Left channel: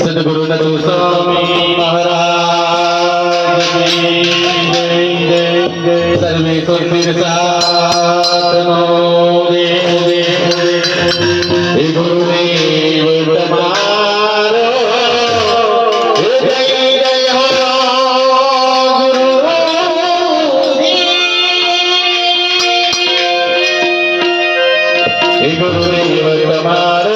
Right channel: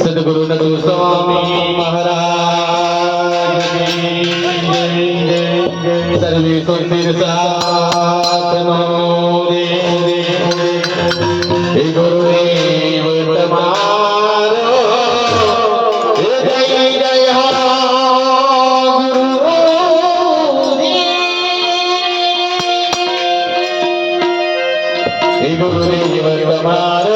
સદગુરુ નદુ સ્વામી મહારાજ સર્વે સુરપીર સાતનો હે ગુરુદેવ તમારો જય જય હો ગુરુદેવ તમારો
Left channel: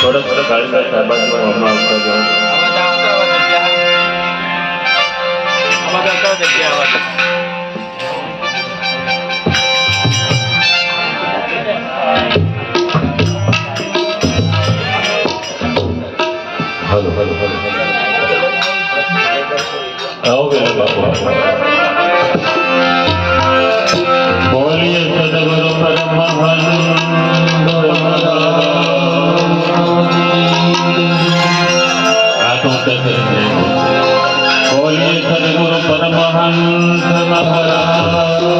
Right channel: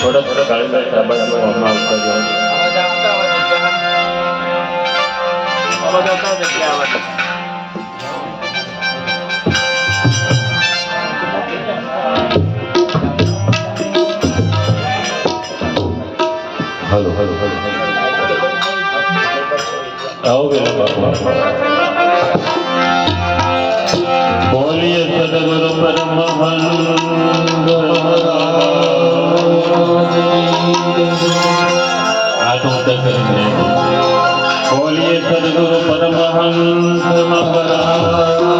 थोड़ा थोड़ा गाड़ी का शाबाश अपना उसका जो हेलो हेलो हेलो आओगे ना बाबा बोलिए सदगुरु परमहंस बोलिए सदगुरु परमहंस महाराज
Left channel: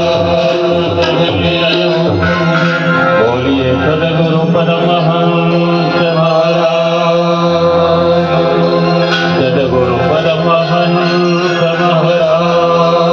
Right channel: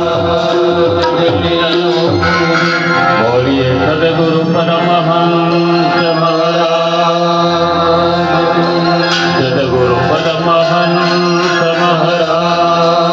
बोलिए सदगुरु परमहंस महाराज सदगुरु परमहंस महाराज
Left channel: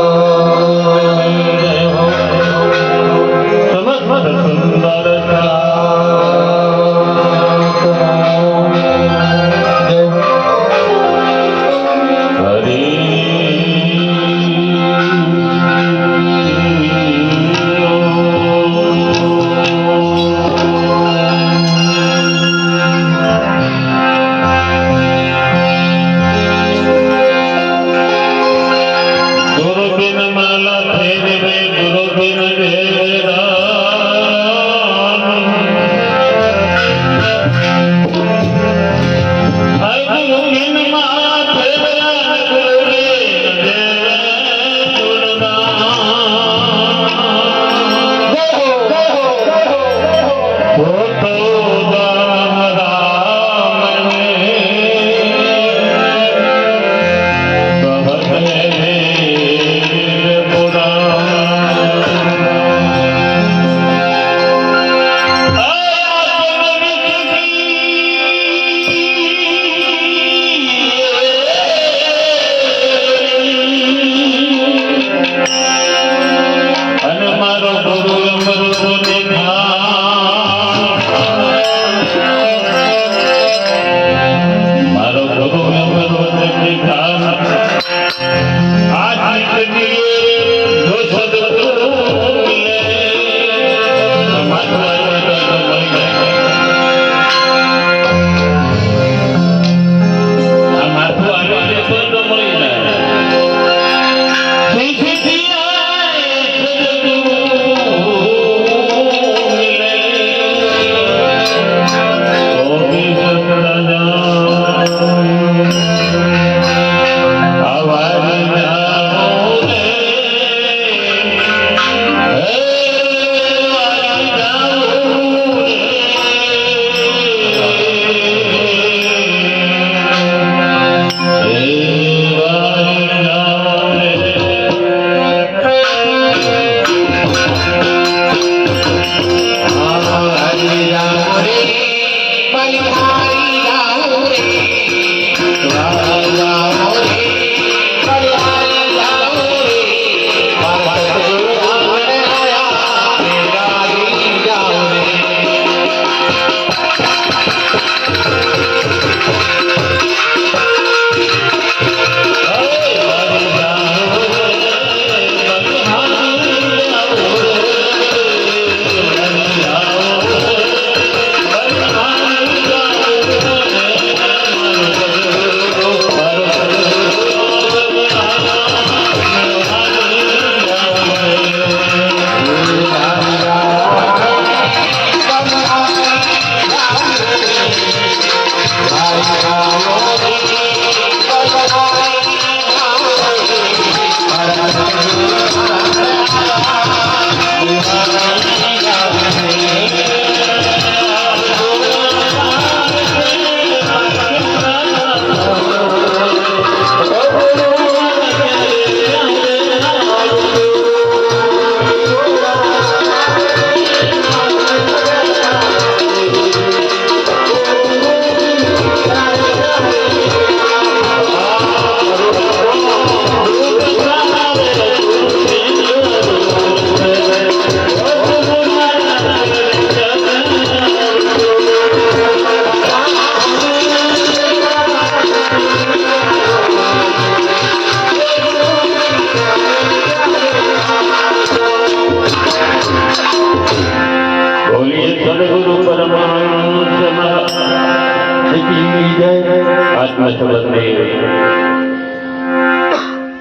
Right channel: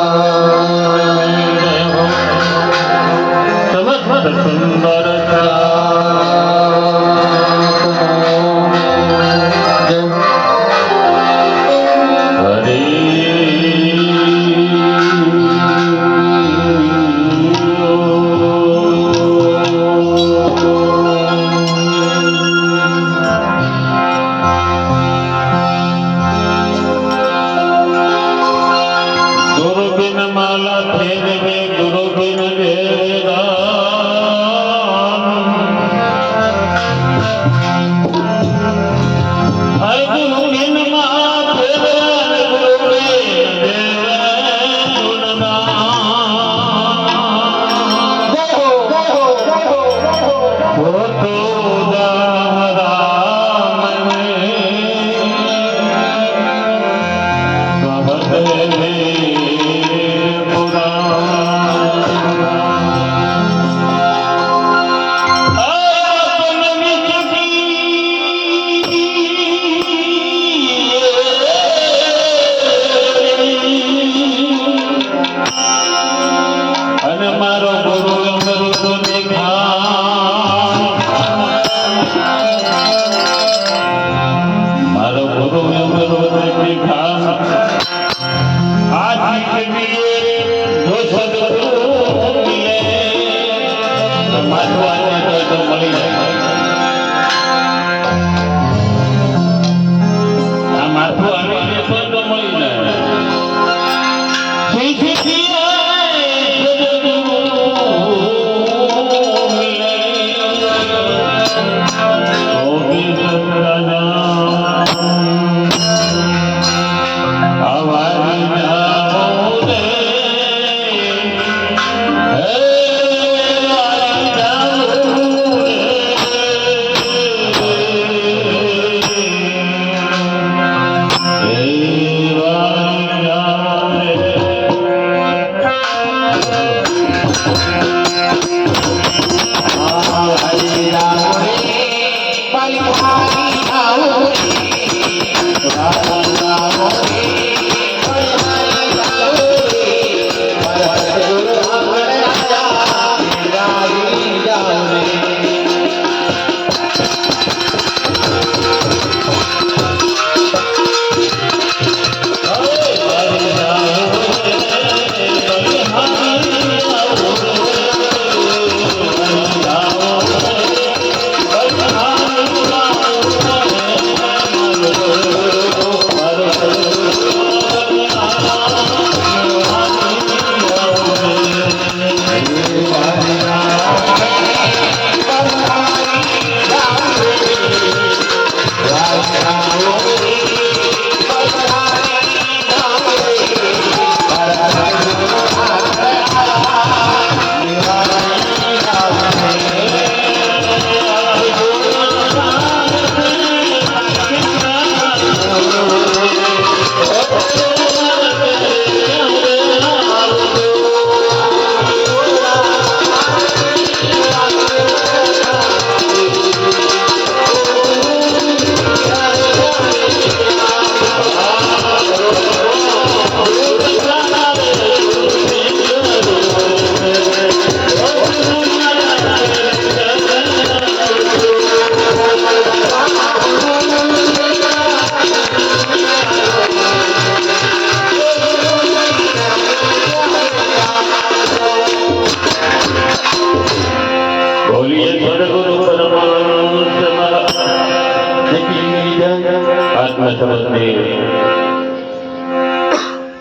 આત્મ સંબંધી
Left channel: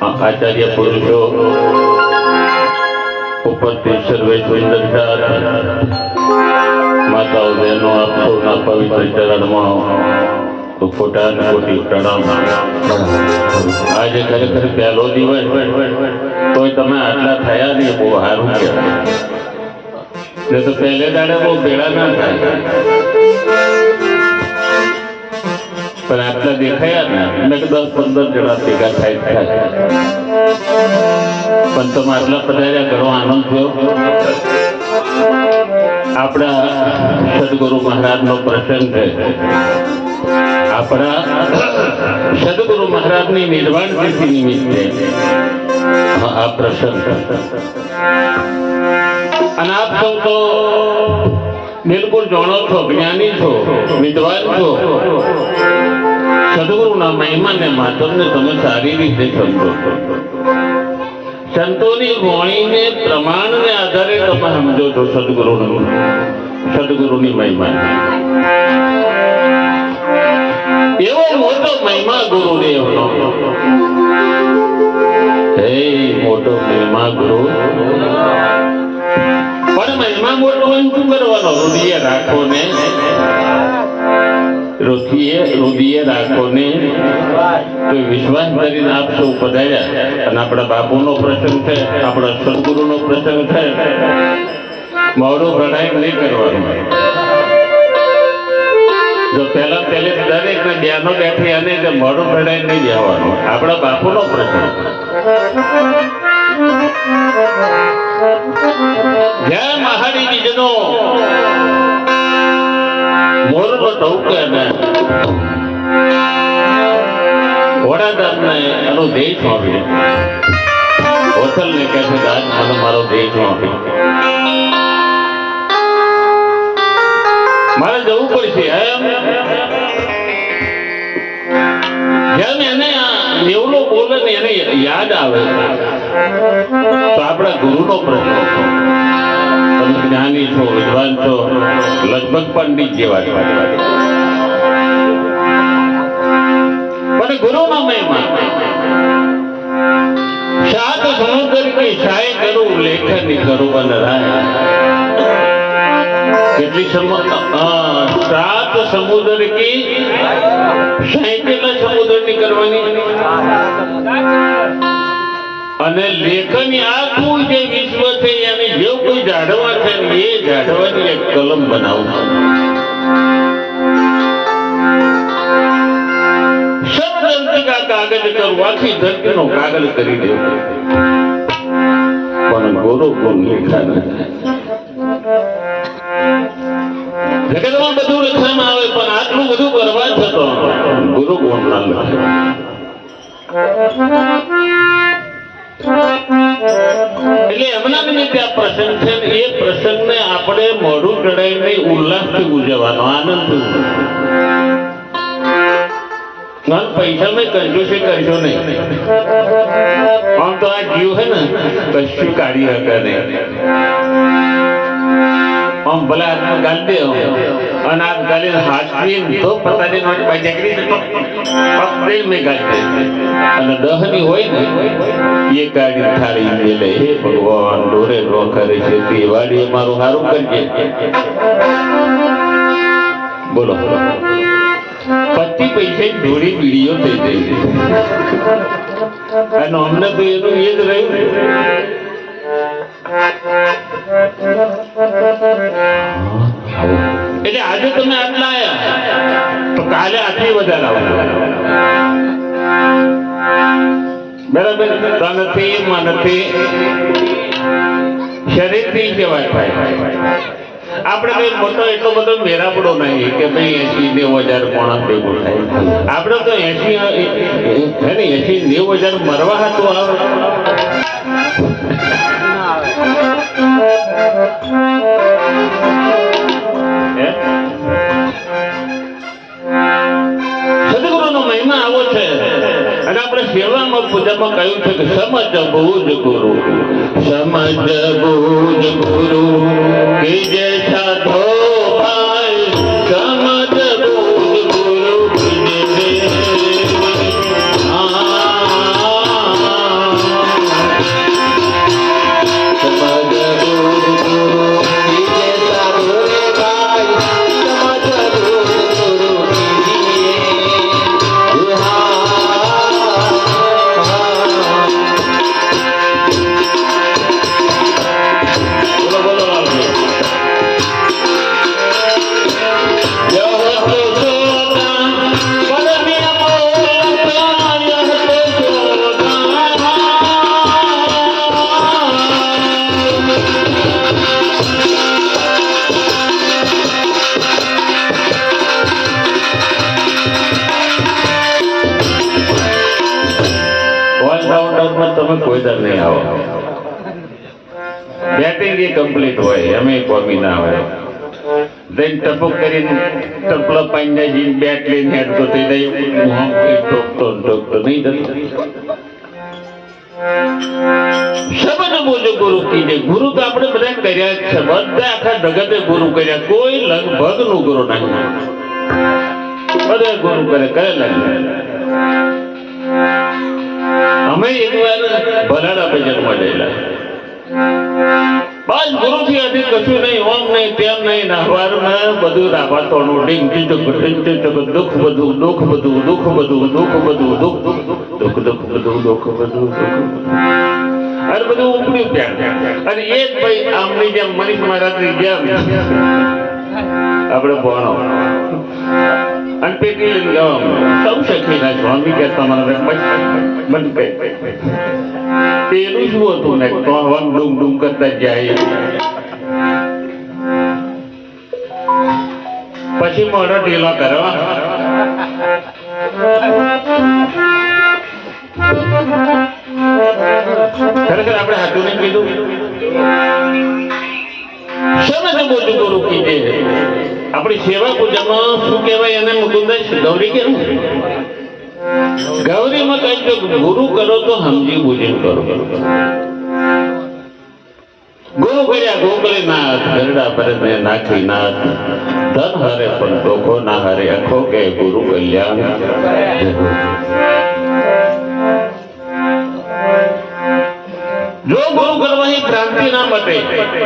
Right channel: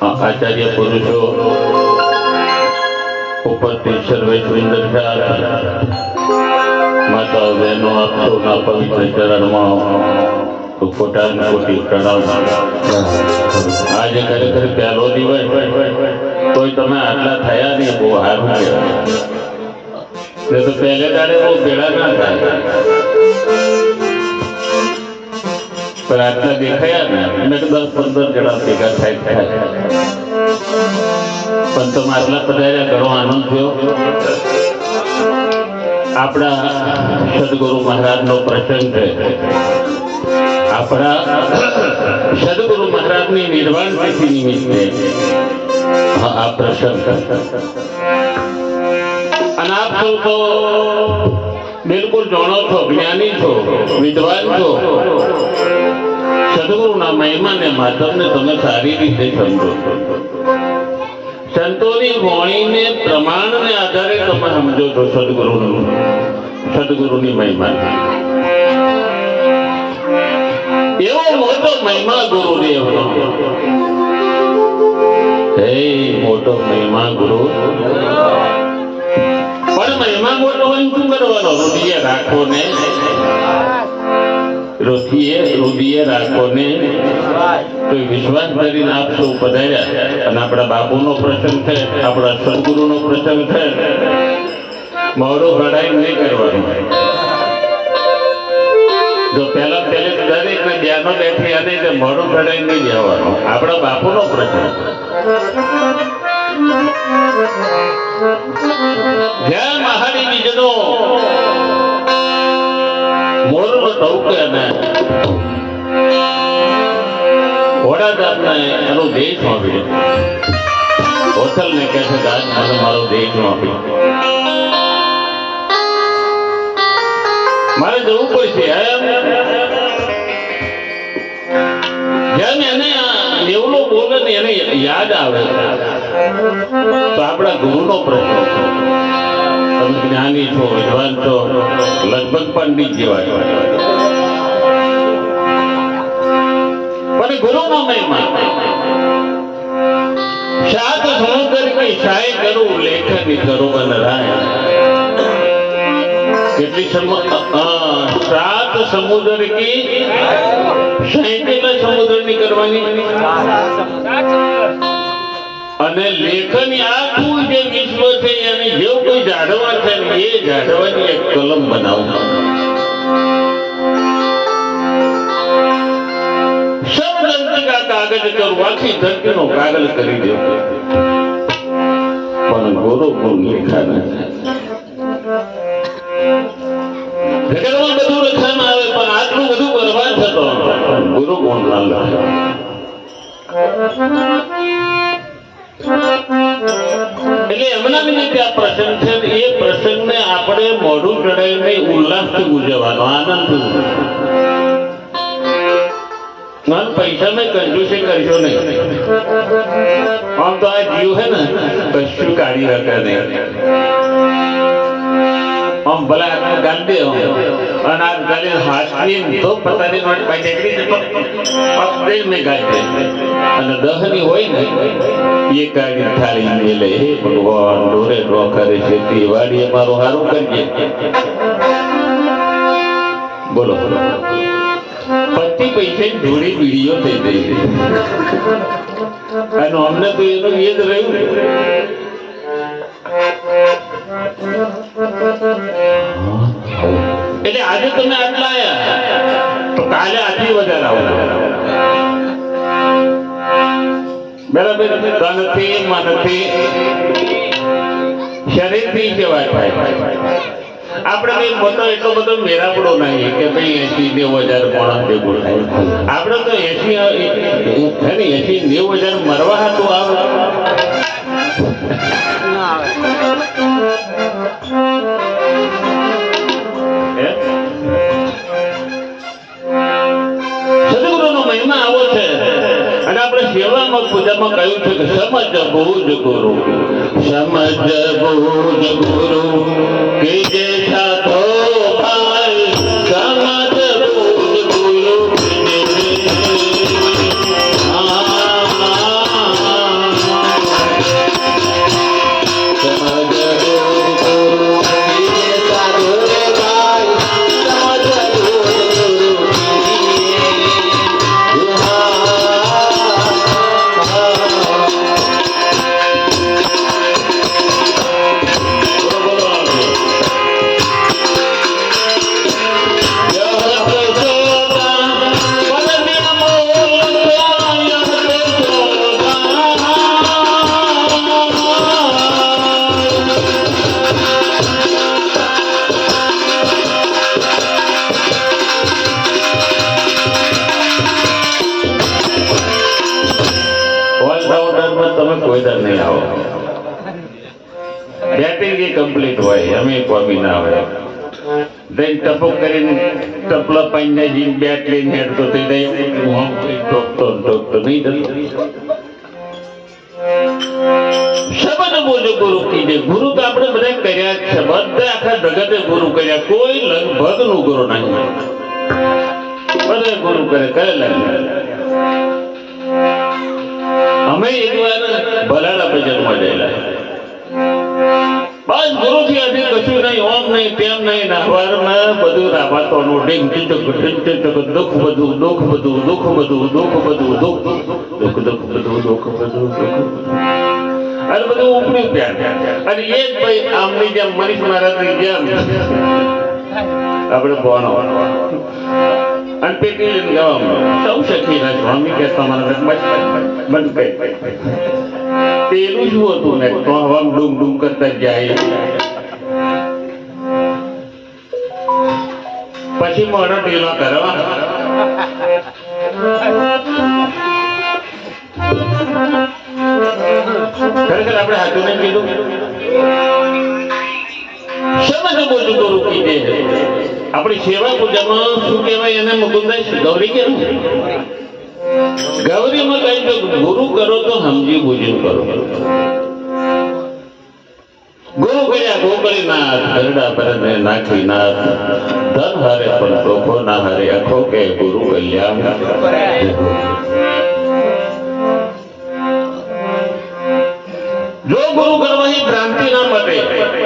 આચાર્ય પુરુષો ઉપસ્થિત સર્વે સુંદર માતાઓ બહેનો આપ સૌના પવિત્ર ચરણમાં કોટાના કોટી પ્રણામ. આજે ખરેખર પહેલો દિવસ તોય તમે આટલા થયા નહીં, બહુ સારું કહેવાય. તો પહેલે દાડે બહુ ભેળા ના થાય, પણ આટલા દેખાયા ને એટલે 10-15 જણા ભેગા થાય. પણ તમે આટલા પધાર્યા, ઘણો આનંદ થયો. આપણા સદગુરુ મહારાજનો પ્રસંગ છે. આપણા સદગુરુ મહારાજની નિર્વાણ તિથિ નિમિત્તે આ પ્રસંગ. અને આપ સૌ તો બિલકુલ જાણો છો, જ્ઞાની છો, વિદ્વાન છો. સદગુરુના મહિમાને માધવને તમે સારી રીતે સમજો. સંતોની વાણીને પ્રમાણને આધારે તમે સમજો છો સદગુરુની મહિમા. એવો મોટો મહિમા ગુરુદેવનો. હે મોટો મહિમા ગુરુ. પણ મહિમા મોટો હોય શું કરવાનો? રુધિએ રાખો ને, રુધિએ રાખો ને. તો વિશ્વાસ કરીને આપ સૌ પધાર્યા. અને આપણા બાપુનો પ્રસંગ છે, આપણા સદગુરુનો પ્રસંગ છે. મોડું ઘડાઈ નહીં કરવાનું. જો પહેલા દરેક ને ધ્યાનો બેઠી અને મોડું ઘડાઈ નહીં જવાનું. આપણા બાપુનો પ્રસંગ. જ્યાં મહારી બીજનો મોરનો ટોકે અને વડાદારને એનો દેશ સોંપ્યો. હોટલને કહે છે આજ મને મારો દેશ સોંપ્યો, મારે જવું પડશે. જેમ એને એવલો બોલે ને એને યાદ આવે તો આપણા ગુરુનો પ્રશ્ન. તમે જ્ઞાની છો, વિદ્વાન છો, લગભગ પંડિત જેવા છો. પણ ગુરુનો મહિમા સાત સમુદ્ર કે શાય કરું લેખની કરું બનરાય. કેટલી સાત સમુદ્ર કી કેટલા સમુદ્રની કરવાની અને લેખની આખું જે વિશ્વ છે એને જેવું કોઈ જાડવા છે ને એ જાડવાની એક કલમ બનાવું. કાગળ કરું, આખી ધરતીનો કાગળ કરી દેવું. પણ ગુરુ ગુણ લેખા નથી. જગતમાં બધું લખવામાં આવે પણ આટલું બધું બરબાદ થતો ગુરુ ગુણ ના લખે. એટલે એમના નિમિત્તે આ પ્રસંગ છે. એ પ્રસંગને આપણે મોઢું ચડાવીને ઉલ્લાસથી ઉજવવાનો, આનંદથી. પૈસા મેં કંજૂસી કરશો નહીં. આમ તો આ જીવ હે ને કશું કાઢી શકે નહીં. આમ ભલા ગાલ દે અને આ ગાલી હાથની તો પતાની નોટ પકડી મેં ગાલ દે અને દહની હોય ને એ કાઢી થાળી મેલે. હે ભગવાન ડોરે ડો કરે છે તે વાડીએ મારું સારું કરજે. બોલો બોલો. 25 પૈસા જોડી બીડીઓ થઈ ગઈ. અને અમને તો એનું એ જ રહ્યું ને. એટલે આજે તમે આટલા આવ્યા તો કાલે આટલી વધારે આવવાના. બરાબર. તનથી મનથી શરીરથી સેવા થાય. આપણે કઈ મોટો એટલો બધો મેરાપડો નહીં કે ભાઈ 80-90 હજાર પોણા ભેગું થાય. આપણે તો 80-90 હજાર મરવા હતું આવે. સદગુરુનો મહિમા આવો છે. અને આપણે સેવામાં પૂજામાં કહ્યું છે કે સમજ બહુ જ ગુરુ, સમજ બહુ જ ગુરુ કે જૈસા ધો ભાઈ, સમજ બહુ જ ગુરુ કે વધારે નહીં આવો બેટિંગ એ કમ્પ્લીટ હોય અમે કોમી ના હોય then ટપક કરીને ટપલો પાઈને જીન બેટ લઈને હેડતો થઈ જાય હું ટોકતો નહીં જતો શબ્દ બોલે ગુરુ કીધે ગુરુ તો આપણે બધા કર્યા જ છે બધા આખા જગતે ગુરુ કર્યા કોઈ લગભગ નું ગુરુ નહીં બધા ગુરુ કરેલા અમે એકવાર ભલાડા ભજન મળેલા બસ ગુરુ થી હજી કશું નહીં ઓમ નહીં તેમ નહીં નાહવારમાં બધું રાબાતોનું ડીંગ ટીચક દુઃખ બધું દુઃખ બધું દુઃખ બધું દુઃખ બધું દુઃખ દુઃખ બધું દુઃખ બધું અને બધું ઉપડ્યું ત્યાં અને એ જ ભાઈ આમની જેમ મનીષ મહારાજની જેમ આપણે ભણો અને પેટી લઈને જવાનું સૌ શક્તિના સ્વામી કે તમારા બંધ કઈ પેલું શું હતું ને તો હવા ડૂમ ડૂમ કરતા જાય પછી મોટો ઢીલો કરવા ખરેખર આપણે હાથું ને કીધું શબ્દ બોલું ગુરુ કીધે આપણી સેવા પૂજામાં શું કહેવાય એને મુકુંદાઈ ગૌરી કેવું ગૌરીમાં કઈ તો ગુરુ કરો તો સમજી બુજીને કરો ગુરુ કર્યા ગોકળીનાથ ગરડા પરને નાખી નાથ ધન હારે પણ ટોકો ના હારે અખો કે ગુરુ કલ્યાણ જો ગુરુ કરવાની ક્રાંતિ ના મટે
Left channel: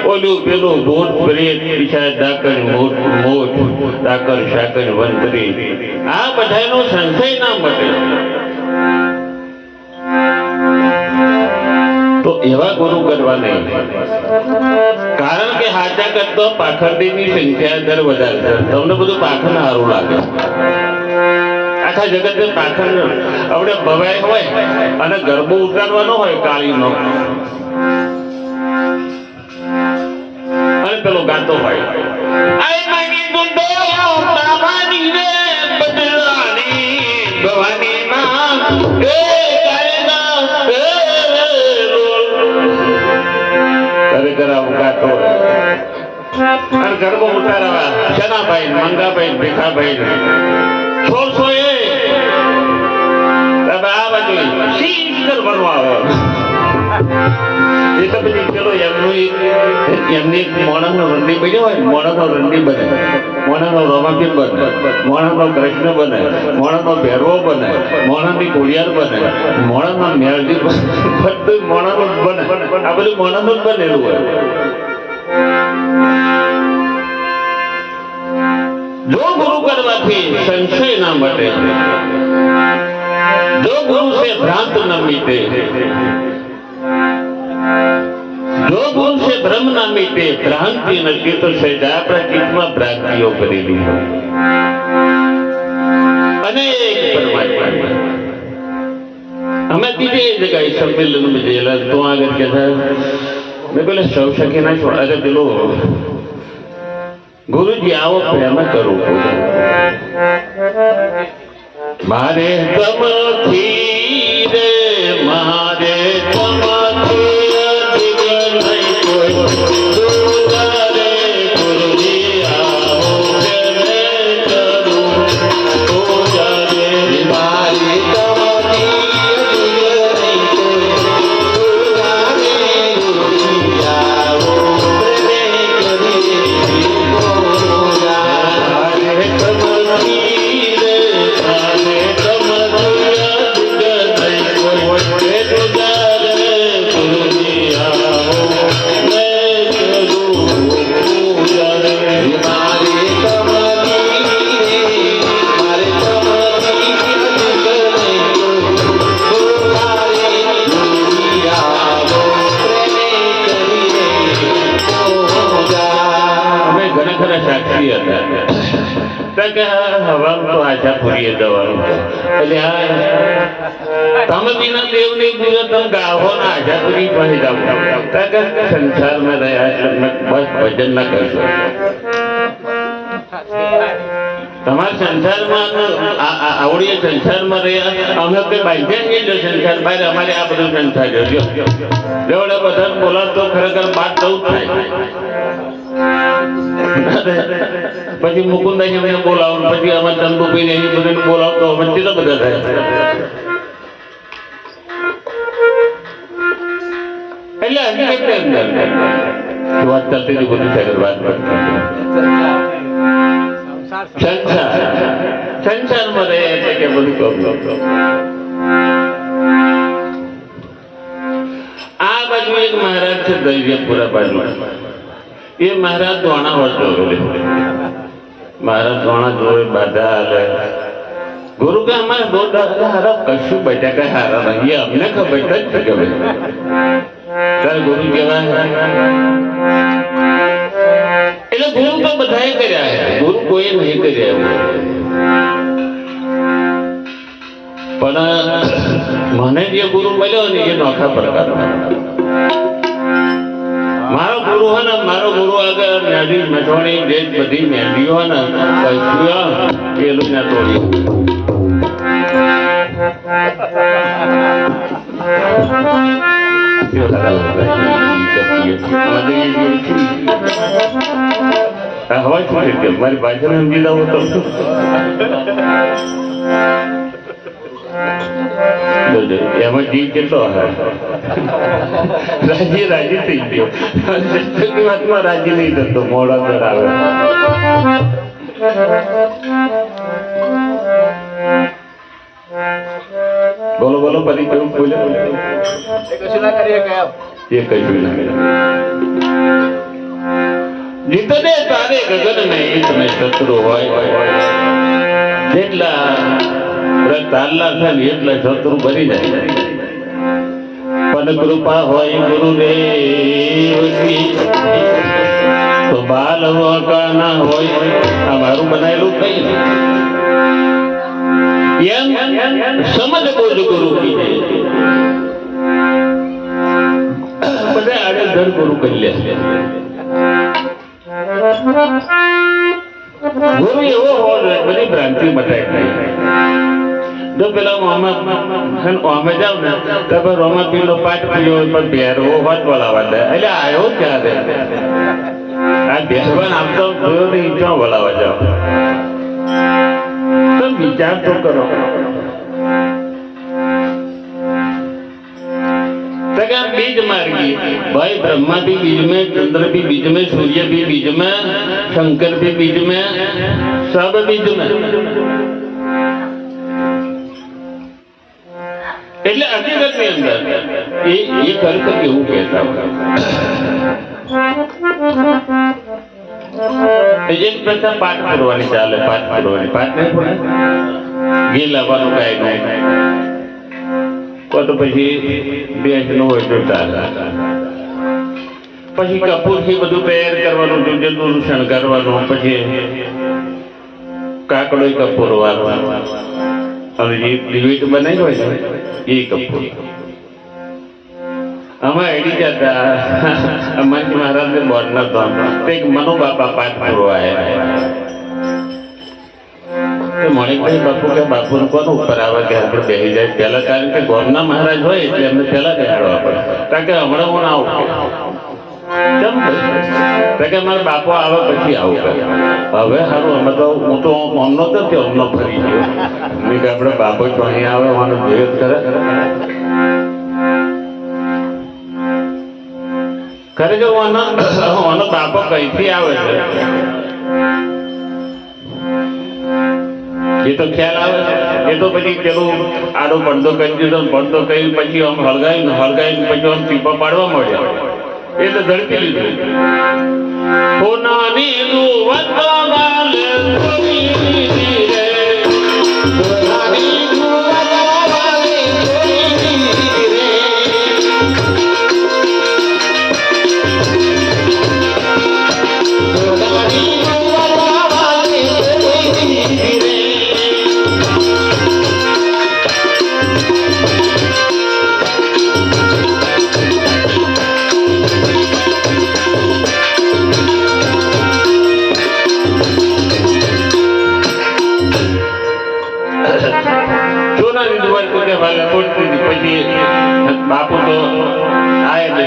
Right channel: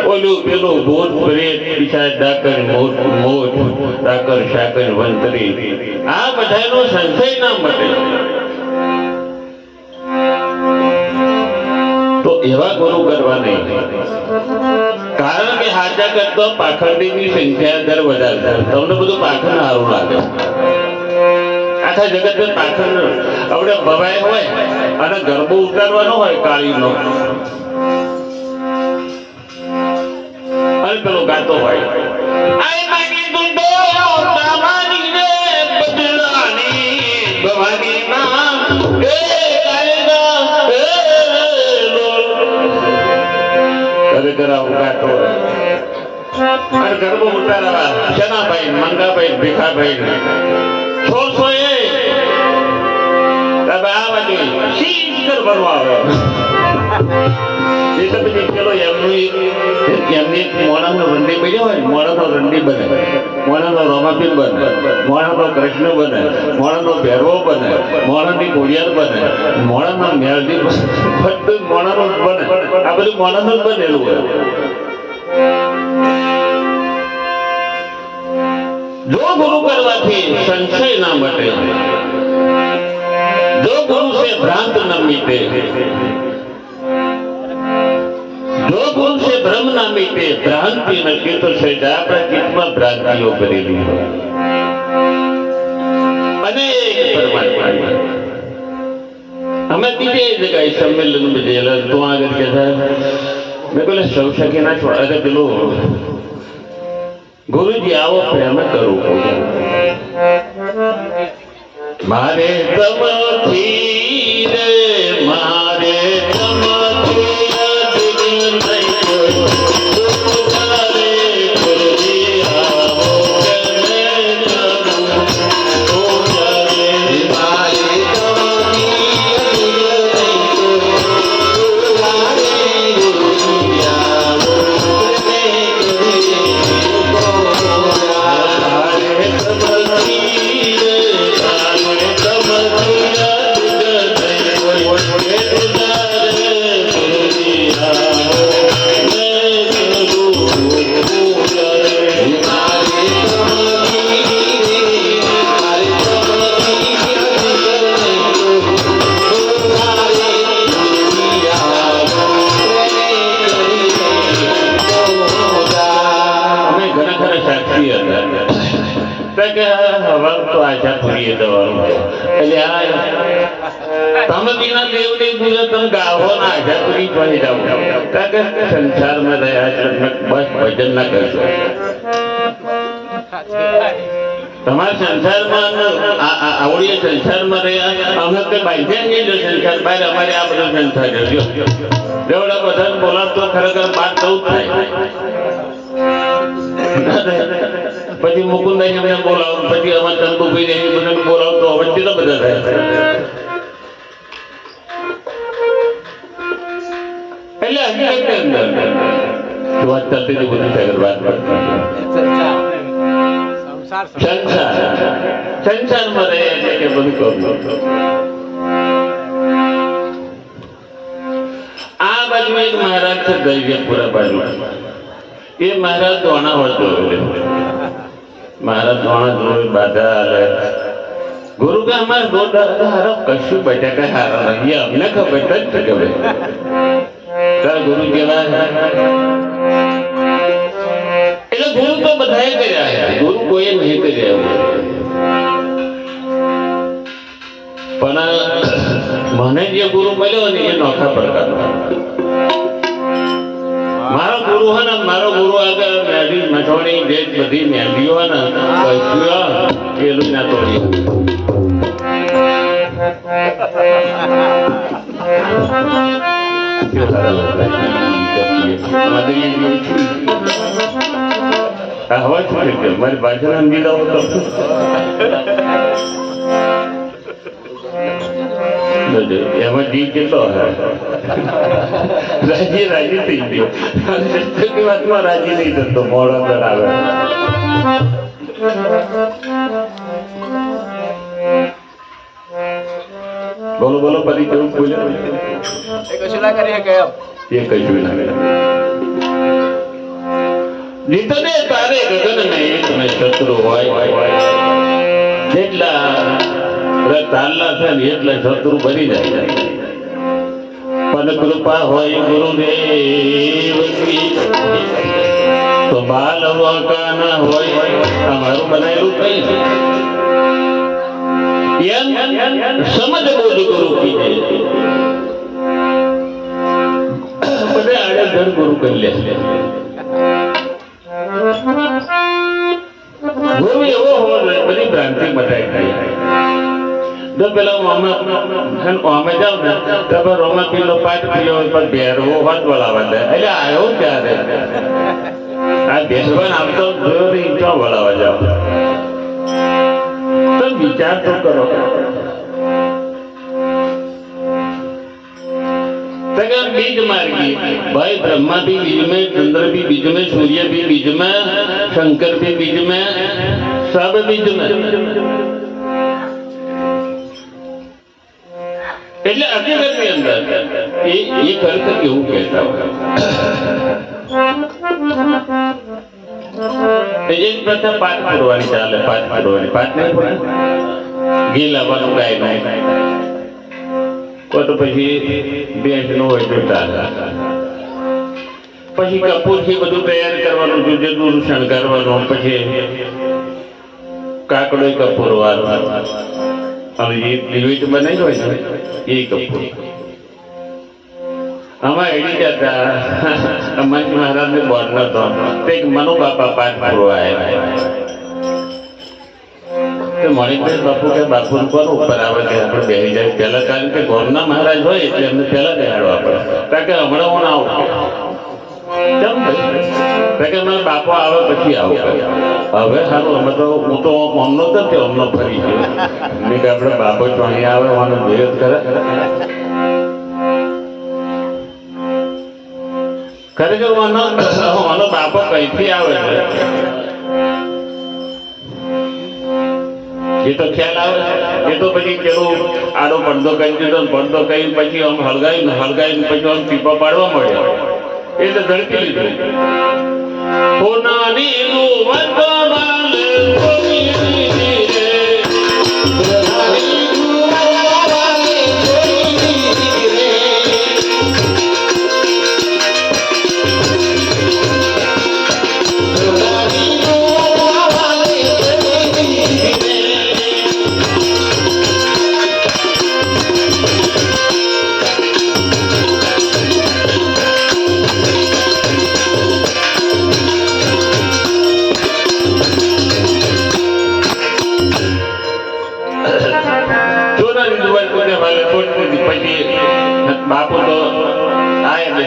ઓલું પેલું ભૂત પ્રેત પિશાચ ડાકણ મોટ મોટ ડાકણ શાકણ વંતરી આ બધાનો સંશય ના મટે તો એવા ગુરુ કરવા નહીં કારણ કે હાચા કરતો પાખંડીની સંખ્યા દર વધારે તમને બધું પાખંડ સારું લાગે આખા જગત પાખંડ આપણે ભવાય હોય અને ગરબો ઉતારવાનો હોય કાળીનો અને પેલો ગાતો હોય ગરબો ઉતારવા જનાભાઈ મંગાભાઈ ભીખાભાઈ 600 આ બાજુ શીતળ બનવા આવે એ તો પછી પેલો એમની મોણાનો રંડી પડ્યો હોય મોણાનો રંડી બને મોણાનો રમાપીર બને મોણાનો કૃષ્ણ બને મોણાનો ભેરવો બને મોણાની કુડિયાર બને મોણાનો મેળજી બધું મોણાનું બને આ બધું મોણાનું બનેલું હોય જો ગુરુ કરવાથી સંશય ના મટે જો ગુરુ से भ्रांत न मीटे जो गुरु से भ्रम न मीटे भ्रांति न चित्त से આપણા ચિત્તમાં ભ્રાંતિઓ કરેલી હોય અનેક પરમાત્મા અમે બીજે જગ્યાએ સંમેલનમાં ગયેલા તો આગળ કહેતા મેં પેલા સૌ શકે ના છો અરે પેલો ગુરુજી આવો પ્રેમ કરવું મારે તમથી રે મારે તમથી સંસારમાં રહ્યા બસ ભજન ના કરશો તમારા સંસારમાં આવડીએ સંસારમાં રહ્યા અમે કઈ બાંધ્યા નહીં જો સંસાર બહાર અમારે આ બધો સંસાર જોજો જેવડે બધા બોલાવતો ખરેખર બાદ બહુ થાય પછી મુકુંદાઈ એમને બોલાવો પછી અમારે ચંદુભાઈ ને બધાને બોલાવતો વચ્ચે તો બધા થાય એટલે હકીકત અંદર વાત ચાલતી હતી બધું થાય વાત સંસારમાં રહે છે કે બધું કહું આ બાજુ એક મહારાજ છે દરિયાપુરા બાજુ એ મહારાજ દોણા વળતો મહારાજ દોણા જોડે બાધા હાલે ગુરુ કે અમારે દો હારા કશું બટાકા હારા નહીં અમને ખબર જ છે કે ભાઈ ગુરુ કેવા એટલે ગુરુ તો બધાએ કર્યા ગુરુ કોઈ નહીં કર્યા પણ મને જે ગુરુ મળ્યો ને એ નોખા પ્રકાર મારો ગુરુ હોય ને મારો ગુરુ આગળ મેદી મઠવાણી જે બધી મેદીઓ હોય ને પેલું ના તોડી હવા છોડી મારી બાજુ સમજી દઉં તો એમાં જીવ કેટલો રાજી રાજી થઈ ગયો વાતમાં રાજી નહીં થતો મોડો પર આવે બોલો બોલો ફરી કેવું બોલે કશું ના કરીએ કે એ કશું ના કરે જીતને તારે ગગન નહીં તમે શત્રુ હોય જેટલા તારલા થાય એટલા શત્રુ ભરી જાય પણ કૃપા હોય ગુરુદેવની તો બાલ વકા ના હોય અમારું બનાવેલું કઈ સમજ બોલ ગુરુ કી બધા આડેધડ ગુરુ કરી લે ગુરુ એવો હોવો બધી ભ્રાંતિ મટાઈ થાય જો પેલો મોહમ્મદ જાવ ને તો રોમા પેલો પાઠ પીયો પણ ભેરવો હોત બોલાવા દે એટલે આવ્યો ક્યારે આ ભેરવાન આમ તો જોયો નહીં ક્યાં બોલાવા જાવ તો વિચાર તો કરો बीज मार्गी भाई ब्रह्मा भी बीज में चंद्र भी बीज में सूर्य भी बीज में शंकर भी बीज में सब बीज में એટલે હકીકતની અંદર એ ખરેખર કેવું કહેતા હોય એક પ્રથમ પાઠ કરવાની ચાલે પાઠ કરવાની પાઠ નહીં પડે ઘી લાવવાનું કાંઈ નહીં તો પછી બેંક નો હોય તો ચાલે પછી કપૂર થી બધું તૈયાર કરવાનું જદું શણગારવાનું પછી કાકડો કપૂર વાળવાનું અને જે દિવેટ બનાવી હોય ને એ કપૂર આમાં એડી જતા મંચ મહારાજ ને બોર્ડ નતો એક મનો બાપા પાઠ કરવા આવ્યા મણિકભાઈ બાપુ કે બાપુ કોણ ઉપર આવે કે આપણે બેસી જાય પહેલા કારણ કે ગોરના મહારાજ હોય એટલે એમને પહેલા બેહાડવા પડે કારણ કે હમણાં હું આવું કેમ કે મારા બાપો આવે પછી આવું હવે સારું અમે તો હું તો અમનો તો થયો અમનો ફરી ગયો મેં કે આપણે બાપો જ પાણી આવે મને ભેદ કરે ખરેખર આનો બાપો કઈથી આવે છે એ તો ખ્યાલ આવે એ તો પછી પેલું આડો પડદો કરી દીધો પડદો કરી પછી આમ હળગાવી પછી આમ ટીપા પાડવા મળ્યો એ તો ઝડપી લીધું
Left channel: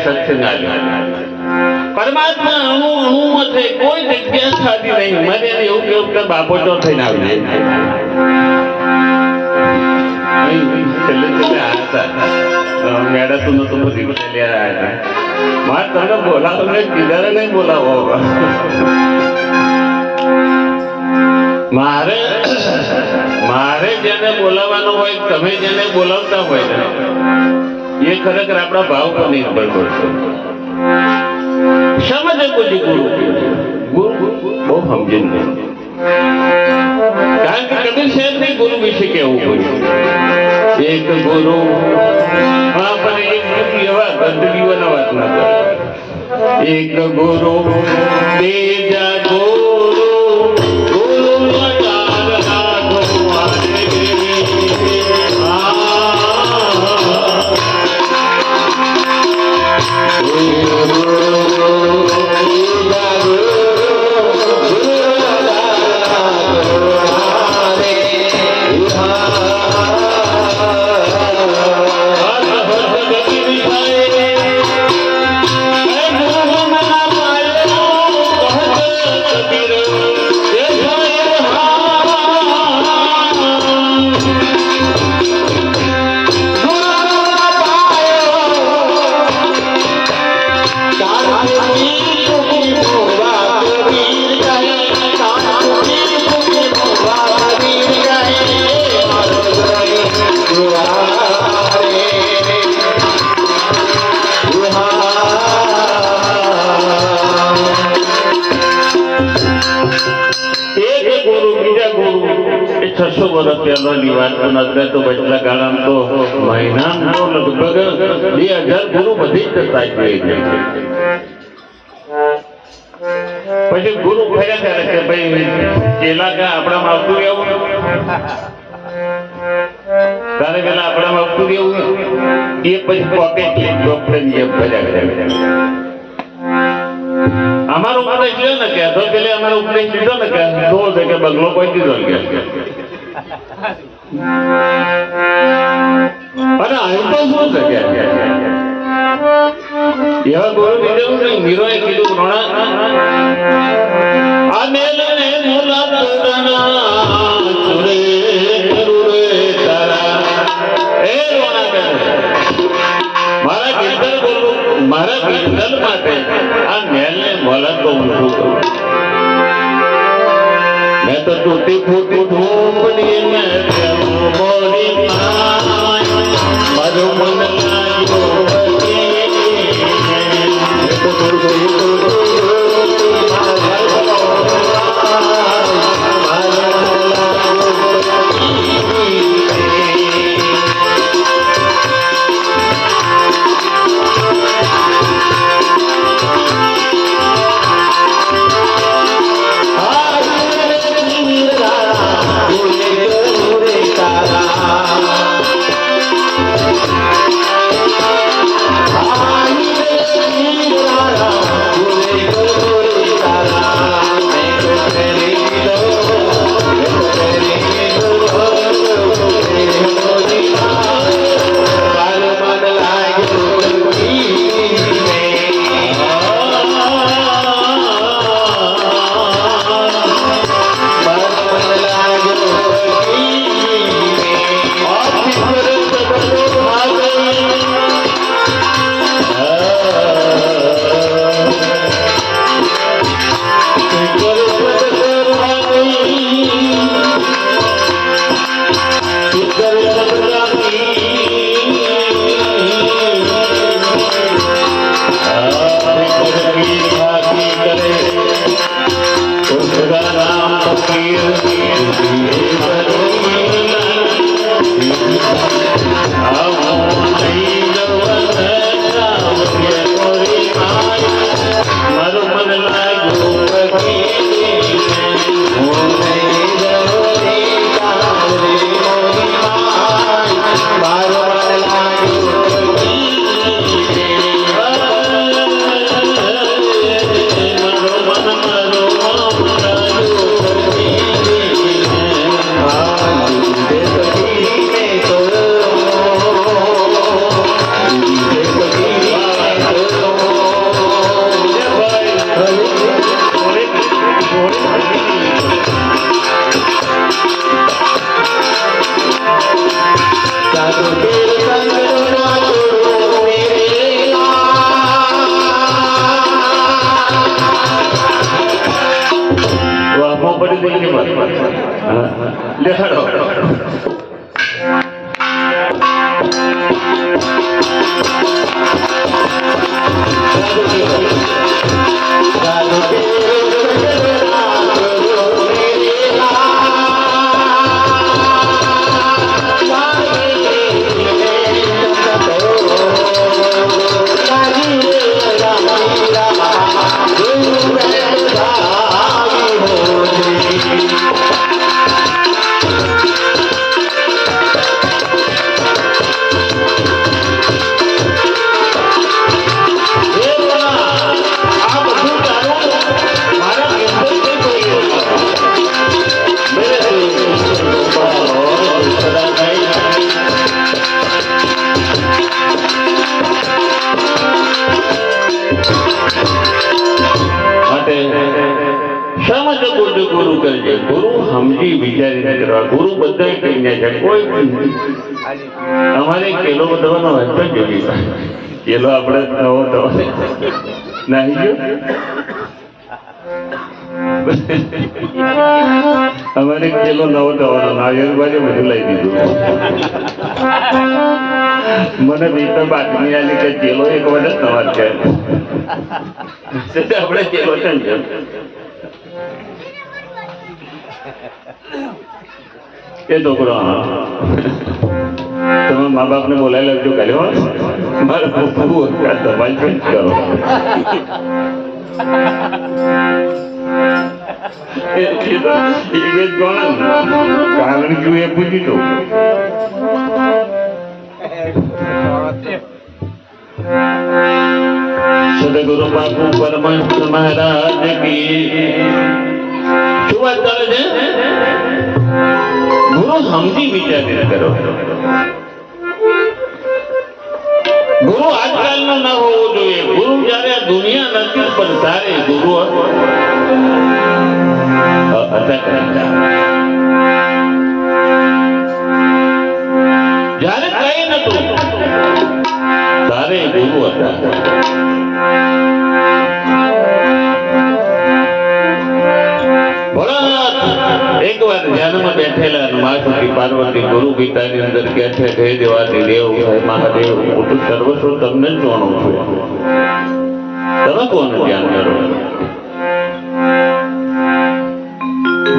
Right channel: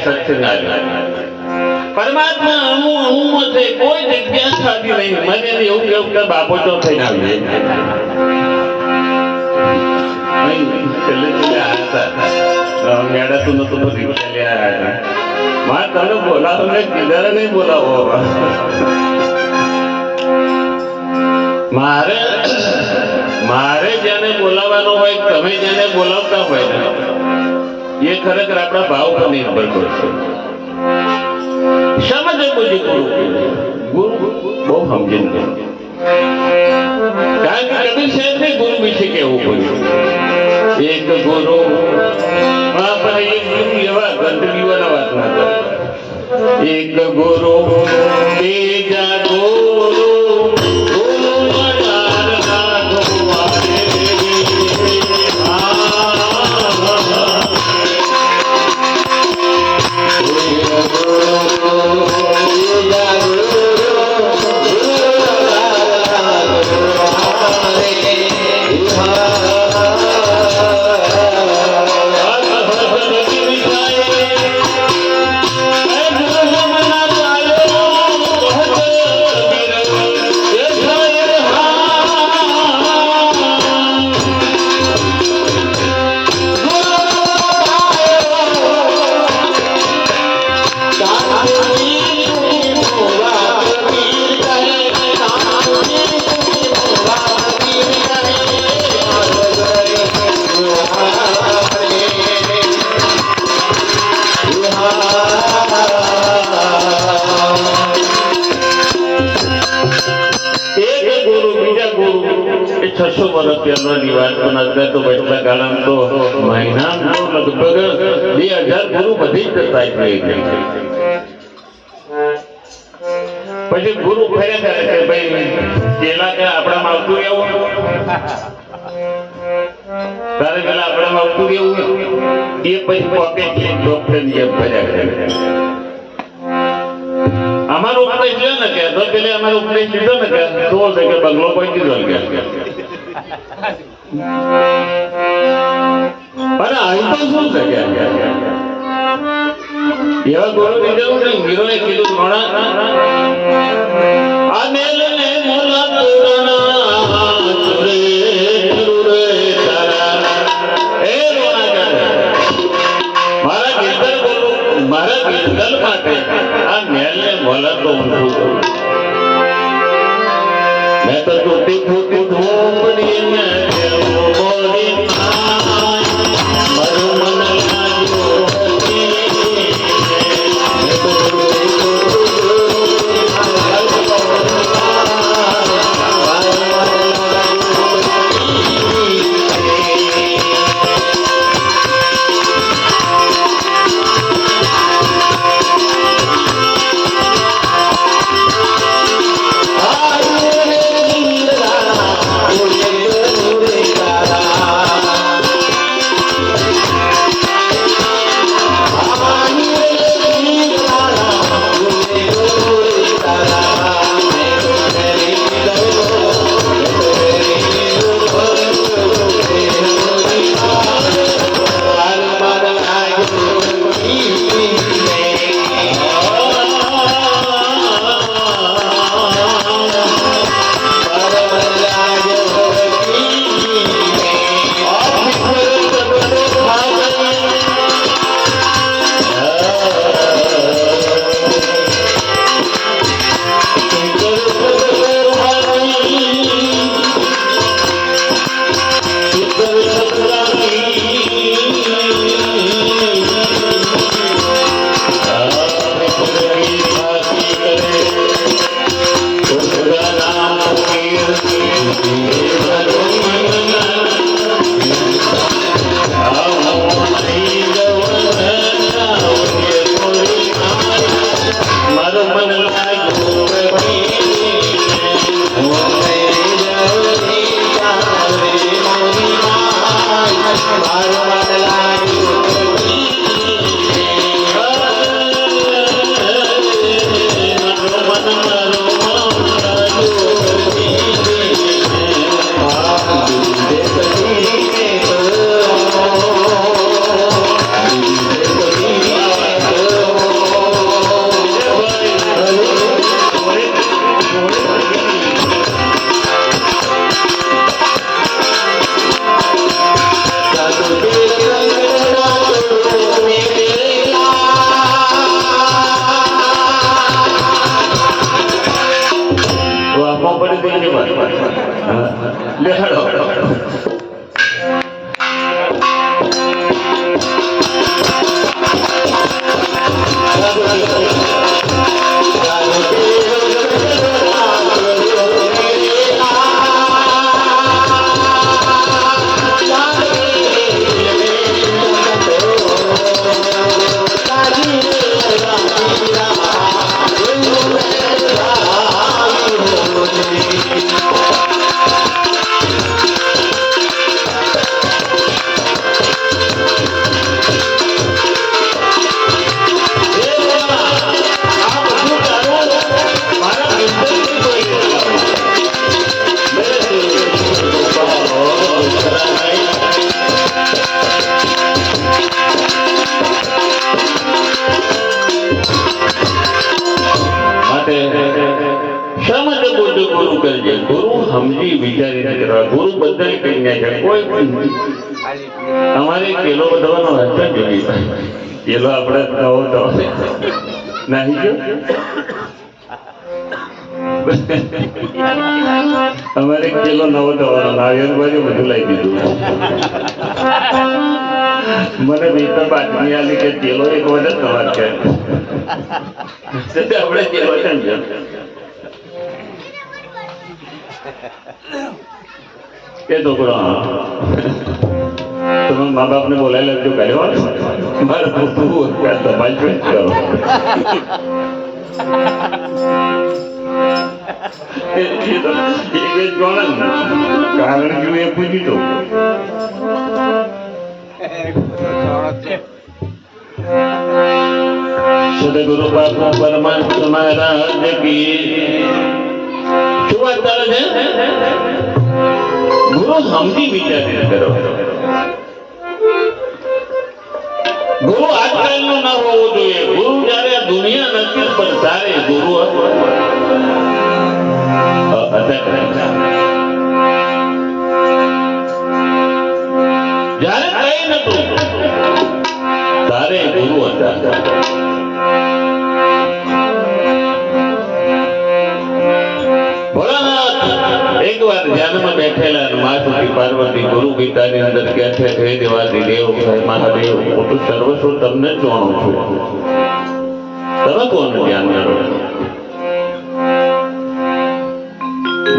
સત્સંગ આવ્યો. પરમાત્મા અણુ અણુમાં છે, કોઈ જગ્યા ખાધી નહીં. મને એવું કેવું કે બાપો તો થઈને આવી છેલ્લે આવ્યા હતા મેળા તું નતું બધી ચાલ્યા હતા. મારે તમને બોલાવો નહીં, કિનારે નહીં બોલાવો. મારે જેને બોલાવવાનો હોય, તમે જેને બોલાવતા હોય ને, એ ખરેખર આપણા ભાવ પર નિર્ભર કરશે. શા માટે કોઈ ગુરુ બહુ સમજીને, કારણ કે કબીર સાહેબ ગુરુ વિશે કેવું પડ્યું. એક ગુરુ આપણે એક એવા ગંદકીઓના વાત ના કરે. એક ગુરુ બીજા ગુરુ તો વચલા ગાળામાં તો મહિનામાં તો લગભગ 2000 ગુરુ વધી જ જતા થઈ જાય. પછી ગુરુ ફર્યા કરે કે ભાઈ પેલા કે આપણામાં આવતું રહેવું, તારે પેલા આપણામાં આવતું રહેવું, એ પછી પોતે ડોક્ટર ની ફર્યા કરે. અમારો ઉપદેશ લ્યો ને કે તો પેલે અમારો ઉપદેશ લીધો ને કે તો છે કે બંગલો કોઈ દીધો કે અને અહીં તો શું છે કે એવા ગુરુ કીધું ને મીરોએ કીધું ઘણા આ મેલે મોલા તોરણા તુરે તુરે તારા એ મારા ગીતલ બોલું, મારા ગીતલ માટે આ મેલને મોલા તો ઊંધું કરું. મેં તો તૂટી ફૂટી ઢોપડી મેં લે હેડો. શા માટે બોલજો ગુરુ કરજે? ગુરુ સમજી વિચારીને કરવા. ગુરુ બધા કહીને છે. કોઈ અમારે કેલો બધાનો હતો જેવી કેલો આપણે નવો નવો નાહી ગયો. અમારે કેલો નવો થવાનો નારિયેળ બાજુ બધું લઈ દીધું. મને નહીં તો બાતમી આલી કે કેલો એક વખત નવા છે. આપણે કેલો છે ને એ છોકરો તમે મા બાપ ને બોલાવી લેજો કર્યો મારે પૂછવું તમારી પેન્ટ કરો. કારણ કે એ પૂછ્યું હતું સદગુરુ બાપુ પરમહંસ મહારાજ કી શું વાત ચાલે છે? ગુરુ સમજી વિચારીને કરો. ગુરુ આજકાલનો ના હોવો જોઈએ. ગુરુ જયારે આ દુનિયા નથી પણ તારે ગુરુ જયારે કઈ નતું તારે ગુરુ હતા. એક વાર ધ્યાનમાં બેઠેલા માસુકી પાર્વતી ગુરુ ગીતાની અંદર કહે છે હે દેવાદી દેવ હે મહાદેવ હું તો સર્વસ્વ તમને જ જાણું છું. તમે કોને ધ્યાન કરો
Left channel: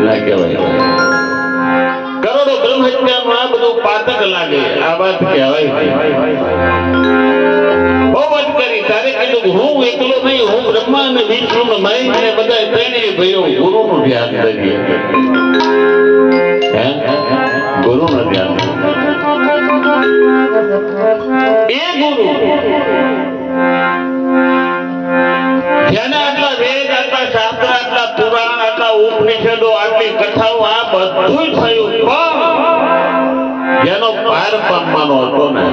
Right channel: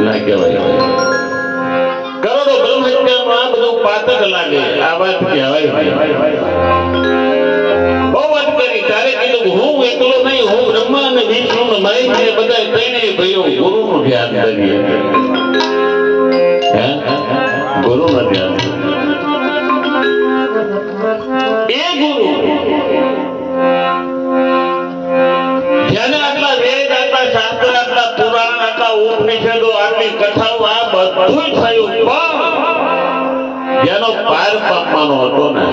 ના કહેવાય. કરોડો બ્રહ્મહત્યાનું આ બધું પાતક લાગે. આ વાત કહેવાય બહુ વાત કરી. તારે કીધું હું એકલો નહીં, હું બ્રહ્મા અને વિષ્ણુ મહેશ ને બધા ત્રણેય ભાઈઓ ગુરુનું ધ્યાન કરીએ. ગુરુ નું ધ્યાન એ ગુરુ જેને આટલા વેદ, આટલા શાસ્ત્ર, આટલા પુરાણ, આટલા ઉપનિષદો, આટલી કથાઓ આ બધું થયું પણ જેનો પાર પામવાનો હતો ને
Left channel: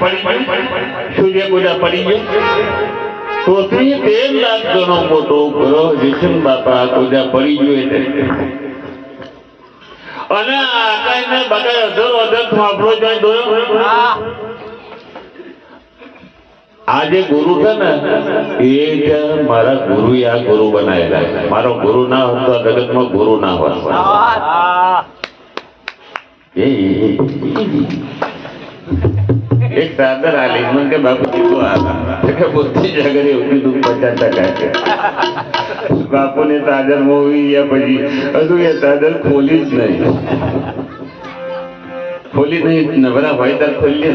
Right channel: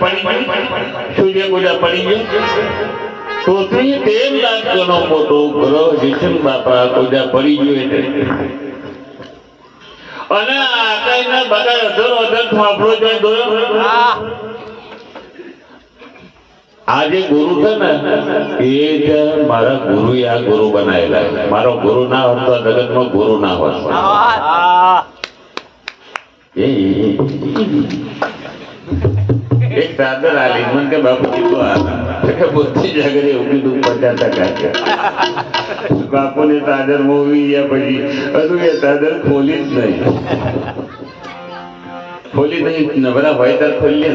પડી ગયું સૂર્ય ગોડા પડી ગયું પૃથ્વી 13 લાખ ગણો મોટો ગ્રહ વિષ્ણુ બાપા ગોડા પડી ગયો એટલે અને આકાશના બગાડ અધર થાંભલો જાય દોરો આ જે ગુરુ છે ને એ મારા ગુરુ આ ગુરુ બનાવેલા મારો ગુરુ ના હોત તો જગતમાં ગુરુ ના હોત એક દાદર આલી મને કે બાપુ કીધું આ બુદ્ધિ જાગરે એવું કીધું 50% બાપુ ને તાદર મોવી ગયા પછી હજુ એ તાદર ખોલી જ નહીં નવરા હોય ત્યારે ખોલી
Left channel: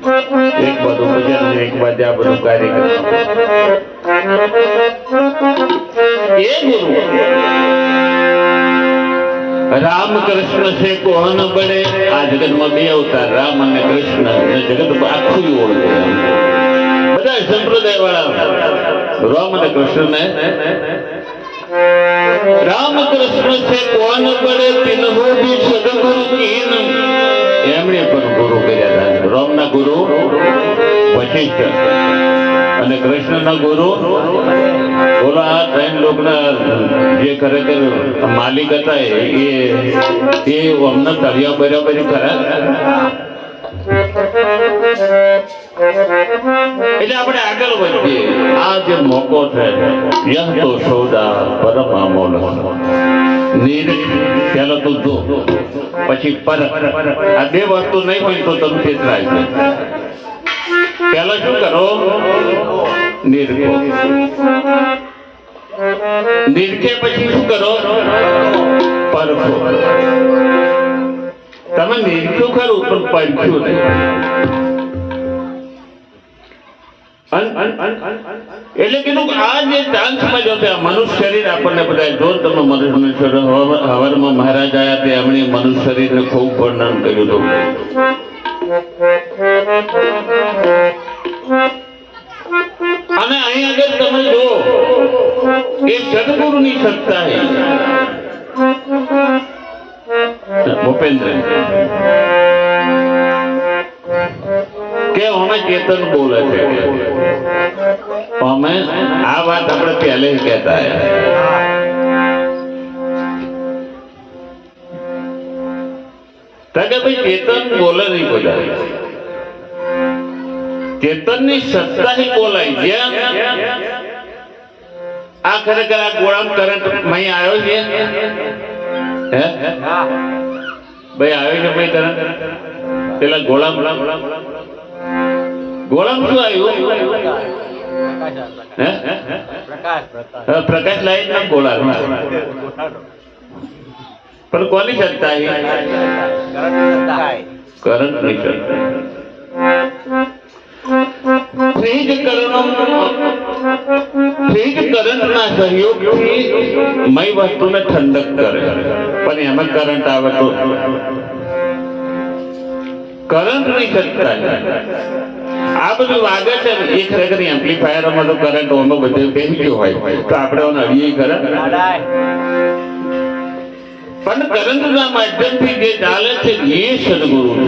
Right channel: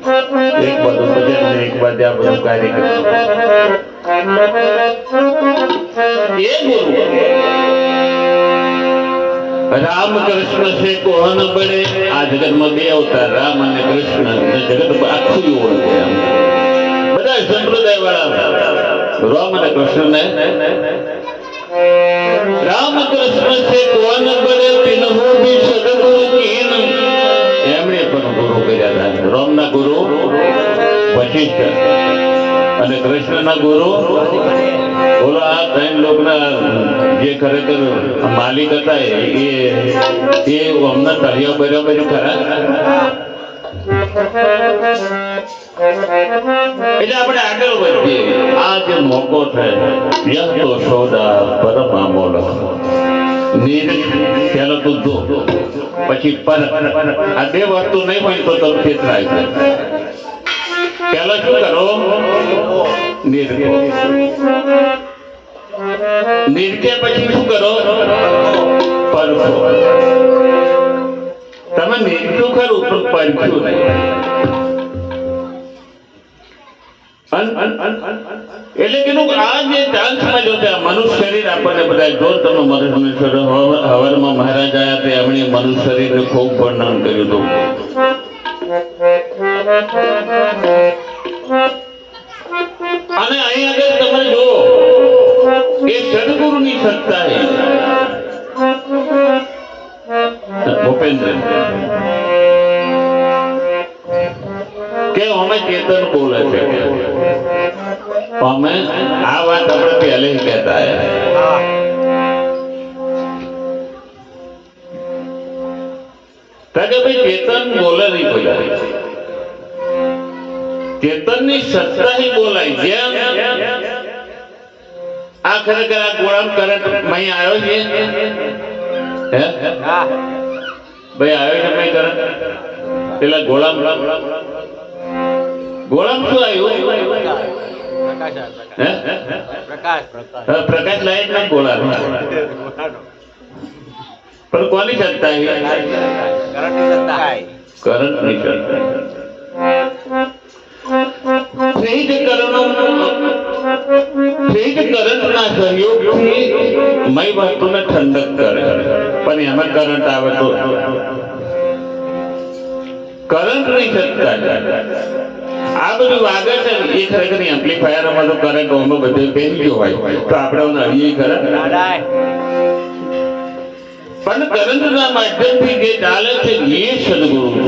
એક બાજુ બજાર ને એક બાજુ આપણું કાર્યક્રમ એ ગુરુ રામ કૃષ્ણ છે કોણ બને આ જગતમાં બે અવતાર રામ અને કૃષ્ણ જગત આખું ઓળખે બધા સંપ્રદાય વાળા રામ અને કૃષ્ણ રામ કૃષ્ણ છે કોણ બને તિન્હો ભી સદગુરુ કીન એમણે પણ ગુરુ કર્યા હતા રામના ગુરુ વશિષ્ઠ અને કૃષ્ણના ગુરુ ઓલા આ 3 લોકના જે ખરેખર માલિક હતા એ અમને તળિયા બરાબર ખરા એટલે આપણે આગળ વધીએ આ જે મોકો છે યહ તો સૌદા પરમ અમોલ પેલો તું જો પછી પર આ બે વસ્તુ નહીં હોય તો તમે છેતરાય છે પેલો શું કરો નિર્કે પછી શું કરો પરખો તમે નિર્ક્યું ખરું પણ પરખ્યું નહીં એટલે કીધું આ જે ચાન્સ મળ્યો છે આ મનુષ્ય શરીર આપણને બધા જો તમે મનુષ્ય હવારમાં મહારાજ આવ્યા તે એમણે મનુષ્ય શરીરને ખૂબ વર્ણન કર્યું હતું અને અહીં આગળ તમે જો એ સદગુરુની સત્તા ભૂપેન્દ્ર કે અમે ચેતન બોલે છે અમે આ વાત આપણે પહેલે કહેતા ભાઈ ચેતન બોલે નહીં બોલાય ચેતનની સત્તા ही બોલાય જ્યાં આ ખરેખર આ ગોળામ કરંટ અહીં આવ્યો છે હે ભાઈ આવ્યો છે ભાઈ કરંટ પેલા ગોળામ શું આવ્યું હે પ્રકાશ લાઈટ ના ગોળા પણ કોની સત્તા કરંટ ની સત્તા કરંટના સહયોગથી મય વસ્તુને ઠંડક કરે પણ એમાં કરંટ આવે તો કરંટની સત્તા આ બધું વાગે છે ને એ ખરેખર એમ્પ્લીફાયરમાં તો કરંટ ઓમાં બધું કેમ ગયો હોય તો આપણે નડીએ કરંટ પણ કરંટના માધ્યમથી જે ચાલે છે એ સદગુરુ છે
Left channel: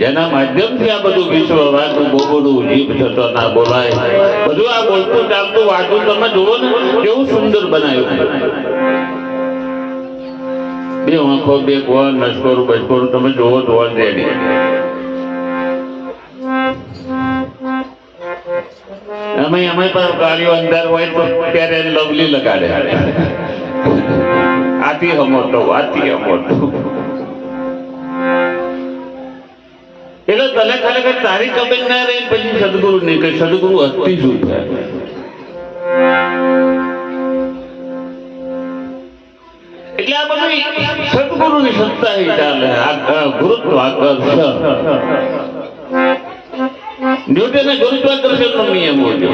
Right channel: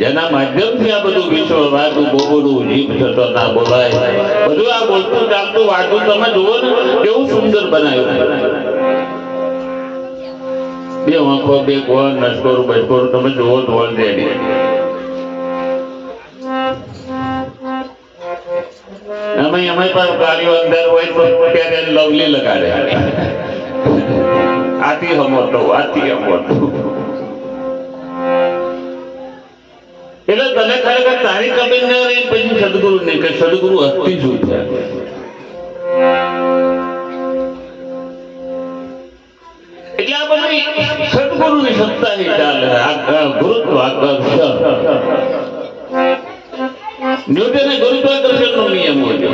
જેના માધ્યમથી આ બધું વિશ્વ વાતું બોલવું જીભ થતો ના બોલાય બધું આ બોલતું ચાલતું વાતું તમે જુઓ ને કેવું સુંદર બનાવ્યું બે આંખો બે કોણ નસકોરું બસકોરું તમે જુઓ તો ઓલરેડી અમે પણ ગાડીઓ અંદર હોય તો ત્યારે લવલી લગાડે આથી હમોતો એટલે તને ખરેખર તારી કબીર ના રહે પછી સદગુરુ નહીં કે સદગુરુ અતિ શુદ્ધ એટલે આ બધી સદગુરુની સત્તા ચાલે ગુરુત્વાકર્ષણ ન્યૂટને ગુરુત્વાકર્ષણ નો નિયમ હોય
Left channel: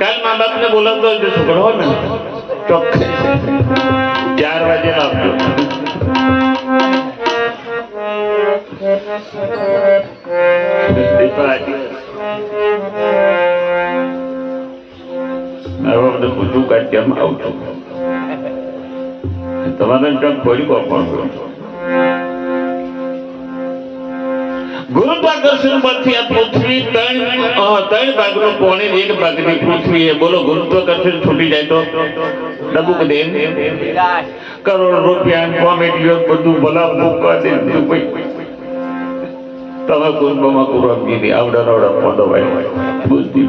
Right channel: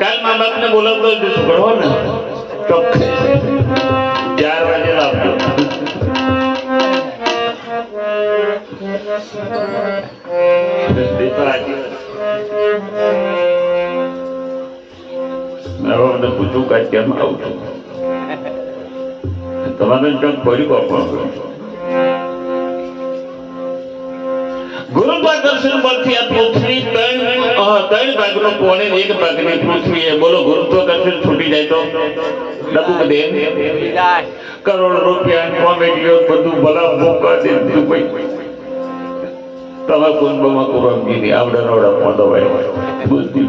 કાલ મા બાપ ને બોલાવતો ભણો ને ચોખ્ખે 4 વાગે આપજો પૂછું કાંઈ કેમ આવું છું તમારે કામ ફરી કોણ ગુરુત્વાકર્ષણ બળથી આ પૃથ્વી ત્રણ ભાગનું કોણે એક ભાગની પૃથ્વી છે. બોલો ગુરુત્વાકર્ષણ છૂટી જાય તો ડબુક દે કરોડ રૂપિયા કોમેડીઓ બધું ભલા ભૂકા દે તમે કુંભમાં કુરમગીરી આવડા ફોટો બુદ્ધિ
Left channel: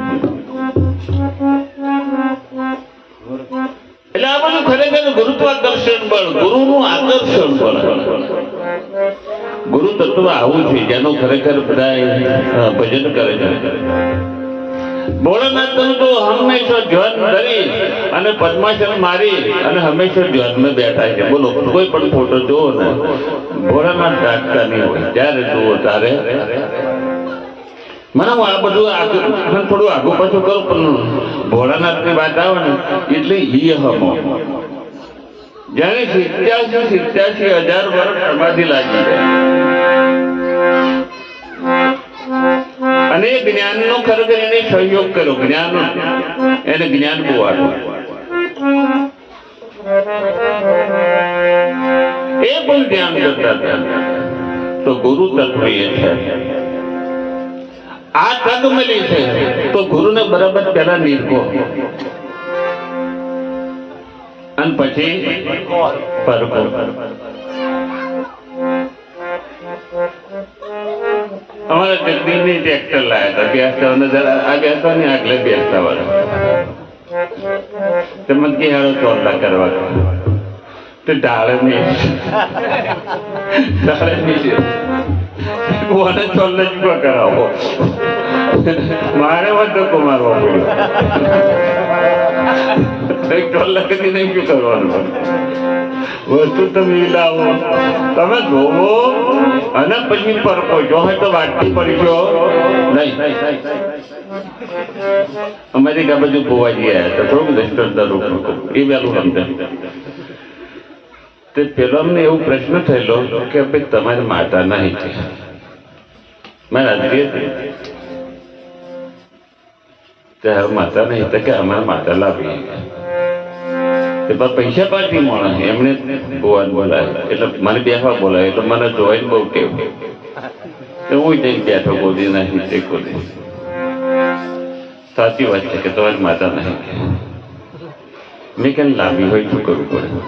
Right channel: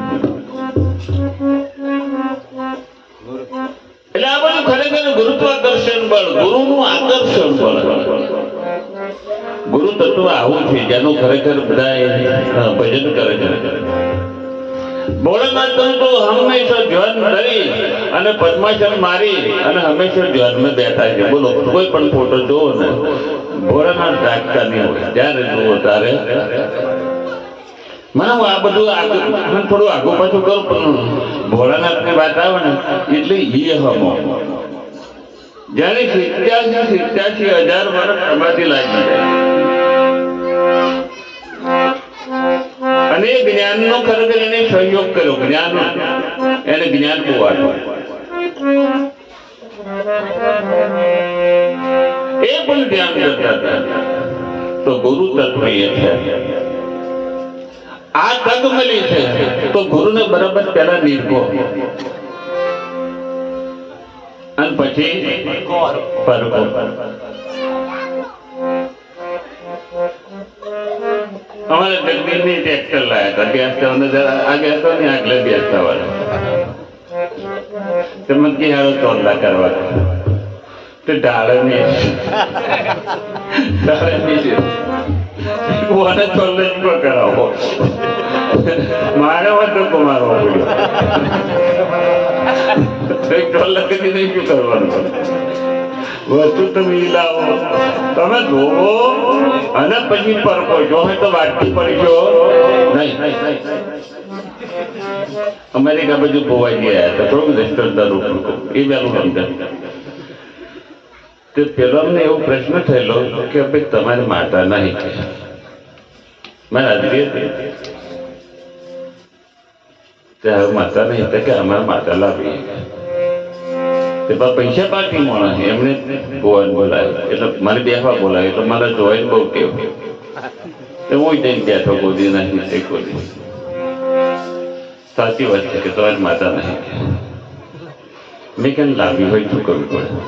એટલે આ બધું ખરેખર ગુરુત્વાકર્ષણ બળ, ગુરુનું આકર્ષણ બળ. ગુરુ તત્વ આવું છે જેનું ખરેખર બધા ભજન કરે છે. ભોળાનાથ તો હંમેશા ધ્યાન ધરી અને પદ્માસન મારી અને હંમેશા ધ્યાનમાં બેઠા છે. બોલો કોઈ પણ ફોટો જોવો ને ભોળાનાથ જાગતા નહીં હોય. જ્યારે જુઓ ત્યારે મને હું આ બધું થોડું આગું પાછું કરું પણ ભોળાનાથ ની વાત આવે ને એટલે ઈ હમો જયારે 87,000 વર્ષ સમાધિ લાગી અને એ જ્ઞાન નો ખરેખર એને સહયોગ કર્યો. જ્ઞાન એને જ્ઞાન બહુ આવ્યું. એ પણ ધ્યાન કરતા હતા. તો ગુરુ તત્વ એ છે. આ તક મળી છે તો ગુરુને બરાબર પેલા નિર્ભો અને પછી પરકો. અમારા જગદીશની ટ્રેક્ટર લાયા હતા. બેસતા ને આગળ બેસતા વાળા તમે ક્યાં ચોરલા કરવા તો ઢાળે નહીં કોને ચોરલે જ કરાવો મારે વાંધો કમાવો વસ્તુ તમે લાવો તમે જોવો અને પછી પરકો. જો તો વાટકી પડશો નહીં. અમેરિકા બાજુ ગોવાજી આવ્યા હતા. થોડુંક રેસ્ટોરન્ટ એ વહેલું સમજાય. તે પેલો અમને એવો પ્રશ્ન થયેલો કે ભાઈ તમારે માતા નહીં છે. મેં હાજરી હતી હવે માતા નહીં તો કે અમારે માતા લાવી પૈસા પાછી મળે એમને ગોવાન બોલાય એટલે મને બેસવા બોલાય એટલે મને જોઈને બહુ ટેવ. હું જઈને બેઠો ગોદી નહીં તે ગોદી. સાચી વાત છે કે તમારી માતા નહીં. મેં કેમ લાવી હોય શું કરવું પડે?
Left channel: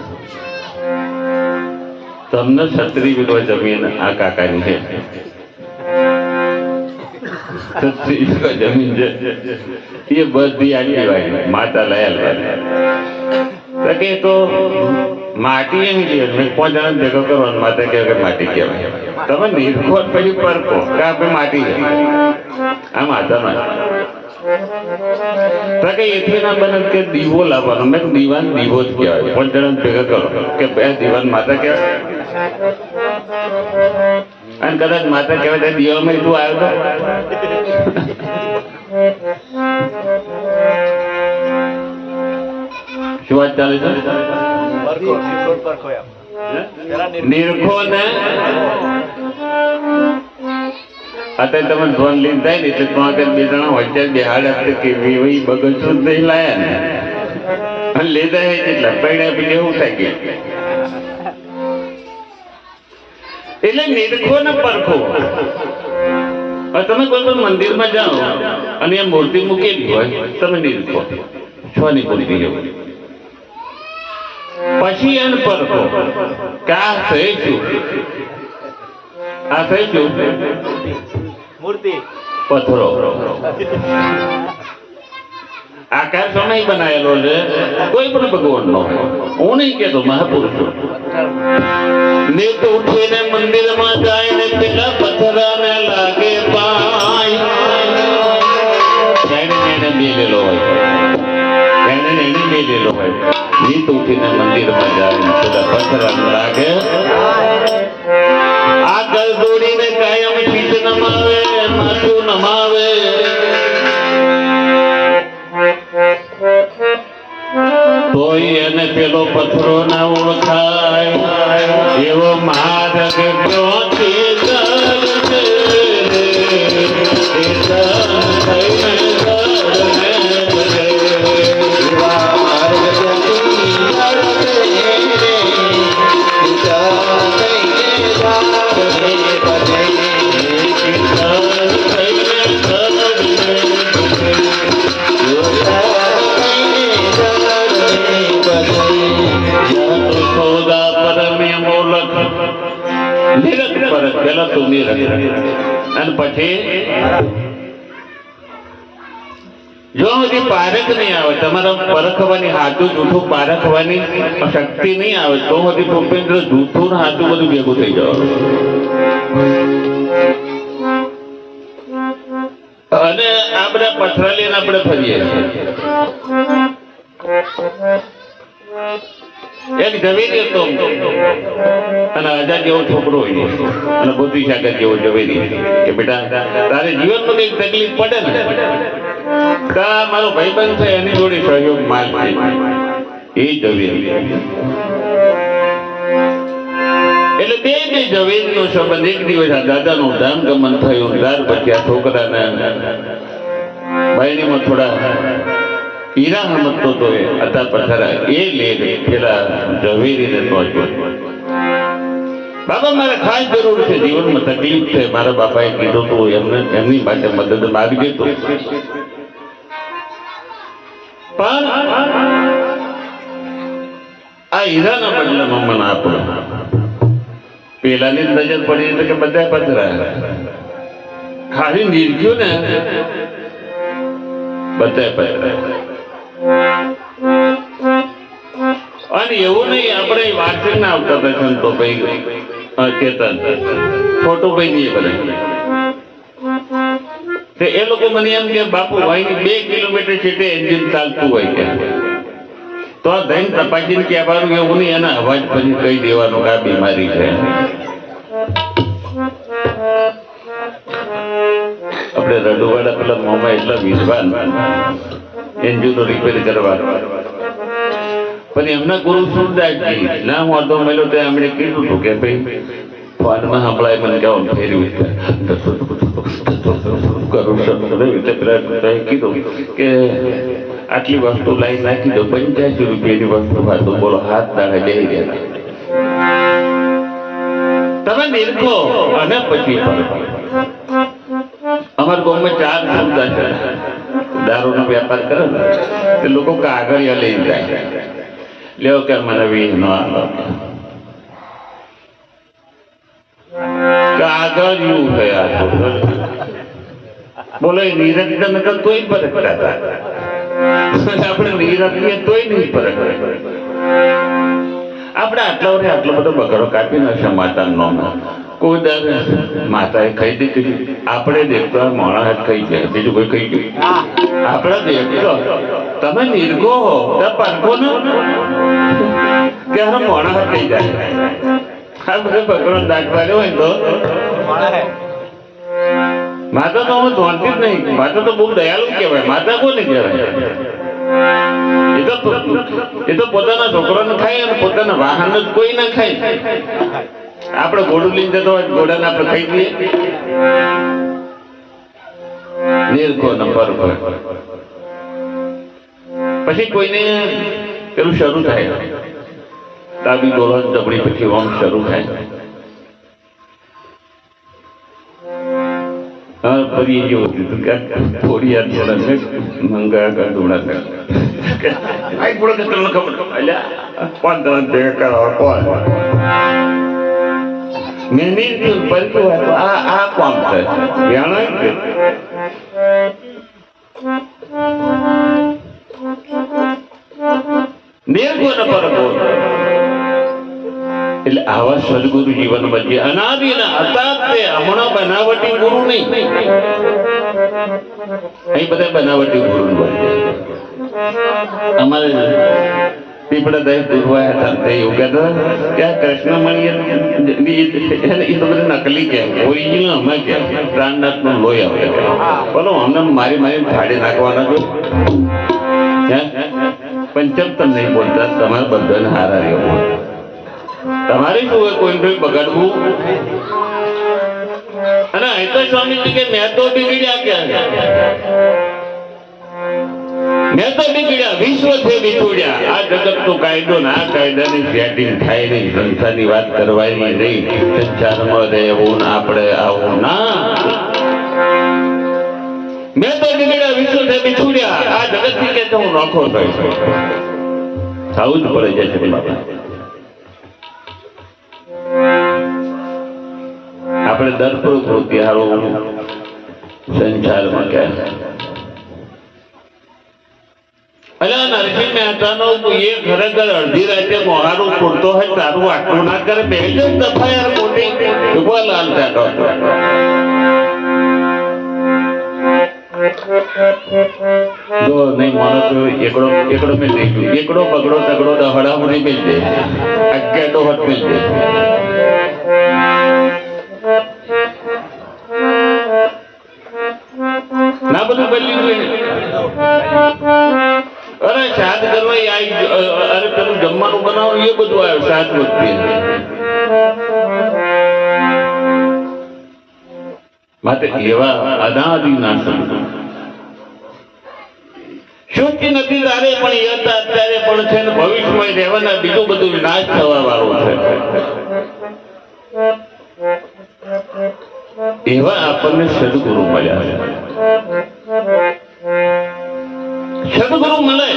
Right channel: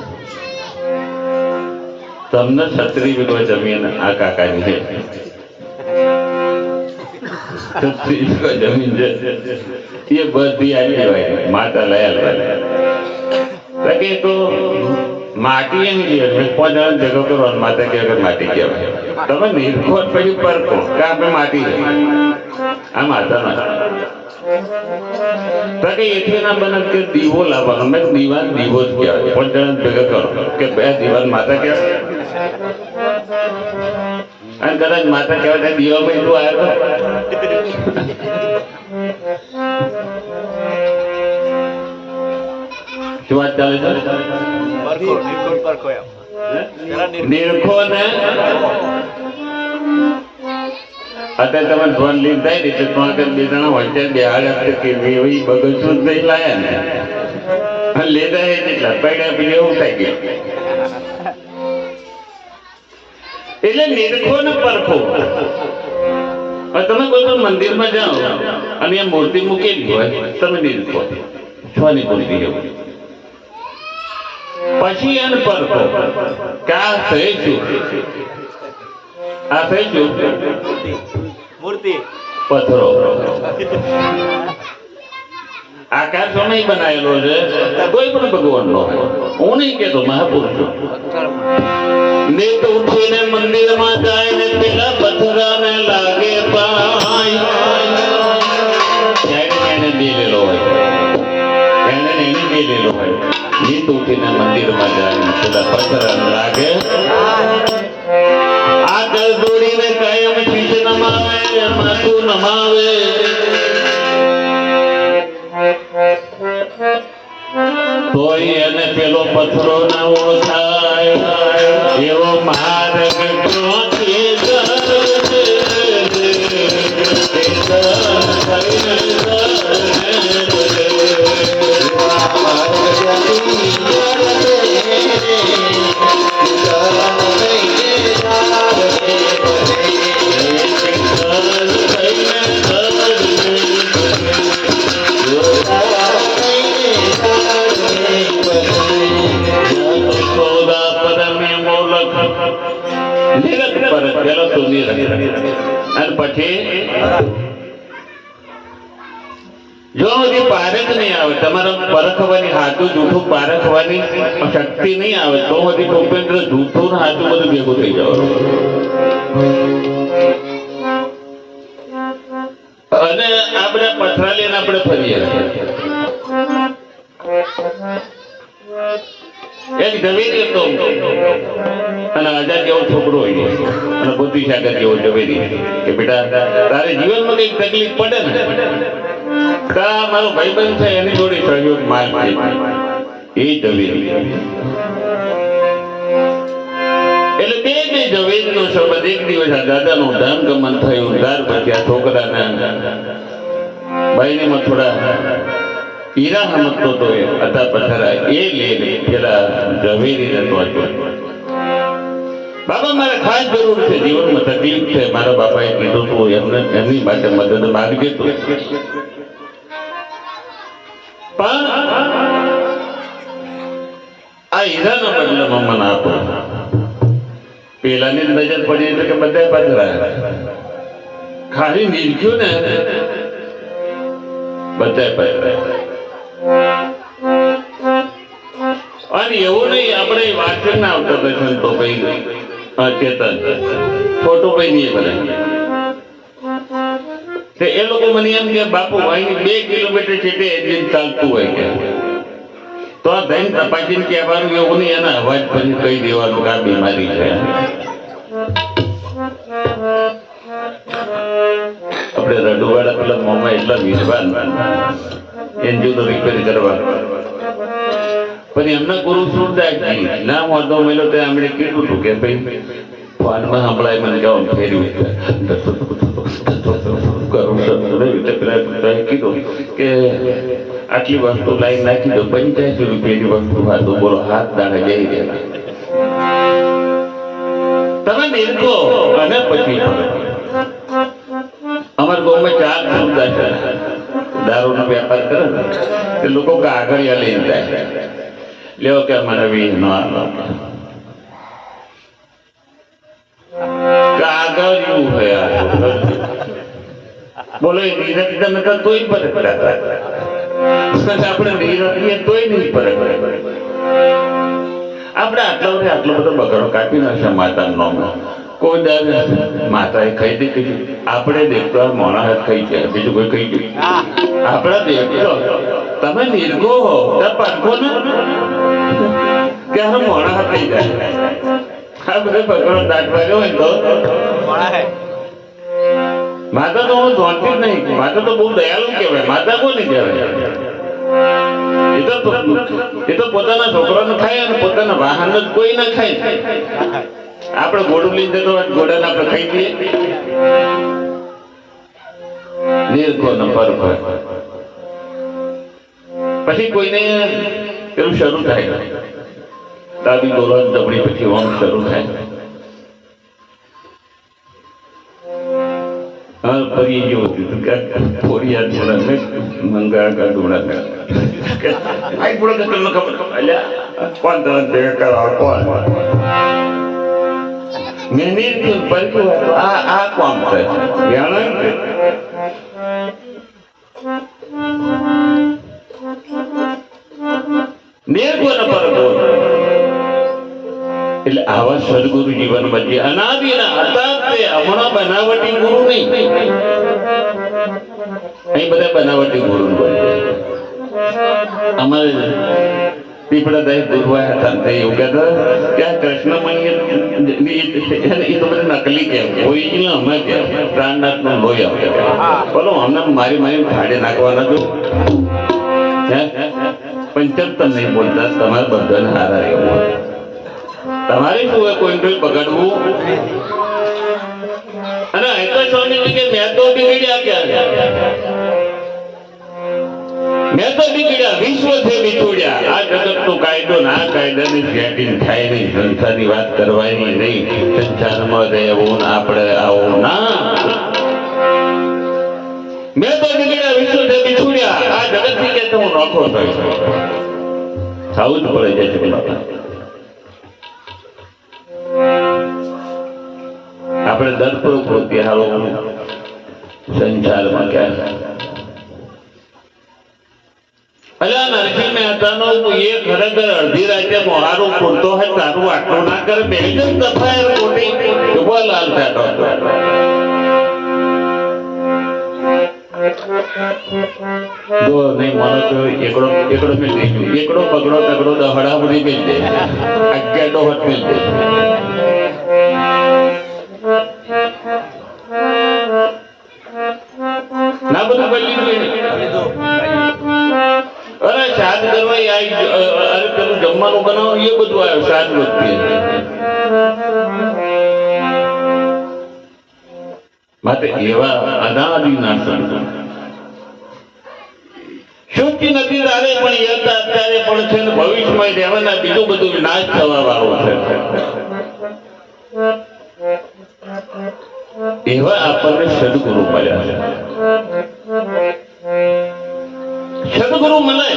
તમને 36 વીઘો જમીન આ કાકાની છે. 36 વીઘો જમીન છે એ બધી આ કહેવાય માતા લયા તો માટી એમ કે 5 જણા ભેગો કરવાનો માતા કહેવાય માટી કહેવાય. તમે નિર્ખોટ પછી પરકો કે આપણે માટી છે આ માતા ના એથી ના બને કે દીવો લાવવાનો. મેં દીવાન દીવો જ કહેવાય. 5 જણા ભેગા કરો કે બે દીવાન માતા કહેવાય અને કદાચ માતા કહેવાય દીવામાં એટલું આવ્યો શું વાત ચાલે છે? નિરખો ને અત્યારે તમે ધોન લીધ થાય ને એટલે તો આગળ 2 જણા વચ્ચે બેહાડે કે એવી બગસું નહીં લાયા ને લેતા હે કેટલા પૈડા પીને એવું થાય ગયું. એટલે નિરખો ને પરખો. તમે કોઈ પણ મંદિરમાં જાઓ અને એ મૂર્તિ મૂકેલી હોય તમે નિરખો છની મૂર્તિ એવું. પછી એને પરખો કે આ થઈ શું મૂર્તિ પથ્થરો આકાશ નહીં બનાવેલો છે કોઈ પણ ભગવાન નો. હું નહીં કેતો મહાપુરુષો નેત ઉઠીને મંદિરમાં જાય ને પેલા પથ્થરાને લાગે એને મેલેલો હોય એને મેલેલો હોય. નેત ઉઠીને મંદિરમાં જાય ને પેલા પથ્થરાને લાગે આગળ દોડીને કાયમ શીશ નમાવે માથું નમાવે. તોય એને પેલો પથ્થરો ના ઓળખાય એવો માર્ગ અને પછી જો બધી પારખ નહીં આવે, તમારા પરખવાની હાથું જૂઠું પારખવાની શક્તિ નહીં આવે તો બધી ટોપેન્દ્ર જૂઠું ને હાથું બધું ભેગું થઈ જવાનું. અને આ બધા પથરાલીને આપણે ફરીએ. એક ઝવેરી હતો અને 1000 જેવો છોકરો હોય અને બુદ્ધિસાગર જેવો ઝવેરી કે બેટા તારે જીવનમાં કઈક તકલીફ પડે ને કા મારો ભાઈબંધ છે એની જોડે સહયોગ માગ છે. એ ઝવેરી એટલે બે ઝવેરીનો સંબંધ. એક દિવસ આ દાદાનું ધામગમન થયું. ત્યાર પછી આ છોકરાના ભાઈની થોડા હીરા સમજતો તો એ હતા પથરા એ લે પેલા ઝવેરીને પહોંચ્યો. બાબા મારે ખાસ જરૂર છે, જીવનમાં તકલીફ છે, મારા બાપાએ કીધું તું એમને એમની પાસે મદદ માગજે તું. પણ આ હીરાના બદલામાં મને આપો. પેલાની નજર પડી તો કે બધા પથરા ખાલી નીરખ્યું ને બધા પથરા. અને એવું નહીં આપણે વાંચન ના આવતા હતા સંતો ભાઈ ચેતન ફોટો ભાઈ નહીં કરે એ લોકો મને એમ કે બાપુ અહીં 2 કિલોમીટર છેટે એન્જિન ચાલતું હોય કે તો આ ધૈન તપાસીને કહેવાનું એવું નહીં, એના અવાજ પછી કહી દેવાનું કે આ બીમારી છે. આપણે રડુવાડા પેલા મોમાં એટલા વિદ્વાન એન્જિનો રિપેર કરવા પણ એમના ગુરુ સુરદાસજી ના વાંધો મેલો તે એમણે કીધું હતું કે ભાઈ ફોનમાં સંભળાય મને કેવું ફેર્યું કીધું કે આટલી વસ્તુ લાઈ નાખી દો 85 રૂપિયાની વસ્તુ ખાધું બોલો હાથ દાડે જઈ ગયા. તમે નિરખો અને પછી અમારા ગામમાં 4 સુરદાસ છે. દારૂનો વેપાર કરે ને એ લોકો કાગળ લઈને જાય લેવો કે મને વીજ ન આવે કાગળ એવું થયા બોલો નીરજ તમે તો તોય ફરક આપણે નીરજીએ તોય નહીં ફરક. આપણે આટલા વર્ષે આટલો બધો બગડો કાપી નાખ્યો માતાનું નામ. કોઈ દર માતાએ ખાઈ દીધું, આપણે દેખતો માણસ ખાઈ જાય, બીજું કોઈ ખાઈ ગયું. આપણે દેખતો તમે નિર્ગો હો પાકો ને કે મોણા થઈ જાય. આ બધો બગડો દાંત પાડ્યો હોય તો માતા તો હું જોડતી જ નહીં. માતા તો બહુ દયાળુ કહેવાય. માતા કોને કહેવાય? એ તો પોતાના છોકરાને ખાય અને પોતાના વાહન જ કોઈ ના ખાય. આપણે ઘોડું લઈને જતો હોય ઘોડાને આપણે ખાઈ દઈએ. નિર્ખો નંબર પર પછી કોઈને પેલું શરૂ થાય દાબી ડોલન જબડી પછી ઓમ શરૂ થાય. ફરી જેવું થોડી મંગા ગાંડુડા આ કોમ છે એટલે આવા સદગુરુ જીવનમાં જે અનાદિના હતા તે હમણાં બનાવટી ગુરુ નહીં. અહીં બધા બનાવટી ગુરુ અમારે પીપળા દહીં દુર્વા હતા તે એવું કહેતા કે આ કૃષ્ણમણી એ તો બધા નકલી કેમ ઓરિજિનલ અમે કેમ પ્રાણનાથ નું લોહી આવે બોલો અમને મારી ફાડે નાખવાના જો પંચમ તમ નહીં બોલતા. તમારે બધાને હારા રહેવું. તમારે શું હોય કોઈ બગાડવું. અને અહીં તો સ્વામીજી કે મેં તો બિગડ્યા ક્યાં? મેં તો બિગડ્યા વિશ્વ છે બિછોડ્યા. આ જગત નો કાયદો ને આ કાયદાની સેટિંગ થાય નહીં. સંસારની વાત કરવાની નહીં. સંસારમાં રહેવું આપણે આવું ના. મેં તો બિગડ્યા વિશ્વ છે બિછોડ્યા. આ જગત થી કે હું નોખો થઈશ. આવું જ પડે જાય છે. આપણે દરપૂર્વક વૃત્તિ હાલો સંસારમાં ક્યાં અલા નરસિંહ મહેતાનો એ ખરેખર અડધી રાતે મોહારો પૂરતો હોય તારું આટલું ના કરે બેહી જ દફા યાર મોટી ઉભા લાલ ચાટો જો નહીં માનો તો એકડો મેં દીધું એકડો પગડો તગડો દહડામણી મિલ દે અગેડો હટ મિલ દે ના બધું બદલી ગયું અરે શાદ કરવા અરે પેલું જમવાનું બનાવો એ બધું આવ્યું શાદ વૃત્તિ માટે એવા અનાદિ ના સમજો શોકી નથી તારે પણ એ અત્યારે પણ છે ને ભવિષ્યમાં રહેવાના બીજું બધું વિનાશ થવા વાળું છે એવા આપણને સદગુરુ મળ્યા છે સદગુરુ મળે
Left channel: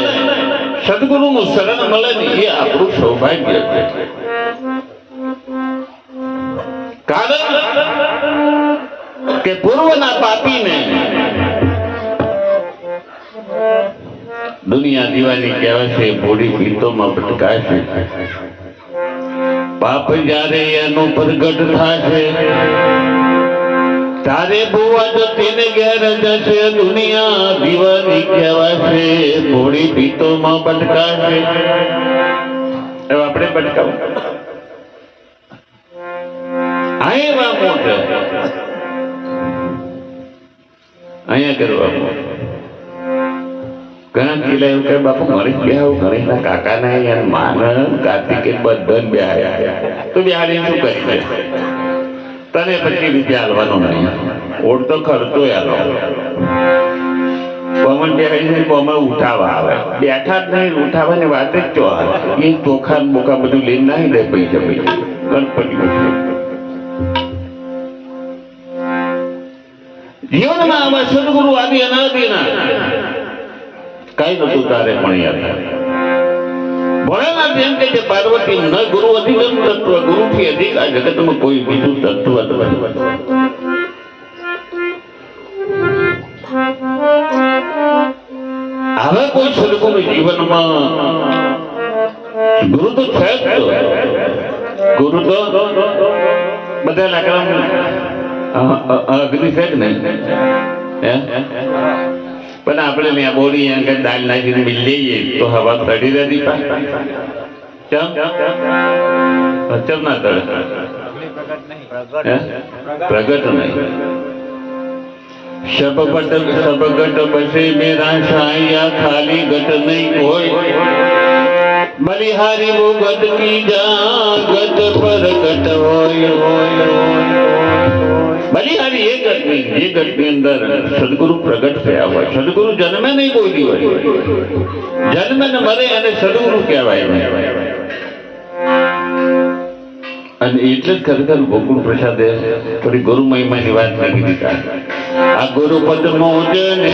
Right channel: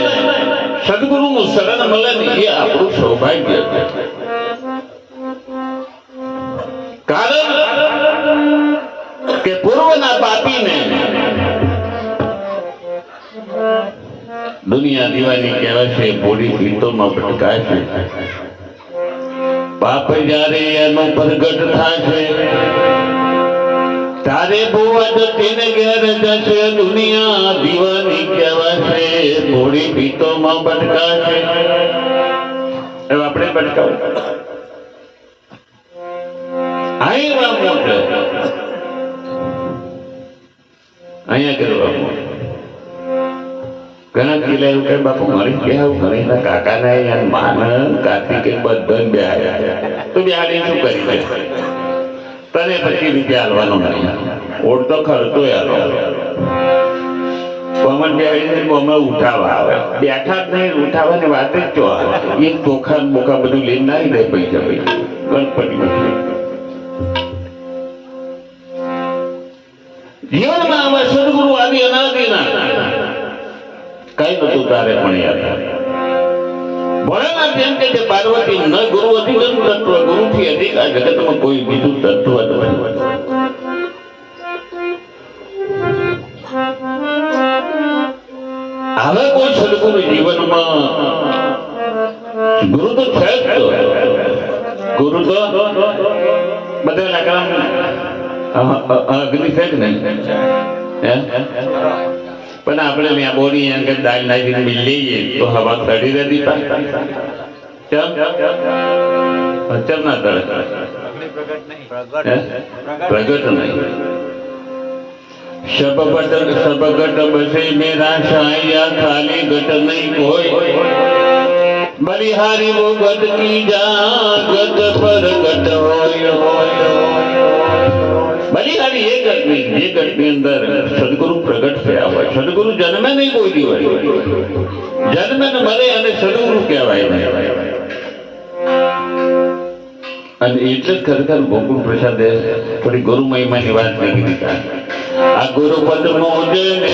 સદગુરુનું શરણ મળે ને એ આપણું સૌભાગ્ય છે કારણ કે પૂર્વના પાપીને દુનિયા દીવાની કહેવાય છે ભોળી ગીતોમાં ભટકાય છે પાપ જ્યારે એનો પ્રગટ થશે તારે બોવા તેને ઘેર જશે દુનિયા દીવાની કહેવાશે ભોળી ગીતોમાં ભટકાશે હવે આપણે ભટકાવું અહીંયા મોટે અહીંયા કરવાનું ઘણા કિલ્લા એવું કહે બાપુ મરી ગયા એવું ઘણી કાકા ને માન કાર્તિકે બધા બે આવ્યા તો બિહારી શું કરી દે તને પછી રૂપિયા હાલવાનો નહીં ઓળતો ખર્ચો હાલો કોમન બેહારી કોમાં ઉઠાવા આવે બેઠા જ નહીં ઉઠાવવાની વાત જ ચો આવે એ ચોખા બોખા બધું લઈને નાહી લે પૈસા ગણપતિ જીવનમાં આમાં સદગુરુ આદિ અનાદિના કઈ નતું તારે પણ યાદ ભણેલા જેમ કે પાર્વતી ન ગુરુ અધિગમ તત્વ ગુરુ થી અધિક આ જગતમાં કોઈ બીજું તત્વ નથી હવે કોઈ સદગુરુ જીવનમાં ગુરુ તો છે જ ગુરુ તો બધા લાકડા અગ્નિ છે જ નહીં પણ આપણે ત્યાં બોડી આગળ દાળ નાખીને મિલ લઈએ તો હવા ચડી રહેતી ચમ ના તળે પ્રગટ નહીં સબગટ બસે મેરા શાયા ખાલી ગટ નહીં કોઈ બલિહારી વો ગટ કી જા ગટ પર ગટ હોય બલિહારી એ ગટની અંદર સદગુરુ પ્રગટ થયા હોય સદગુરુ જન્મે નહીં કોઈ દિવસ જન્મે ને મરે અને સદગુરુ કહેવાય અને એટલે જ ખરેખર ગોકુળ પ્રસાદે થોડી ગુરુ મહિમાની વાત નહીં કીધી આ ગુરુ પદ મોજ ને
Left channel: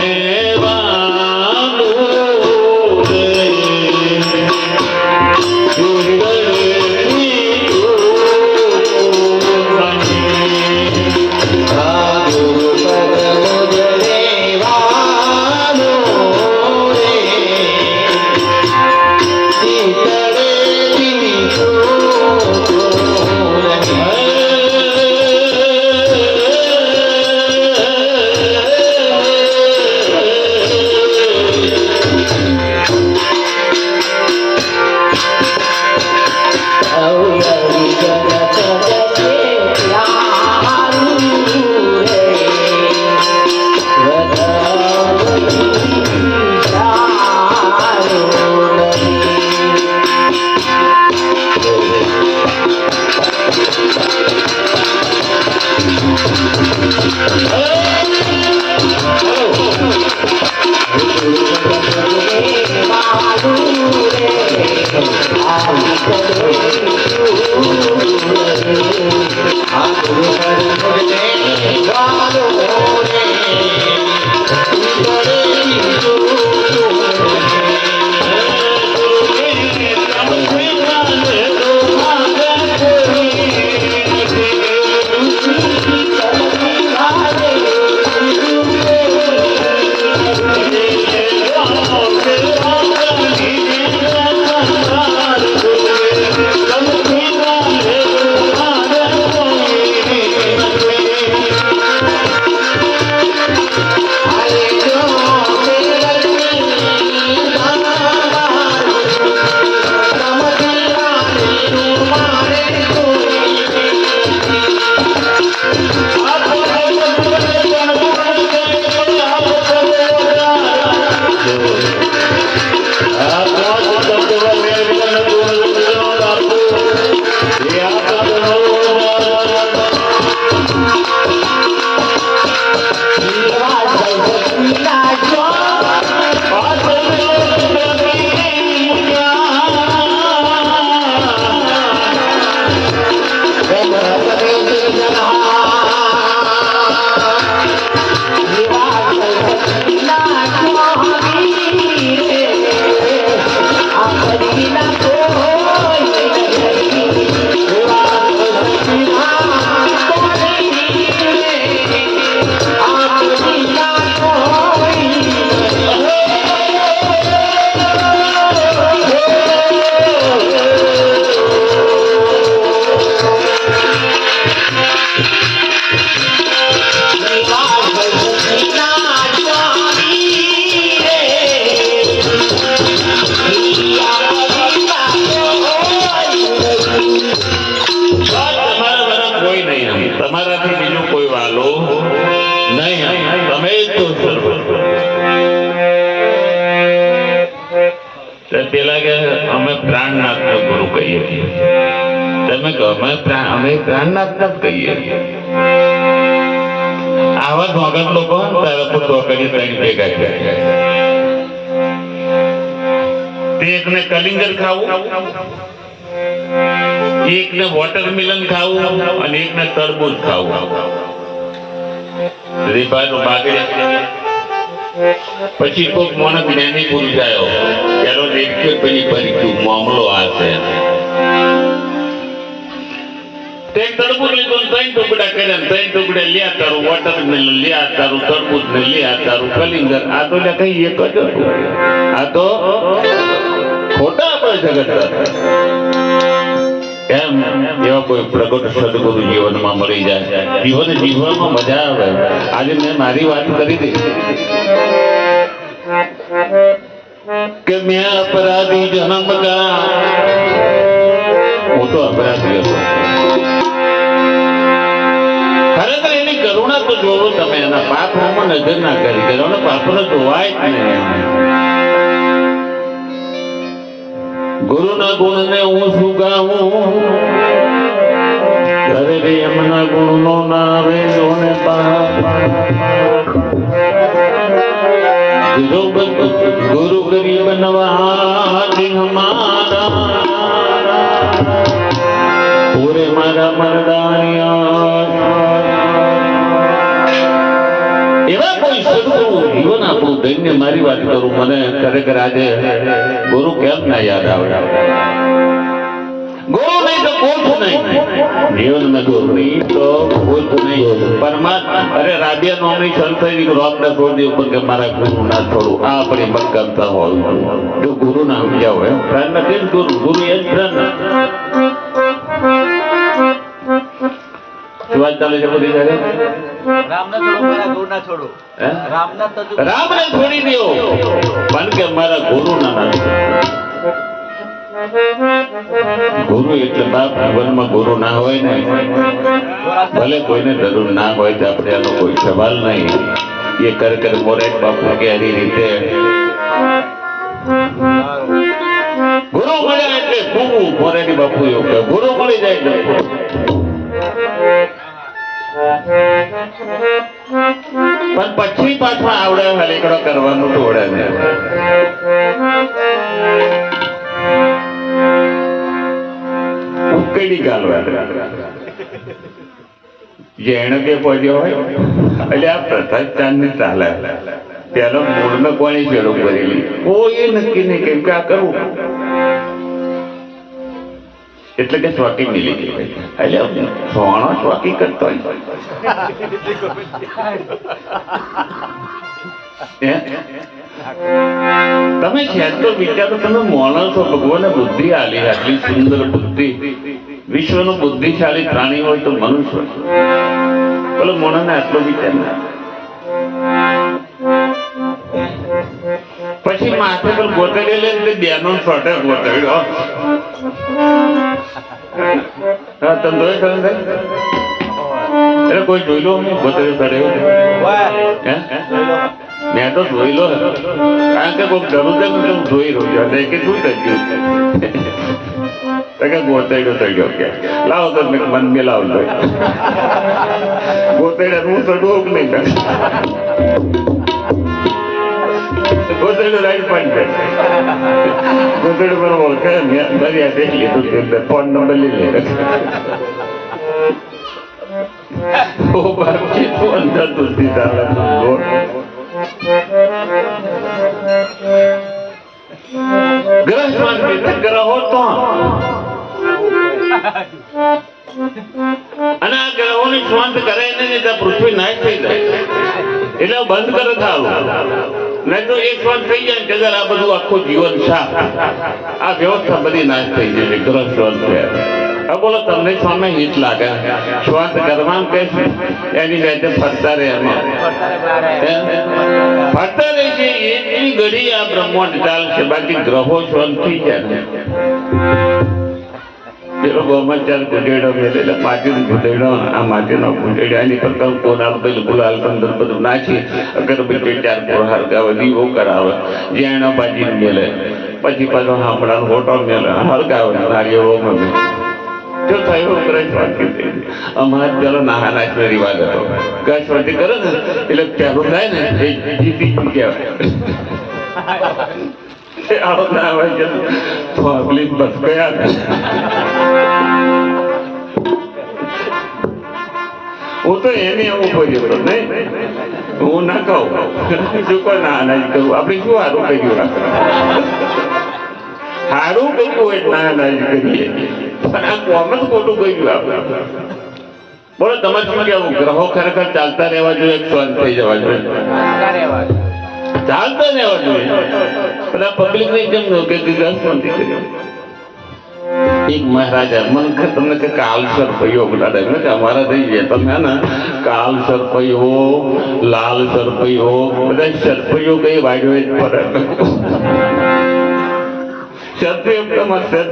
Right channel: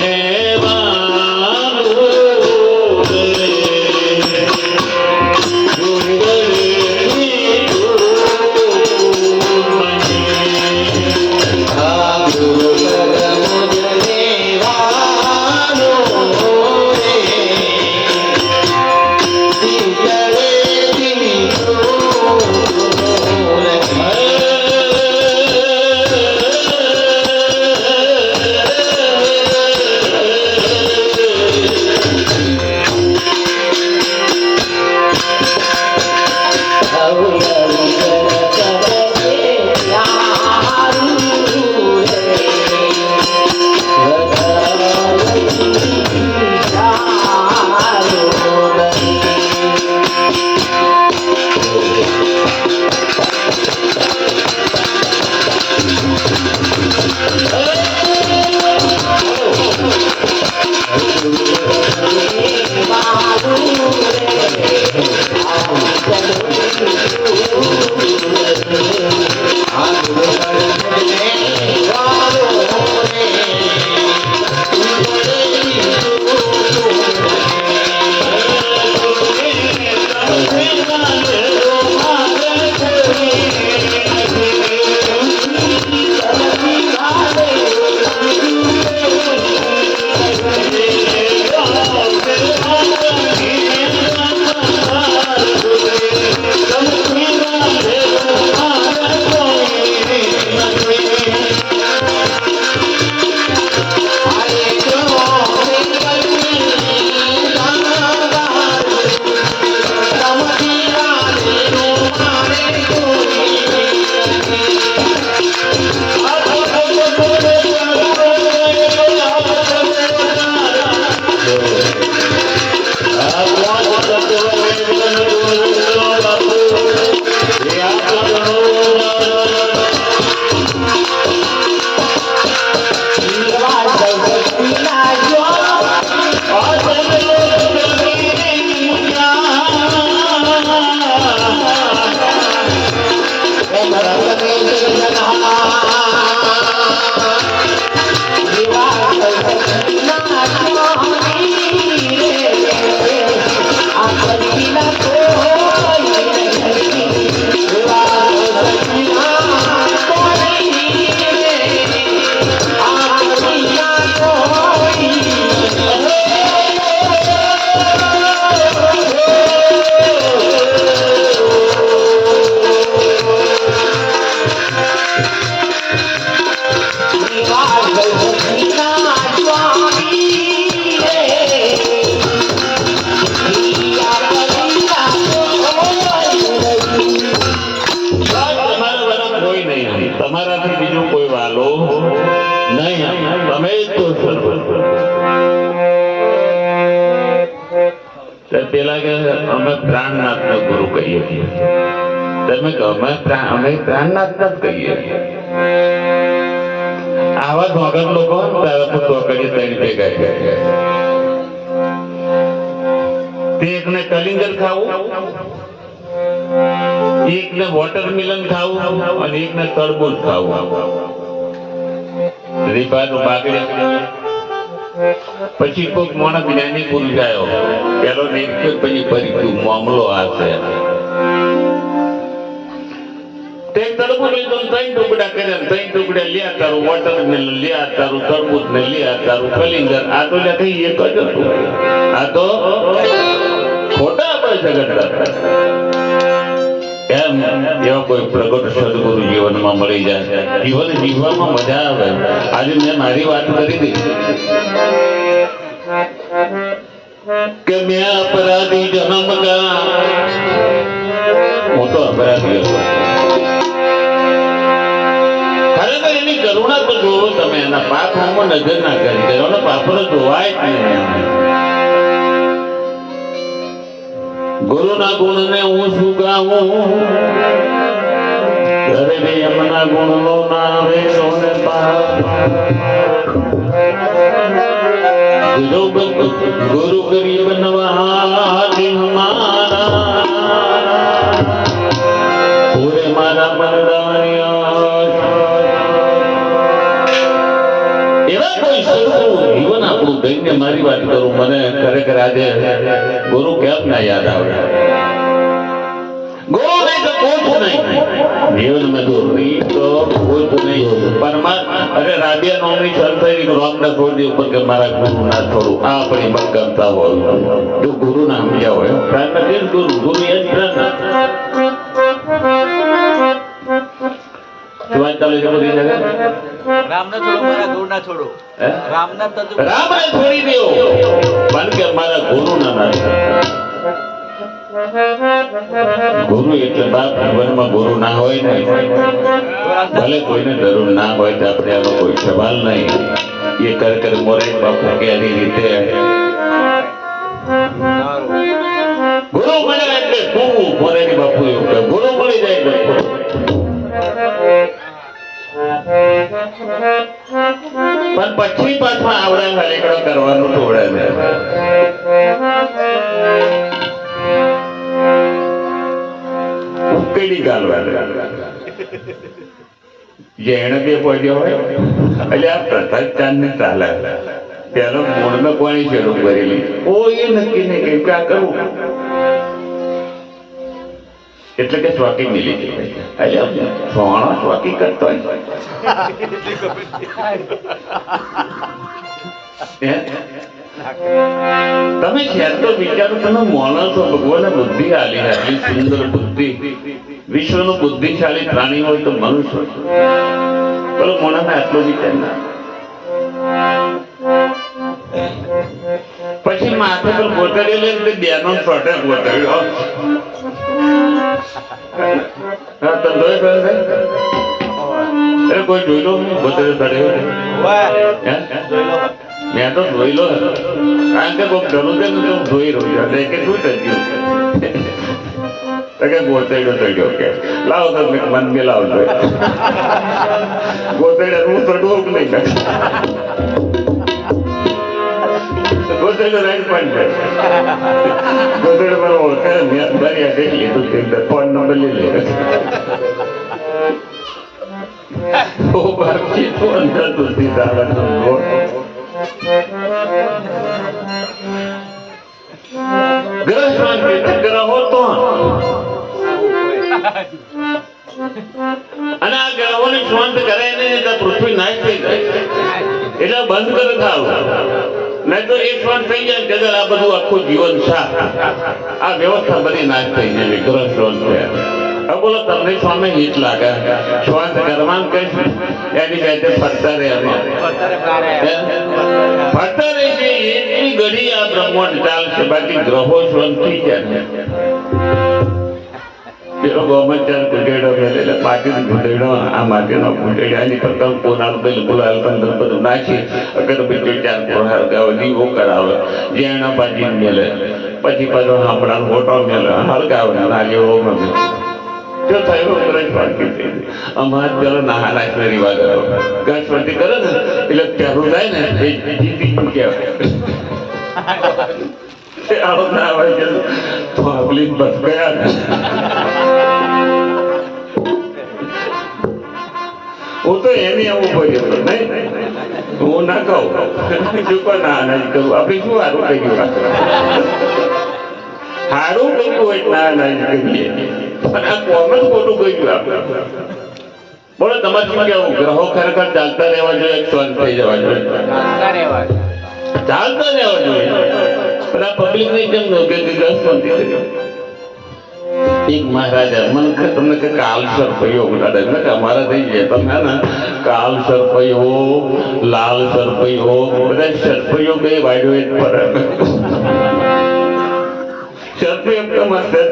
નહીં, તમે જ તો સર્વસ્વ. પેલા કે અમે પ્રાણનાથનો ગુરુ કહીએ છીએ, તમે કહો અમે પ્રાણનાથના જ કહીએ છીએ. આવા ધોગર લોકો તારા તો ધોકડી ત્રણ ભેગા થયા. તે એકને કલિંગર ખાવું, એકને વોટરમેલન ખાવું અને એકને તરબૂચ ખાવું. રીબાનું બાગડે પછી કોઈક મોણસ જ્ઞાની પુરુષ આવ્યો, પેલો દેખ્યો પછી ફરી મામલો આ છે. તે તરબૂચ લીધો, ત્રણ ટુકડા કર્યા, ત્રણ ટુકડે લ્યા તારું વોટરમેલન, લ્યા તારું તરબૂચ, લ્યા તારું કલિંગર. આ તો કઈ એક જ હતું. આ તો ખોટા આપણે જગત એમ. એવા કોઈ પ્રગટ સદગુરુ જીવનમાં મળી જાય, જીવન જીવવામાં મજા આવે. આજે મેં મારી વાત કરી દીધી કે મેં અપરાધી જન્મ કા, હું તો અપરાધી હતો. ખરેખર એની કરુણા તો જોવો તમે, એના પાપ આમાં નજર ના કરી દેવાનો, પાપને જોવાય જ નહીં. ગુરુના ગુણને હું શું ગાઉં, ઘરે રે એમના ગુણનો ના આવે સોને પાપ. ગુરુ ગરીબ નવાજ હમારા, પૂરે મારા મરદાનિયા. એવા કોઈ સદગુરુ જીવન આપણું ધન્ય. મારી વાત કરું, મને ખરેખર આજે ગુરુ કેમ ના યાદ આવે. ગુરુ નહીં તો કુછ નહીં જીવન में, गुरु नहीं तो कुछ नहीं. परमात्मा अरे राबिया नोमनी संत रोमना छोड़ ઉપર કે મારા ગુરુ ના છોડું, આ આપણી મક્કમતા હોય. જો ગુરુ ના સમજ્યા હોય, પ્રાણ નથી ગુરુ, ગુરુ એ જ પ્રાણ. શું વાત ચાલે છે બધી જગ્યાએ? રામને છોડો, મારા ગુરુ ના છોડો. રામને છોડી દો, કારણ કે મારા ગુરુ ના માને. ગુરુ એટલે બાપ. જીવનમાં ગુરુ ના હોય ને, ભલે કોઈને જરૂર ના હોય તો આપણે આનો કોઈ સવાલ નહીં. એ કર મોરે બાપુ કે આવી રીતે ગુરુ મળ્યા એટલે ખૂબ મોરેની બાપુ એવું કે ગુરુ મળી જાય એટલે પણ પછી પાછા આવડે હરેકડો કરવાનું થોડે ને. ઉકેડી ગાલવા જેણે કે પહોંચ્યો હોય એટલે આ પ્રથા ચાંદ ને ચાલે. પેલો મૂળનો કોની શરૂ કરેલી કોઈ નક્કી નહીં કેમ કે આ કરવું એટલે કે સ્વાકી મિલી ગઈ. એટલે સોણા સ્વાકી કરતો તમે છે તો વિચારો, તમે માણસો ભગવાને બુદ્ધિ આલી, આટલી સુંદર બુદ્ધિ. વિશ્વનું બુદ્ધિશાળી પ્રાણી હોય તો મનુષ્ય. પેલો મોણાને આટલો વિચાર ના. પછી માથે પર ગોતડી લે બેનો છોટે ગોતડ્યો. તમે અરે કોઈ જોઈ લો ગોતડ્યો ચડ્યો? મેં તો જોઈ લો, કારણ કે કોઈ ગરું છે ને હું જોઈ રહ્યો છું કે શું કર્યું કે ગોતડ્યો ચડ્યો કે લાવો તમે મન મિલાવજો. ગોતડ્યા હું તો ડોક નહીં કર. ગોતડ્યો રાઈટ પોઈન્ટ છે. ગોતડ્યો મને ઓળખે મેં બન્યા દેખ લીધું છે, ફોન નંબર લઈ લે. ઓ બાપજી તો અંદર સુધી તારા ગ્રહમાં ગ્રહો તો અને આ ગ્રહોને શાંત કરે ને પૃથ્વી નાશ થઈ જાય એટલે બંધ કરે થાવ. નહીં તો એક શાંત થઈ જાય જગત આ બધું આખું જીવન સાફ આ વ્યવસ્થા બધી નાશ થઈ જાય. ગ્રહ શાંત છે. બોલો તમને સામે હિત લાગે શાંત કરવાનું કે એની જાતે ફરતા રહે ફરતા રહે છે. એટલી ઘડી આ બ્રહ્માંડ ચાલશે, બાકી ગ્રહો શાંતિ છે. પેલો ગોમાં ચાર કુટેડો એટલે માટીનો કુટેડો આ માટીનો કુટેડાની પર કોના બિલકુલ આલકંદર બધું નાખી અગર બીજો ચાર કોણ હળગાવે દીવો કરાવે જેણા ભાજી મેલે પછી પાછો હમણાં હોટો મેલે હળગાવે નારિયેળો મેલે જો થયો ગ્રહ વાક્ય થઈ અમારે પેલો નાના રિવાજ હતો ગશ વધી કરે ને એટલે ચાલુ થાય ને એ જીતી ચૂક્યા આવો ના હોય છે તો આગલી બસ ગયા હું તો એને એવું બોલ્યો હતો નહીં હું ના કહું શું પણ ના કહું આપણે શું સારું કહ્યું સારું કહ્યું હોય ના કરીએ પણ આ કોમ જ ખોટું કહ્યું આપણે બોલો તમારે શું કેવું ગ્રહો ખરેખર ચાલતા રહેવા જોઈએ શાંત થઈ જવા જોઈએ ચાલતા રહેવા જોઈએ બધા પબ્લિક ને કેમ કે ગ્રહ શાંતિ કર્યો એક મહારાજા મને તમને કે કાલ સરપૈયો બોલાડે કે અમારા થઈ ગયા તમે ને કાલ સરપૈયો લાલ સરપૈયો બધા સરપૈયો બે વાગ્યો જ ફરક સરપૈયો તમારે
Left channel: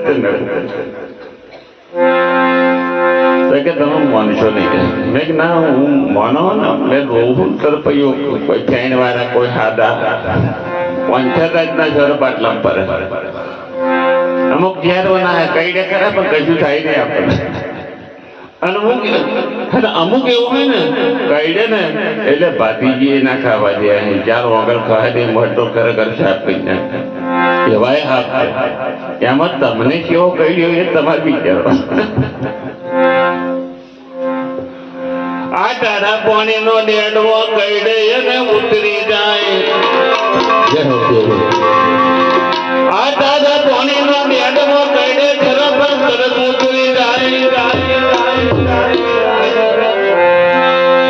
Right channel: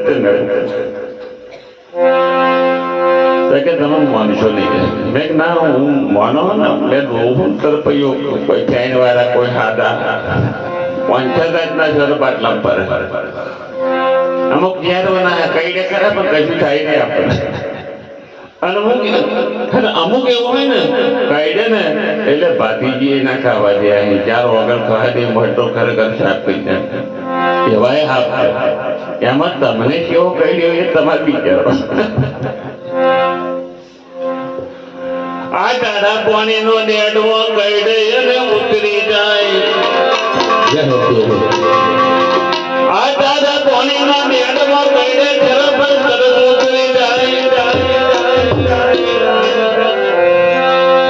કે તમે માનશો નહીં મેં ના હું માનો ને મેં બહુ સરપૈયો કોઈ ચાઈન વાળા કોઈ સાદા 5 ના જોર બાટલા પર અમુક જ્યાં બનાવે કઈ ડે કરે પણ કશું થાય નહીં આપણે અને અમુક એવું હોય ને કઈ ને એટલે ભાતીજી ના ખાવા દે અહીં 4 વગર ખાવા દે મોટો ખરેખર સાફ થઈ જાય એવાય હાફ એમાં તમને કેવો કહી દો એ તમારે વિચારો આ દાદા પાણી નો ડેડવો કઈ દે અને ઉતરી જાય આ દાદા પાણી નો ડેડવો કઈ દે ખરેખર તરત ઉતરી જાય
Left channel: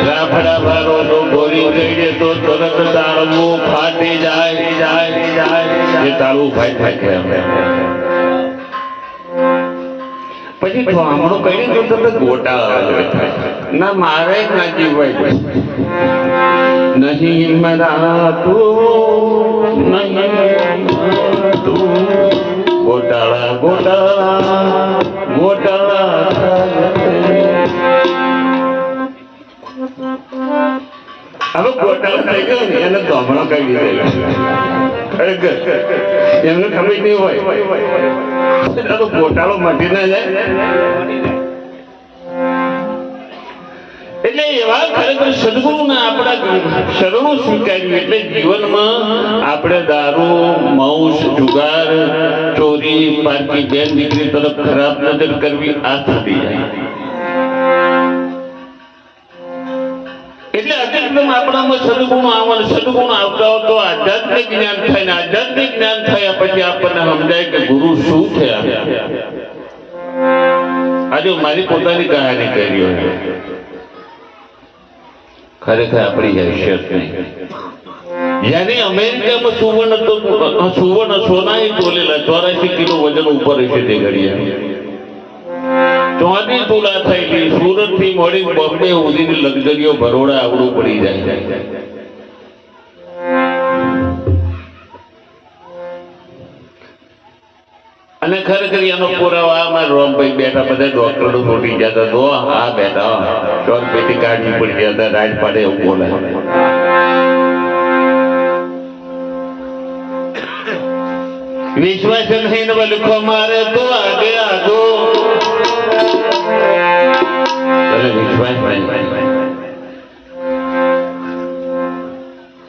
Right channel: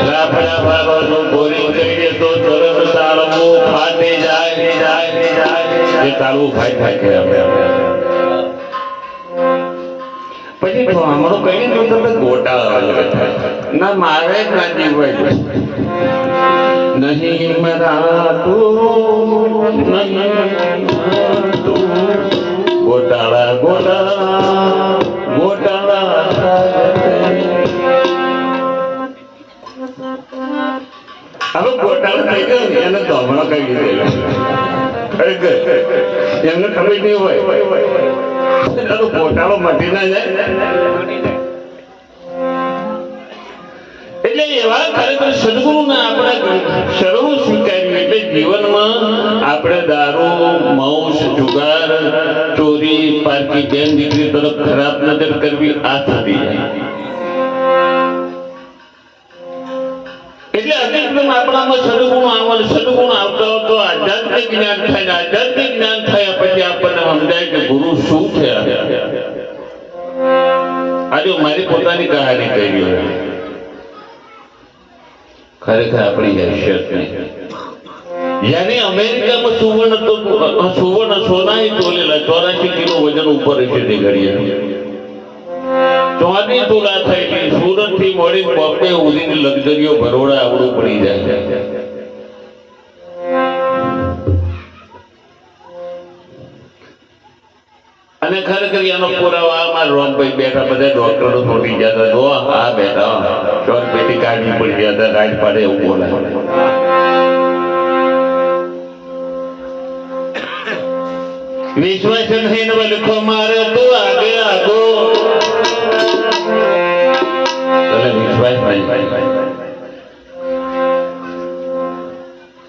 રાફડા વાળો જો બોરી થઈ દે તો તરત તાળવું ફાટી જાય એ તાળવું ફાટ કે પછી હમણાં કઈ નહીં તમે ગોટાળા ના મારે જ ના જીવાય નહીં મરા તું નહીં તું ગોટાળા ગોટાળા ગોટાળા હવે ગોટાળા થઈ ગયો ને એને ધમણો કરી દેલા એમને ખબર નહીં હોય ગોટાળો મટી ના જાય એટલે એવા ખરેખર સદગુરુને આપણે શરણું સ્વીકાર્યું એટલે જીવનમાં આપણે દારૂ માંસ જુગાર ચોરી પારકી બેન દીકરી તરફ ખરાબ નજર કરવી આ થતી જાય એટલે અધિકતમ આપણામાં સદગુણ આવે સદગુણ આવતા તો આધ્યાત્મિક જ્ઞાન થાય ને આધ્યાત્મિક જ્ઞાન થયા પછી આપણને સમજાય કે ગુરુ શું છે આજે મારી પોતાની કહાની કહી રહ્યો ખરેખર આપણી હેસિયત નહીં यानी अमेरिका में सुवर्ण सोना ही तोलेला 84 किलो वजन ऊपर હશે તે ઘડિયા 34 તોલા થયેલી સુરત થી મળી બોમ્બે ઉડીની લક્ઝરીઓ બરોડા આવડું પડી જાય અને ખરેખર એનો પુરાવા આમાં રોમભાઈ બેઠા બધા ડોક્ટરો તૂટી જતા તો આ બેઠા ચોર પેટી કાઢી પડી જતા રાજ પાડે એવું બોલાય विश्वास नहीं लिखो मारे तो आगे आगो विश्वास नहीं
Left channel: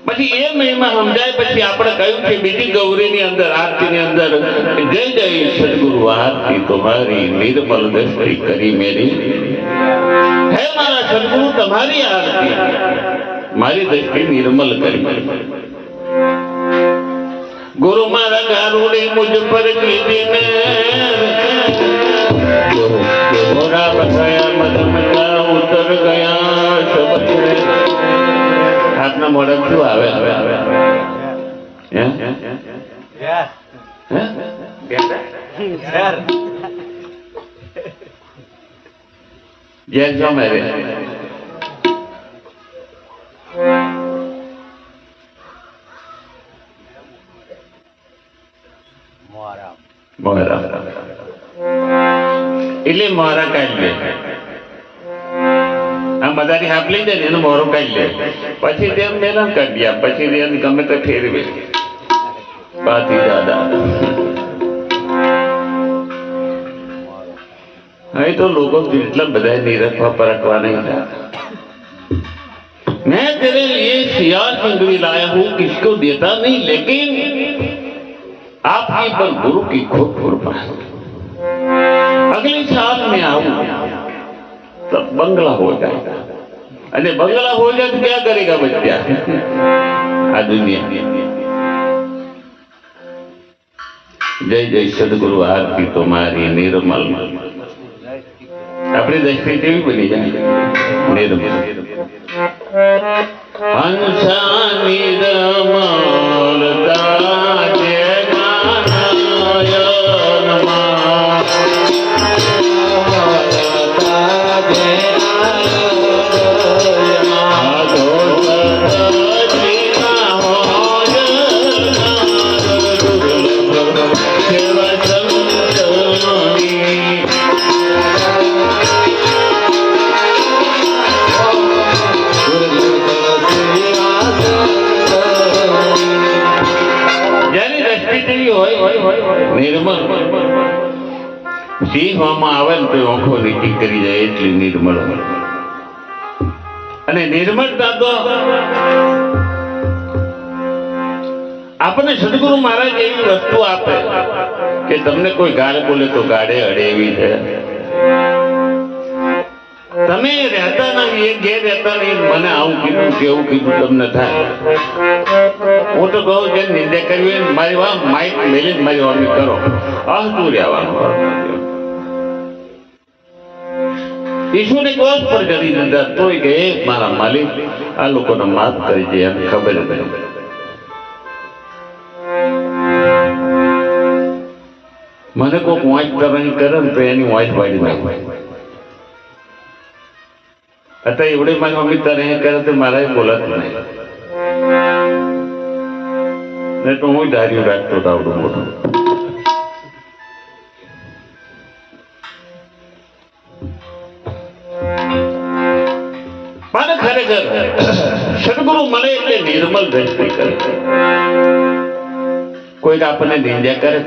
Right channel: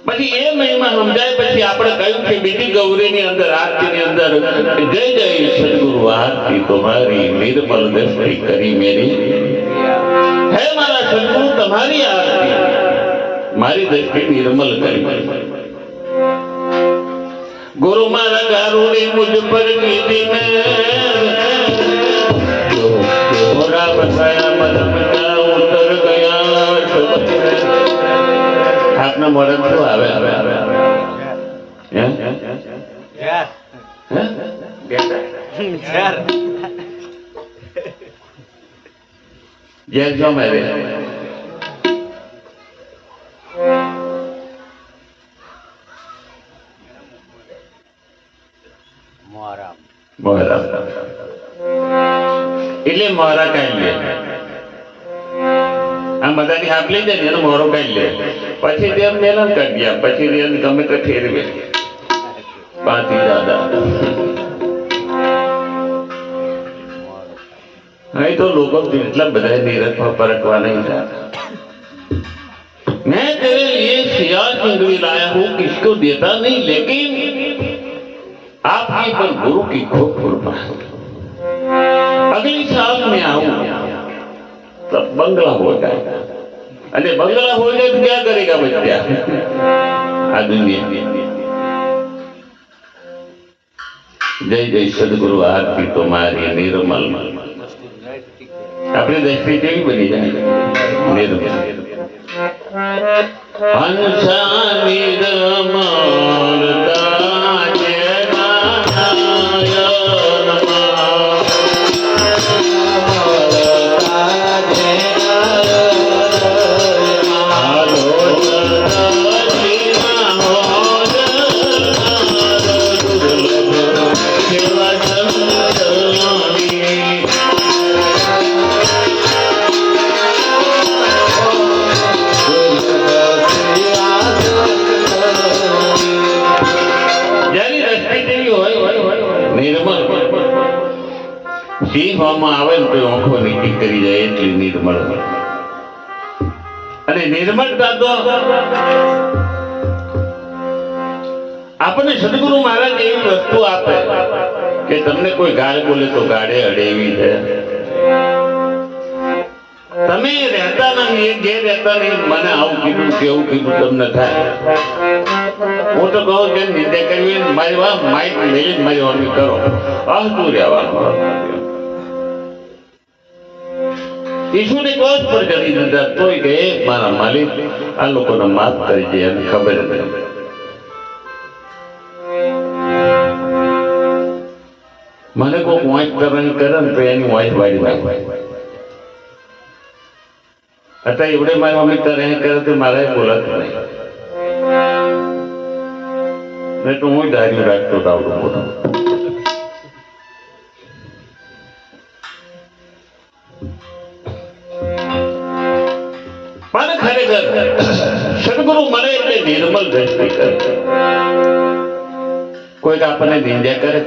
પછી એ મહિમા સમજાય પછી આપણે કહ્યું કે બીજી ગૌરીની અંદર આરતીની અંદર જય જય સદગુરુ આરતી તમારી નિર્મલ દ્રષ્ટિ કરી મેરી હે મારા સદગુરુ તમારી આરતી મારી દ્રષ્ટિ નિર્મલ કરી गुरु मारा गारूड़ी मुझ पर कीधी में घोड़ा बसाया मदन का उतर गया आपना मॉडल क्यों आवे आवे आवे आवे जय जो मेरे એટલે મારા કાઢી લે આ બધાની હાથ લઈ જાય ને એનો મોરો કાઢી લે પછી તેમ મેલન કાઢી આપ પછી તેને ગમે તો ફેરવે પાછી દાદા અહીં તો લોકો એટલા બધા નિરખવા પરખવા नहीं जाते मैं तेरे लिए सियार चिंगड़ी लाया हूँ किसको देता नहीं लेकिन आपकी पर गुरु की खूब कृपा अगले साल में आऊँ तब बंगला हो जाएगा अरे बंगला हो जाए तो क्या करेगा बच्चा आ दुनिया जय जय सदगुरु आरती तुम्हारी निर्मल अपने दृष्टि केवी बनी जाए निर्मल हंसा निर्मल काजे સિંહમાં આવે ને તો આંખો નીચી કરી જાય એટલી નિર્મળ અને નિર્મળતા તો આપણને સદગુરુ મહારાજ એવી વસ્તુ આપે કે તમને કોઈ ગાળ બોલે તો ગાળે અડે એવી છે તમે રહેતા નથી એ ઘેર રહેતા નહીં મને આવું કીધું કેવું કીધું તમને થાય હું તો કહું કે નિંદા કરવી હોય મારી વાત માઇક મેલી જ મારી વાણી કરો આવતું રહેવાનું ઈશ્વરે ક્રોધ પર કરી દીધા તોય કે મારા માલિક આ લોકોને માફ કરી દે એમ ખબર હતી મને કોઈક વાંચ કરવાની કરે ને તો એની વાંચ વાળી નાખે અત્યારે એવડે મારી મમ્મી તારે એ કરે તો મારે બોલાતું નહીં તો હું ધાર્યું રાખતો હતો આવડું મોટું મને ખરેખર સદગુરુ મળે એટલે નિર્મલ દ્રષ્ટિ કરે કોઈક આપણને નિંદ્યા કરે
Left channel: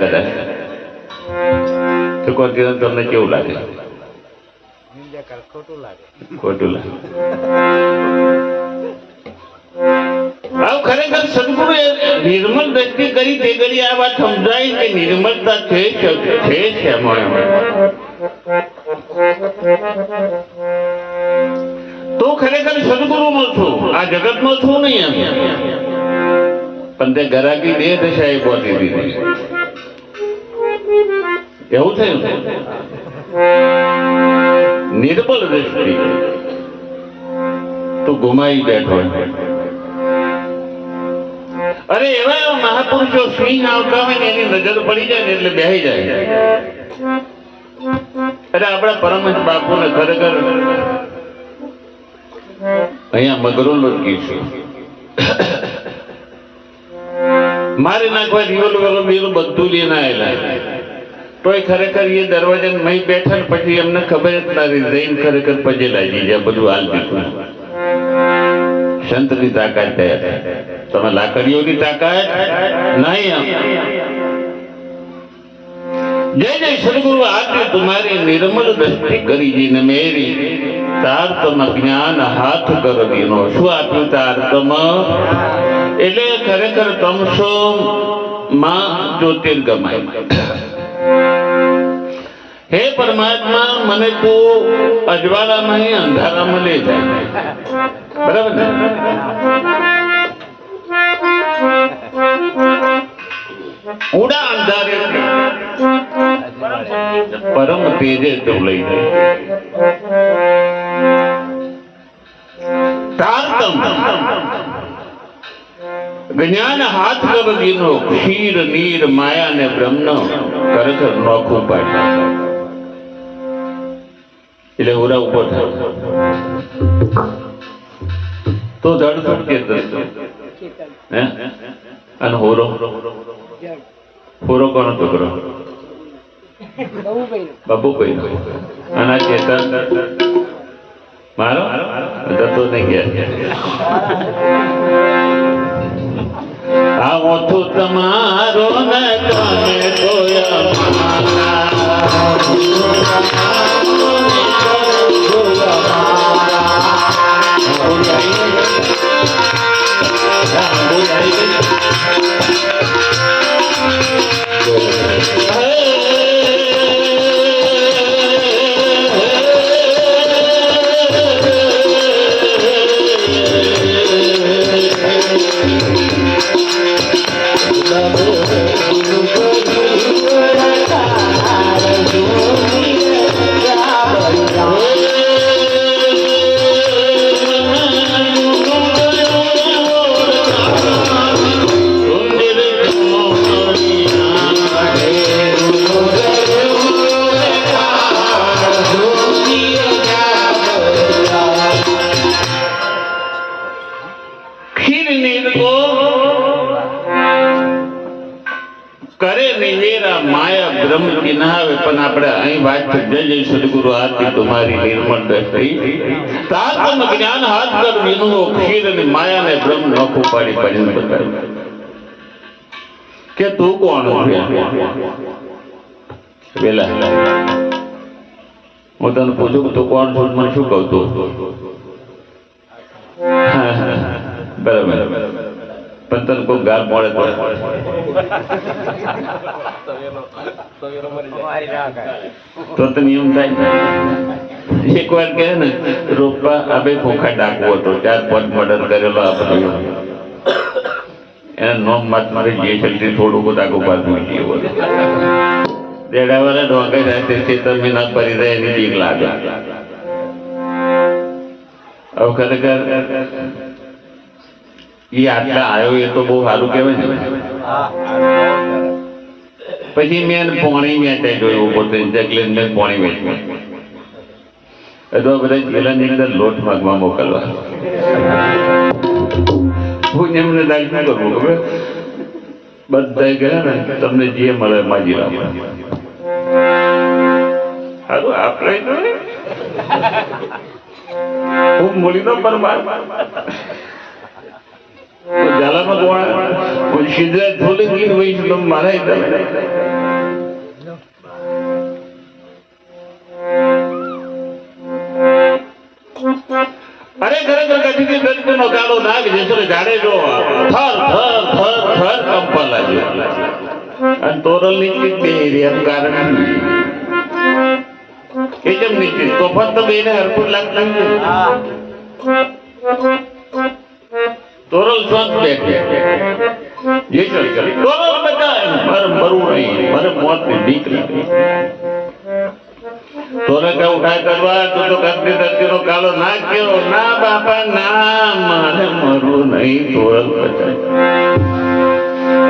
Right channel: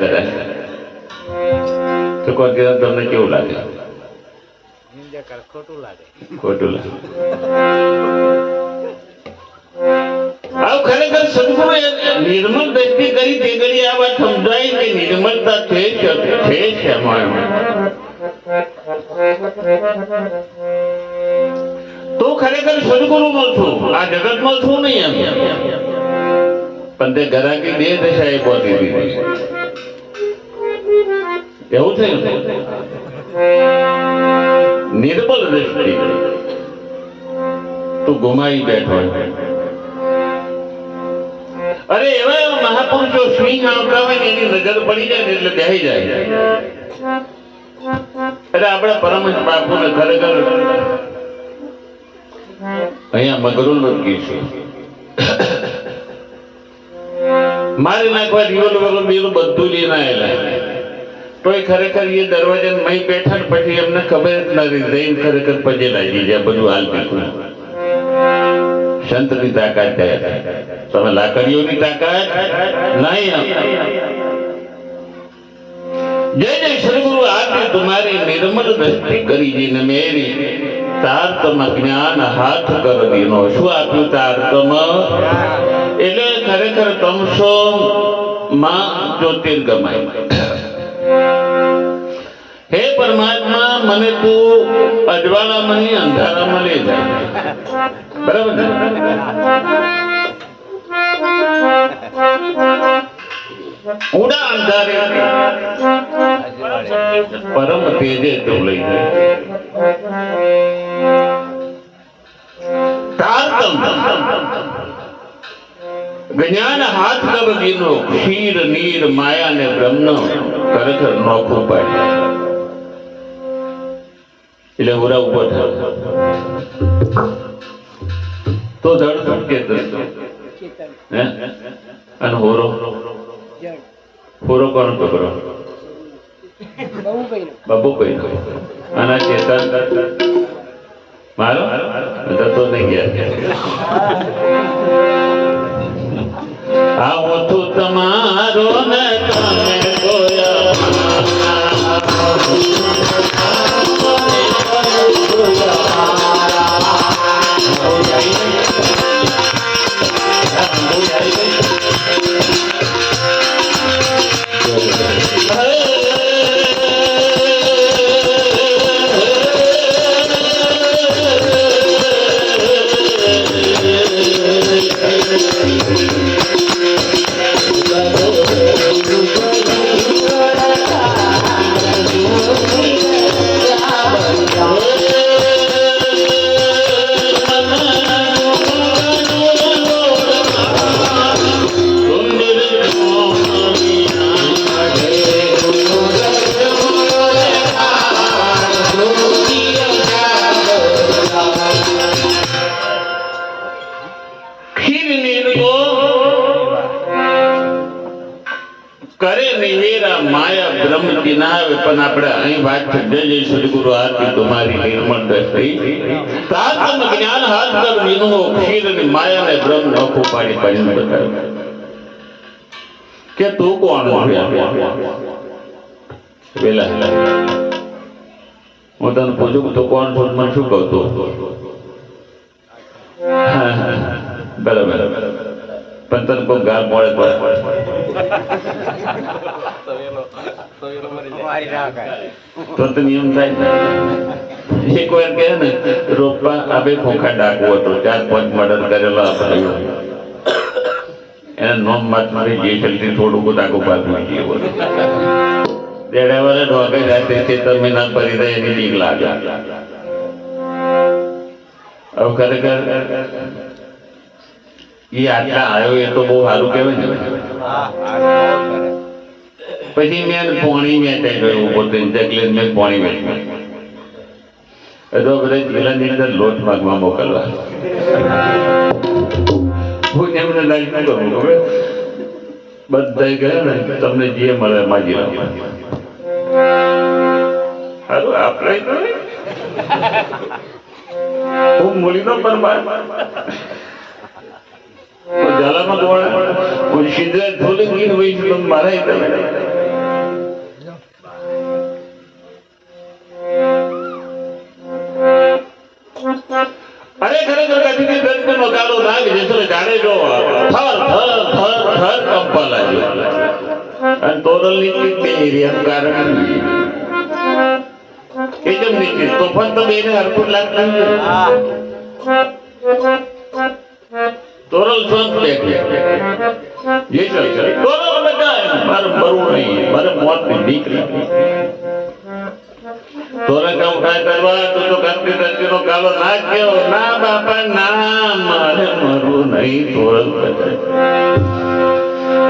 તો કોઈ દિવસ તમને કેવું લાગે ખોટું લાગે ખરેખર સદગુરુ નિર્મલ દ્રષ્ટિ કરી તે ઘડી આ વાત સમજાય કે નિર્મળતા છે તો ખરેખર સદગુરુનો છું આ જગતમાં છું નહીં એમ પણ તે ગરાકી બે દશા એ પહોંચી દીધી એવું થયું નિર્મલ દ્રષ્ટિ તું ગુમાવી બેઠો અરે એવા એવા મહાપુરુષો સિંહ આવતા હોય ને એની નજર પડી જાય ને એટલે બેહી જાય અરે આપણા પરમહંસ બાપુને ખરેખર અહીંયા મગરું લટકી છે મારે નાખવા દીવલ બેલું બધું લઈને આવેલા તોય ખરેખર એ દરવાજા મહી બેઠા ને પછી એમને ખબર જ નથી જઈને ખરેખર પજે લાગી જાય બધું હાલ દીધું સંતની તાકાત થાય તમે લાકડીઓની તાકાત નહીં जय जय सदगुरु आदि तुम्हारी निर्मल दृष्टि करी जीने मेरी तारतम ज्ञान हाथ कर दीनो शु आप्યું तारतम એટલે ખરેખર તમસો માં જ્યોતિર્ગમય હે પરમાત્મા મને તું અજવાળામાં નહીં અંધારામાં લઈ જાય બરાબર ને ઉડા અંધારે પરમ તેજે તો લઈ જાય તારતમ જ્ઞાન હાથ કર દીનો ક્ષીર નીર માયા ને બ્રહ્મ ખરેખર નોખું પાડે એટલે ઉરા ઉભો થયો તો ધડ સટકે હે અને હોરો હોરો કોનો છોકરો બાબુ કોઈ આના ચેતન મારો જતો નહીં ગયા આ ઓછું તમારો ને તમે કરે નિવેરા માયા બ્રહ્મ કિનાવે પણ આપણે અહીં વાત જય જય સદગુરુ આરતી તમારી નિર્મળ દ્રષ્ટિ તાતમ જ્ઞાન હાથ કર વિનો ખીર અને માયા ને બ્રહ્મ નખો પાડી પાડીને બતાવે કે તું કોણ છે વેલા હું તને પૂછું તું કોણ છું મને શું કહું તું બરાબર પણ તને કોઈ ગાળ મળે તો નિયમ થાય એક વાર કહે ને રોપા આબે ખોખા ડાકવો હતો 4-5 મર્ડર કરેલો આપણે એના નોમ માત્ર જે શક્તિ થોડું ડાકો પાછું ગયો દેડાવાળા ઢોકે રાતે ખેતર મહેનત કરી રહે એની બીક લાગે હવે ખરેખર એ આટલા આવ્યો એ તો બહુ સારું કહેવાય ને પછી મેં પોણી મેટાઈ ગયું પોતે જગલી મેં પોણી મેટ્યું તો બધા જિલ્લાની અંદર લોટ માગવા મોકલવા હું એમને લાગતું કરું ખબર બધા ગયા ને તમને જે મળે માજી રાખો સારું આપણે હું મૂલીનો પરમાર જાલામાં દોડા કોઈ સિદ્ધરાજ થોડી ગીર હોય તો મારા અરે ખરેખર કથી દર્દનો ગાળો નાગ જતો જાડે જો થર થર થર થર કંપા લાગ્યો અને તોરલ ની બે એરિયા કારણ એકદમ નીચે તોફાન તો બેને હરકું લાગતું તોરલ શાંત બેઠે જે કરે તોરલ બેટા મારે મરવું નહીં મારે મોત ની બીક લાગે તોરલ કામ કાય કરવા તો કરતી કરતી કાલો ના કેવો ના બાપા ના મારે મરવું નહીં તોરલ બેટા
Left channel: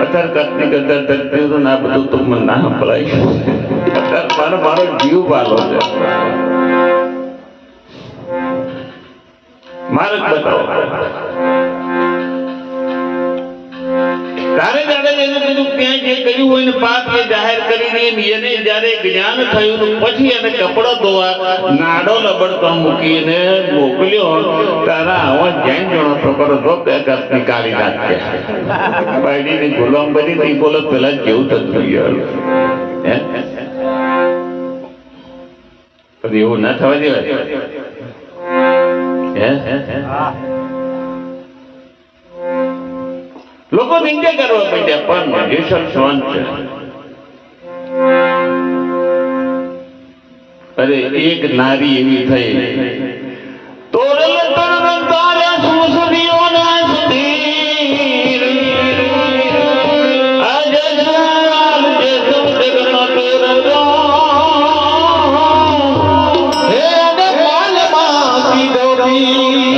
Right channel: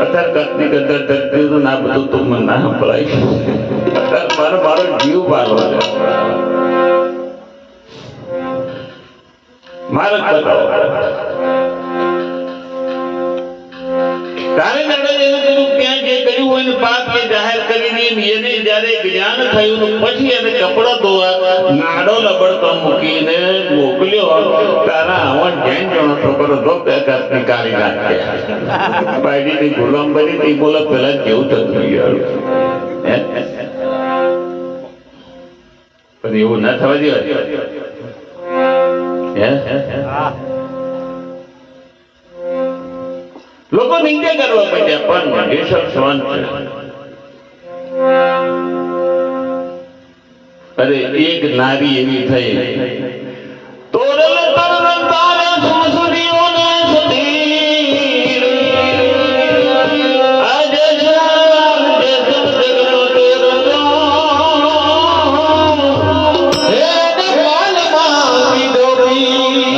અત્યારે કતની કદર કરતી તો ના બધું તો મને ના સંભળાય અત્યારે મારો જીવ પાલો છે મારે બતાવો તારે દાદા એને કીધું ત્યાં જે કર્યું હોય ને પાપ એ જાહેર કરીને એને જ્યારે જ્ઞાન થયું પછી એને કપડો ધોવા નાડો લબડતો મૂકીને મોકલ્યો તારા આવા જૈન જણો છોકરો તો બે કાપની કાઢી નાખે બાયડીની ગુલામ બની તી બોલો પેલા કેવું થતું યાર કદી એવું ના થવા દેવા લોકો નિંદા કરવા માંડ્યા પણ જેસર શાંત છે અરે એક નારી એવી થઈ તોરલ તરવંતારે સુસુરીઓને સુધીર આજ જાન જે જગતનો તોરલો હે દેવાલમાં સીધોરી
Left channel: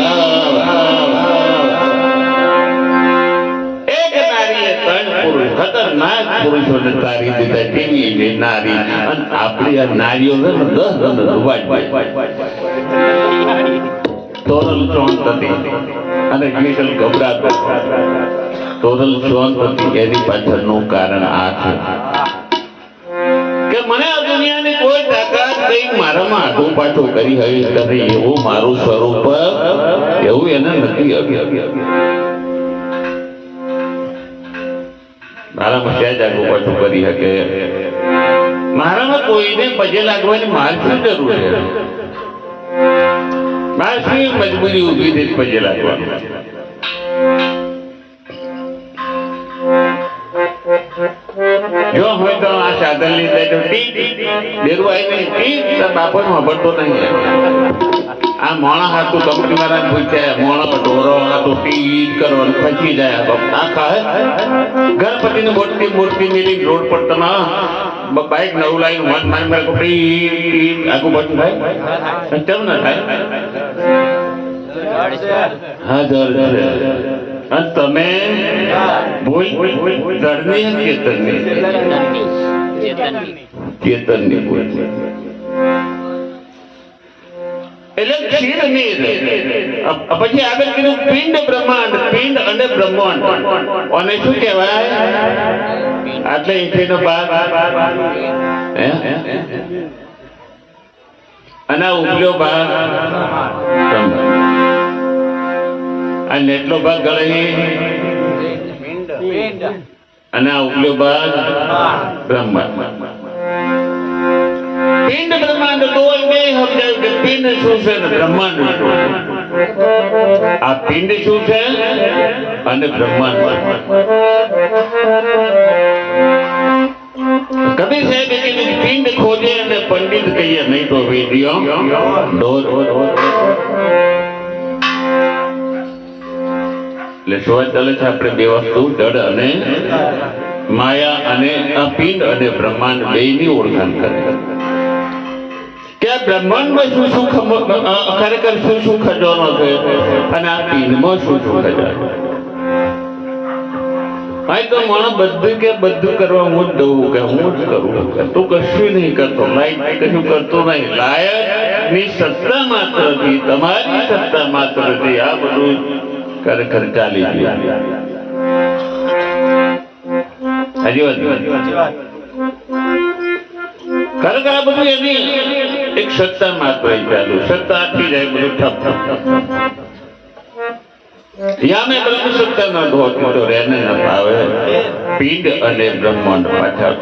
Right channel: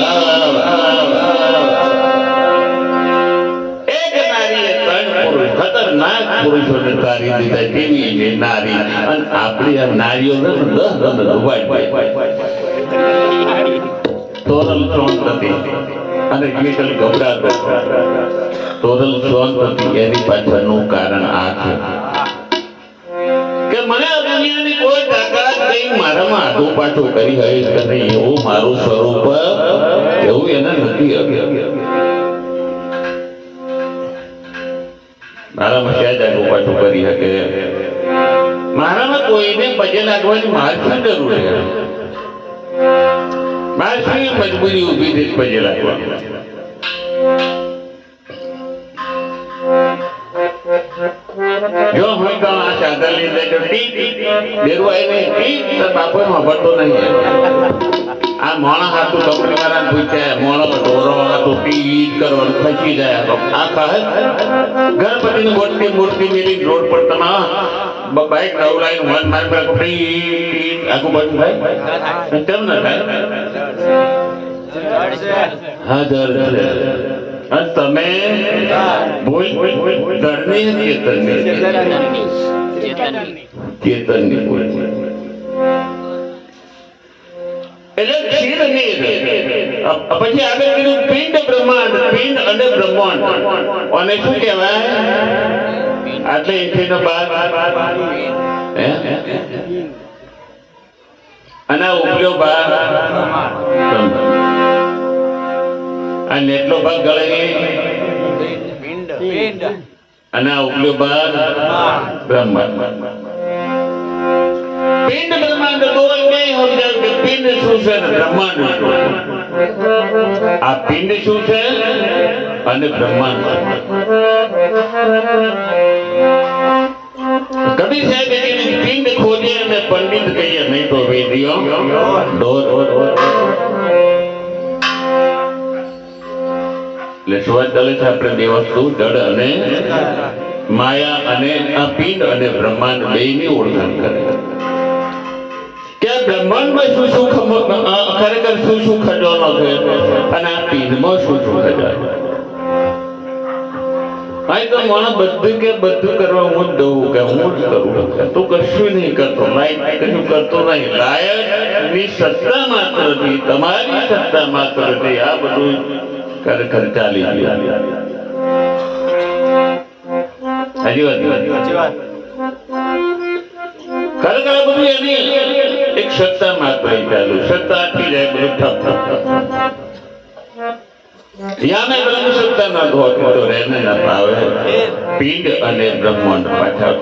એક નારીએ ત્રણ પુરુષ ખતરનાક પુરુષોને તારી દીધા કેવી નારી અને આપણી આ નારીઓ તોરલ ચોંપતિ અને વિઠ્ઠલ ગભરાતો તોરલ ચોંપતિ એની પાછળનું કારણ આ છે કે મને પાછું કરી હરીશ કરી એવું મારું સ્વરૂપ એવું એને નથી મારામાં સહેજ આગું પાછું કરી શકે મારામાં કોઈને પગે લાગવાની માર શું જરૂર છે માર શું મજબૂરી ઊભી છે પગે લાગવાની જો હોય તો આ સાધન લીધે તો બેરવાય નહીં બાપો સાંભળતો નહીં આ મોણા હાથું કંપની વાળાને પૂછ્યા મોણો ઢોરો હાથું ટી કરવાનું ખસી જાય આ ખાય ગણપતિની મોટી મૂર્તિ મેલી રોડ પર તમે બાઈક નવું લાઈન મન માર માર આખું બધું થાય કેમ ના થાય હા જળ અને તમે ભૂલ જળની ચેતનની ભૂલ એટલે ક્ષીર નીર પછી આગળ કીધું પિંડ બ્રહ્માંડ પિંડ અને બ્રહ્માંડ અને શું કહેવાય આટલે ઇંચનો ભાગ અને ઉપલો ભાગ અને એટલો ભાગ ગળે અને આ ઉપલો ભાગ બ્રહ્માંડ પિંડ બ્રહ્માંડ ગોવલ બે સમજાયું કે પિંડ શું છે ને બ્રહ્માંડ શું આ પિંડ શું છે અને બ્રહ્માંડ કબીર સાહેબ કે પિંડ ખોજે અને પંડિત કહીએ નહીં તો વેદીઓ ઢોર એટલે શું ચાલે છે આપણે બે વસ્તુ જડ અને માયા અને આ પિંડ અને બ્રહ્માંડ બેની ઓળખાણ કરે કે બ્રહ્માંડમાં શું શું ખરેખર શું શું ખજાનો છે અને આ પિંડમાં શું શું ખજાનો અહીં તો માણસ બધું કરવા હું જ દઉં કે હું જ કરું તું કશું નહીં કરતો લાયક કશું કરતો નહીં લાયકની સત્તા માત્રથી તમારી સત્તા માત્રથી આ બધું ખરેખર ચાલી ગયું હજી વાત ખરેખર આ બધું એની એક સત્તા માત્ર ચાલુ સત્તા આપી જાય બધું ઠપ યામે બ્રહ્મ સત્તા ના ધોતી તો રહેને ન ભાવે પિંડ અને બ્રહ્માંડ પાછા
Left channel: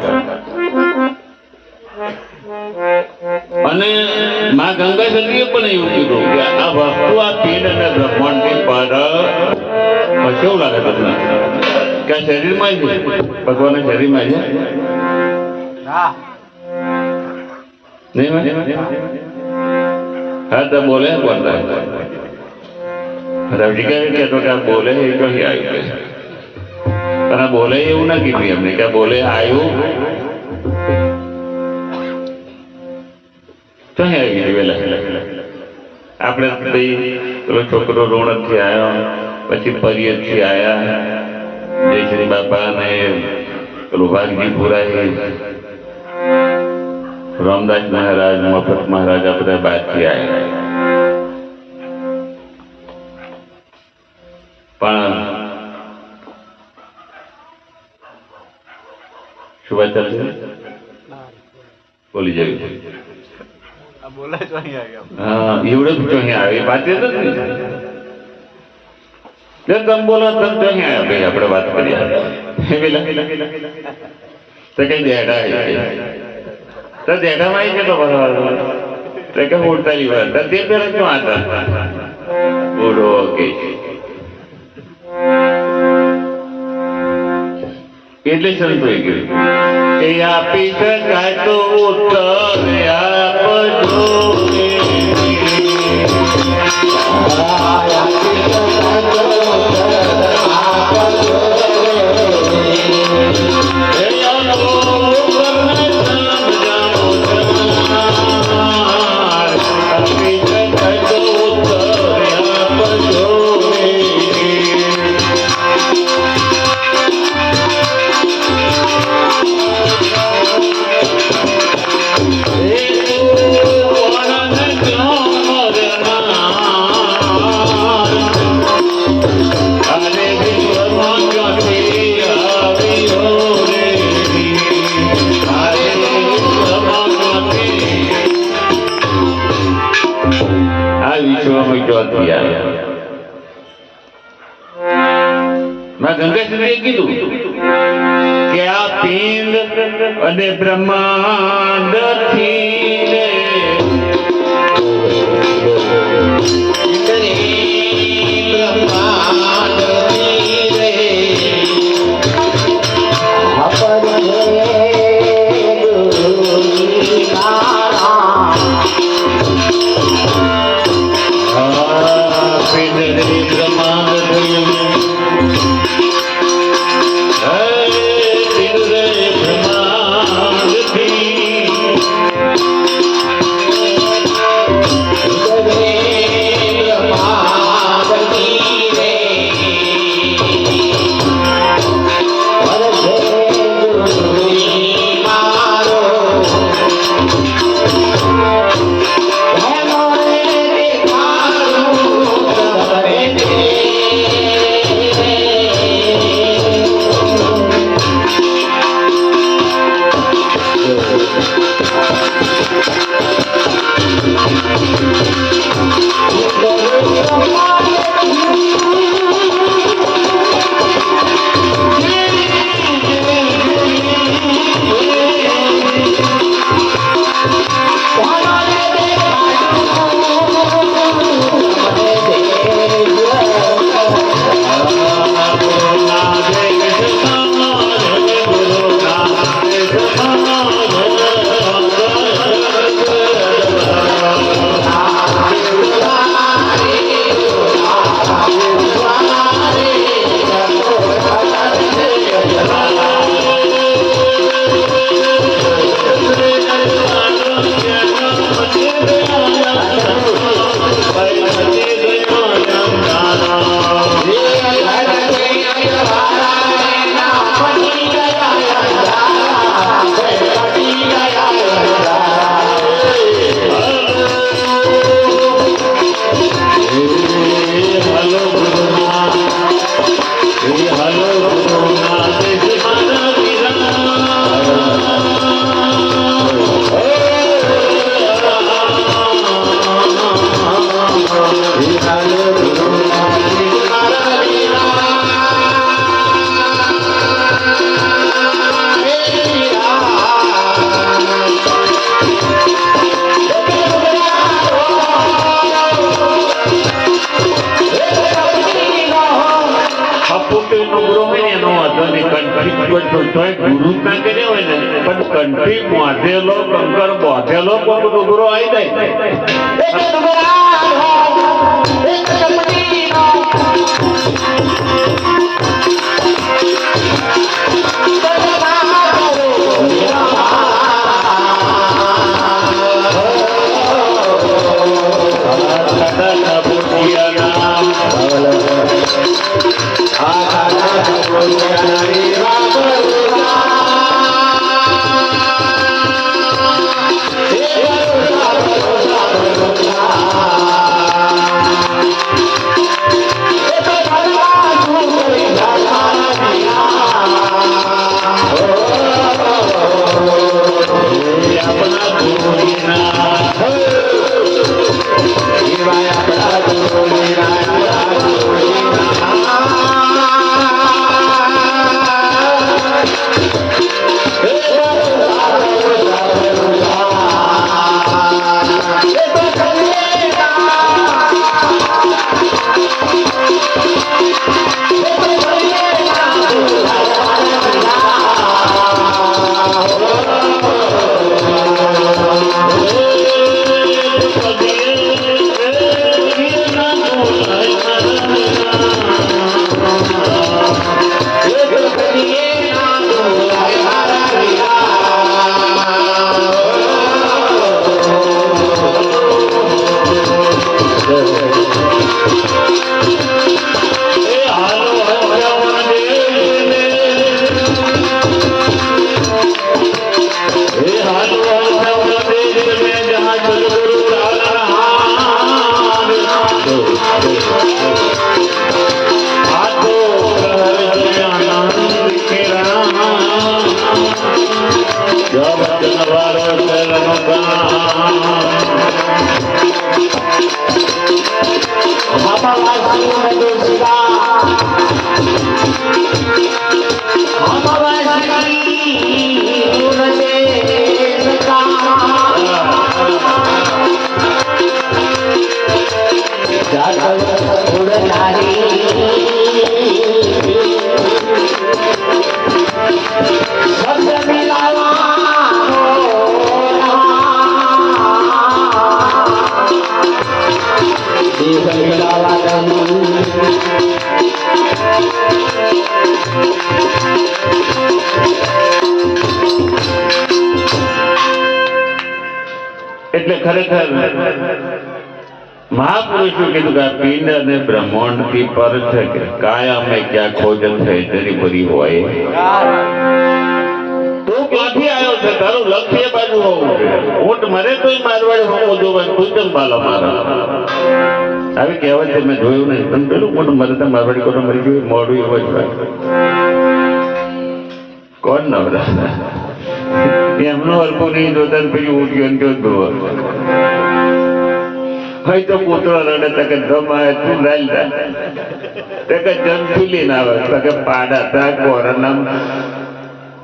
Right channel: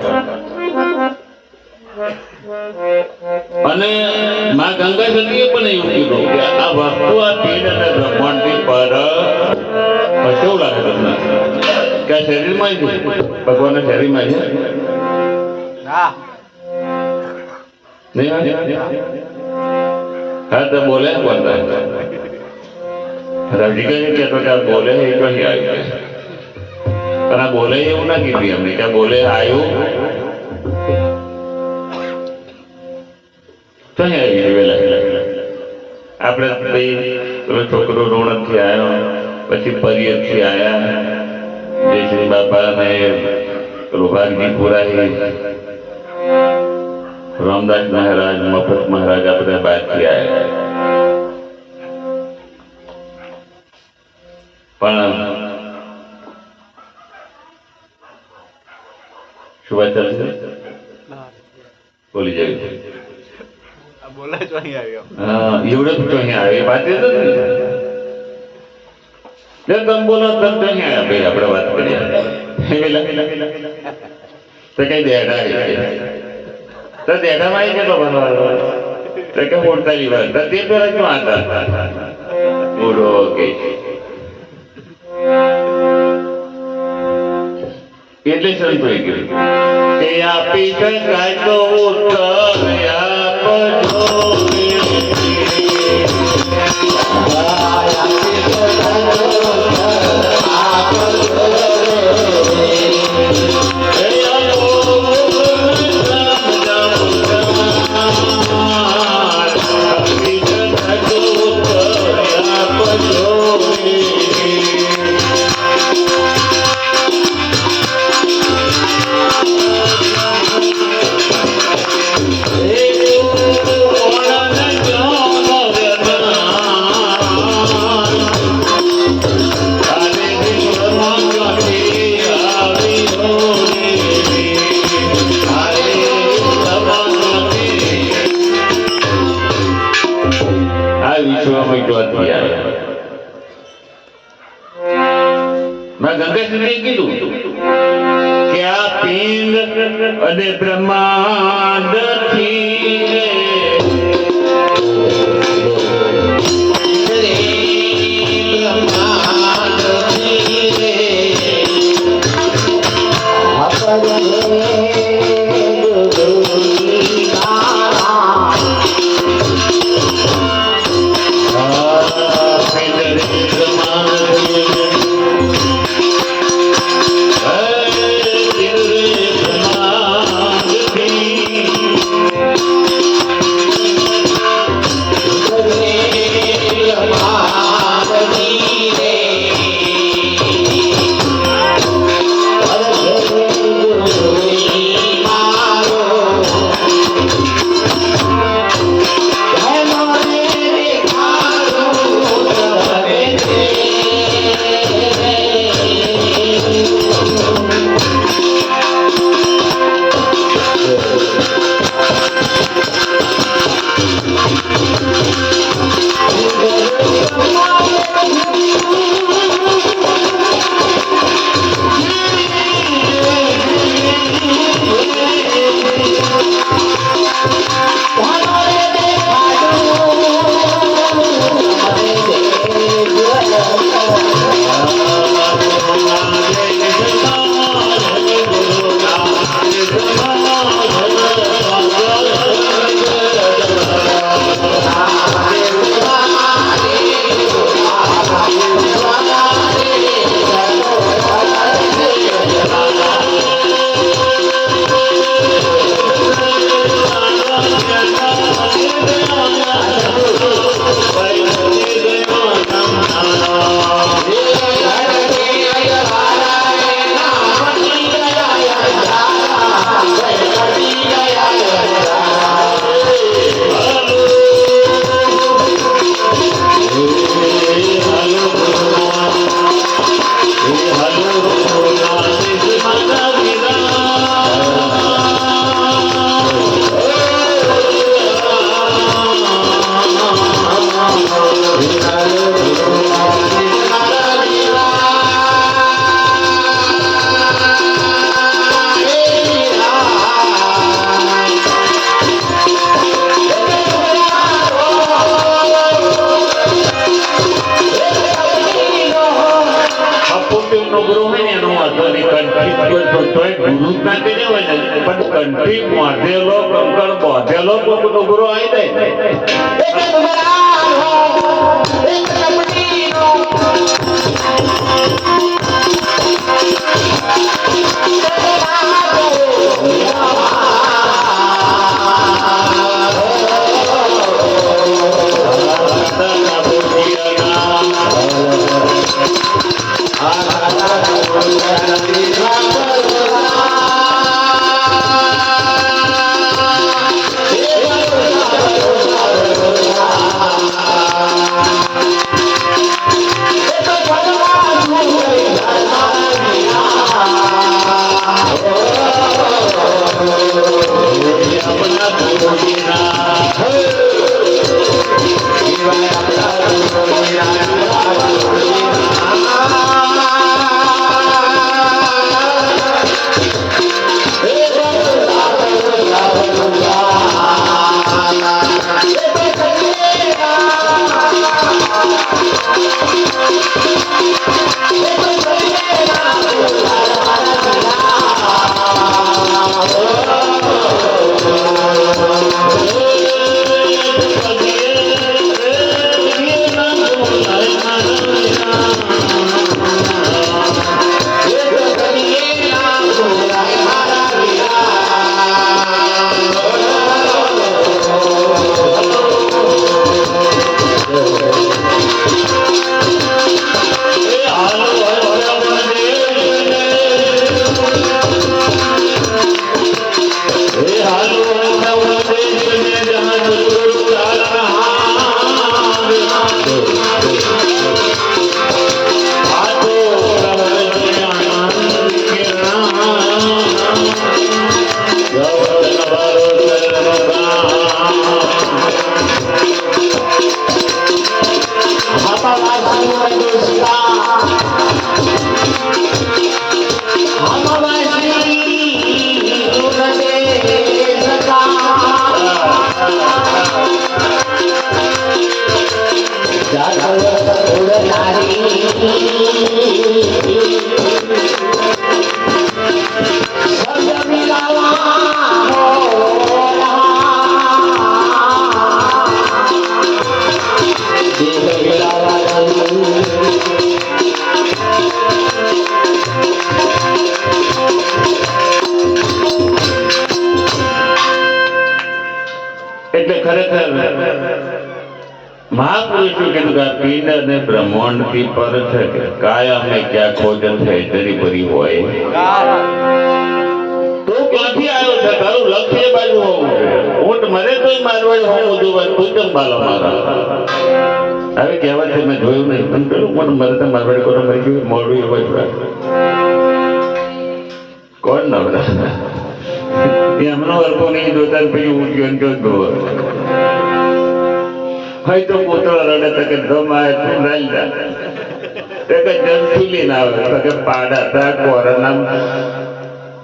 અને માં ગંગા સતીએ પણ એવું કીધું કે આ વસ્તુ આ પિંડ અને બ્રહ્માંડ ની પર કેવું લાગે તમને કે આ શરીરમાં છે ભગવાનના શરીરમાં છે હા તો બોલે કોણ રવજી કહે કે બોલે એ તો આવી તને બોલે એવું ના કીધું એમને કે બોલે આવ્યું તો આવી વેલા આપણે પેલો છોકરો રોણક થી આવ્યો પછી પરિયર થી આવ્યા જય શ્રી બાપા ને પેલું વાઘજી પુરાય રામદાસ મહારાજ મફત મહારાજ આ બધા બહાર થી આવ્યા પણ શું વાત ચાલશે બોલી જવી બોલાય તો અહીં આવ્યો હા એવડે તો અહીં આવે વાત એ જ તમે બોલો તો અહીં આવ્યા ભાઈ આપણે વાત કરીએ તો કઈ દેડા તો દેડામાં આવી ગયો તો કે ઉડતાલી વાર તે પેલા ક્યાં હતા ઉડો કે એટલે શરૂ થઈ ગયું કે આપી શકાય તો ઉત્તર આપજો Hey શિવમય ચોથી આવ્યા. મેં ગંગાશ્રીએ કીધું કે આ પિંડ અને બ્રહ્માંડ કંઠી બાંધેલો કંકર બાંધેલો કોઈ ડુગરો આવી જાય મહાપુરુષો કીધું કે આ પિંડ અને બ્રહ્માંડથી પર છે કે કાયમે ક્યાં ખોજ છે જરી ભરી હોય તું ક્યાંથી આવ્યો છે તારું લક્ષ્ય એ બાજુ હોવું છે ઊંટ મરે તોય મારવાડી હોવું જોવે તું કેમ બાલા મારા આવી કહેવત છે મેં જોયું નહીં પણ પેલું ઊંટ મરે તો મારવાડી કોને મરી ગયું મોડું એવું જ કોણ નવરા એમનો હલકો નહીં જોતા ને પછી ઉઠ્યો ને જો જોવો ભાઈ તો પોતો રડે તો કે ગમાય તું લાલ દા તે કે જમચુલી ના આવે તો કે પાડા તા કોરનામ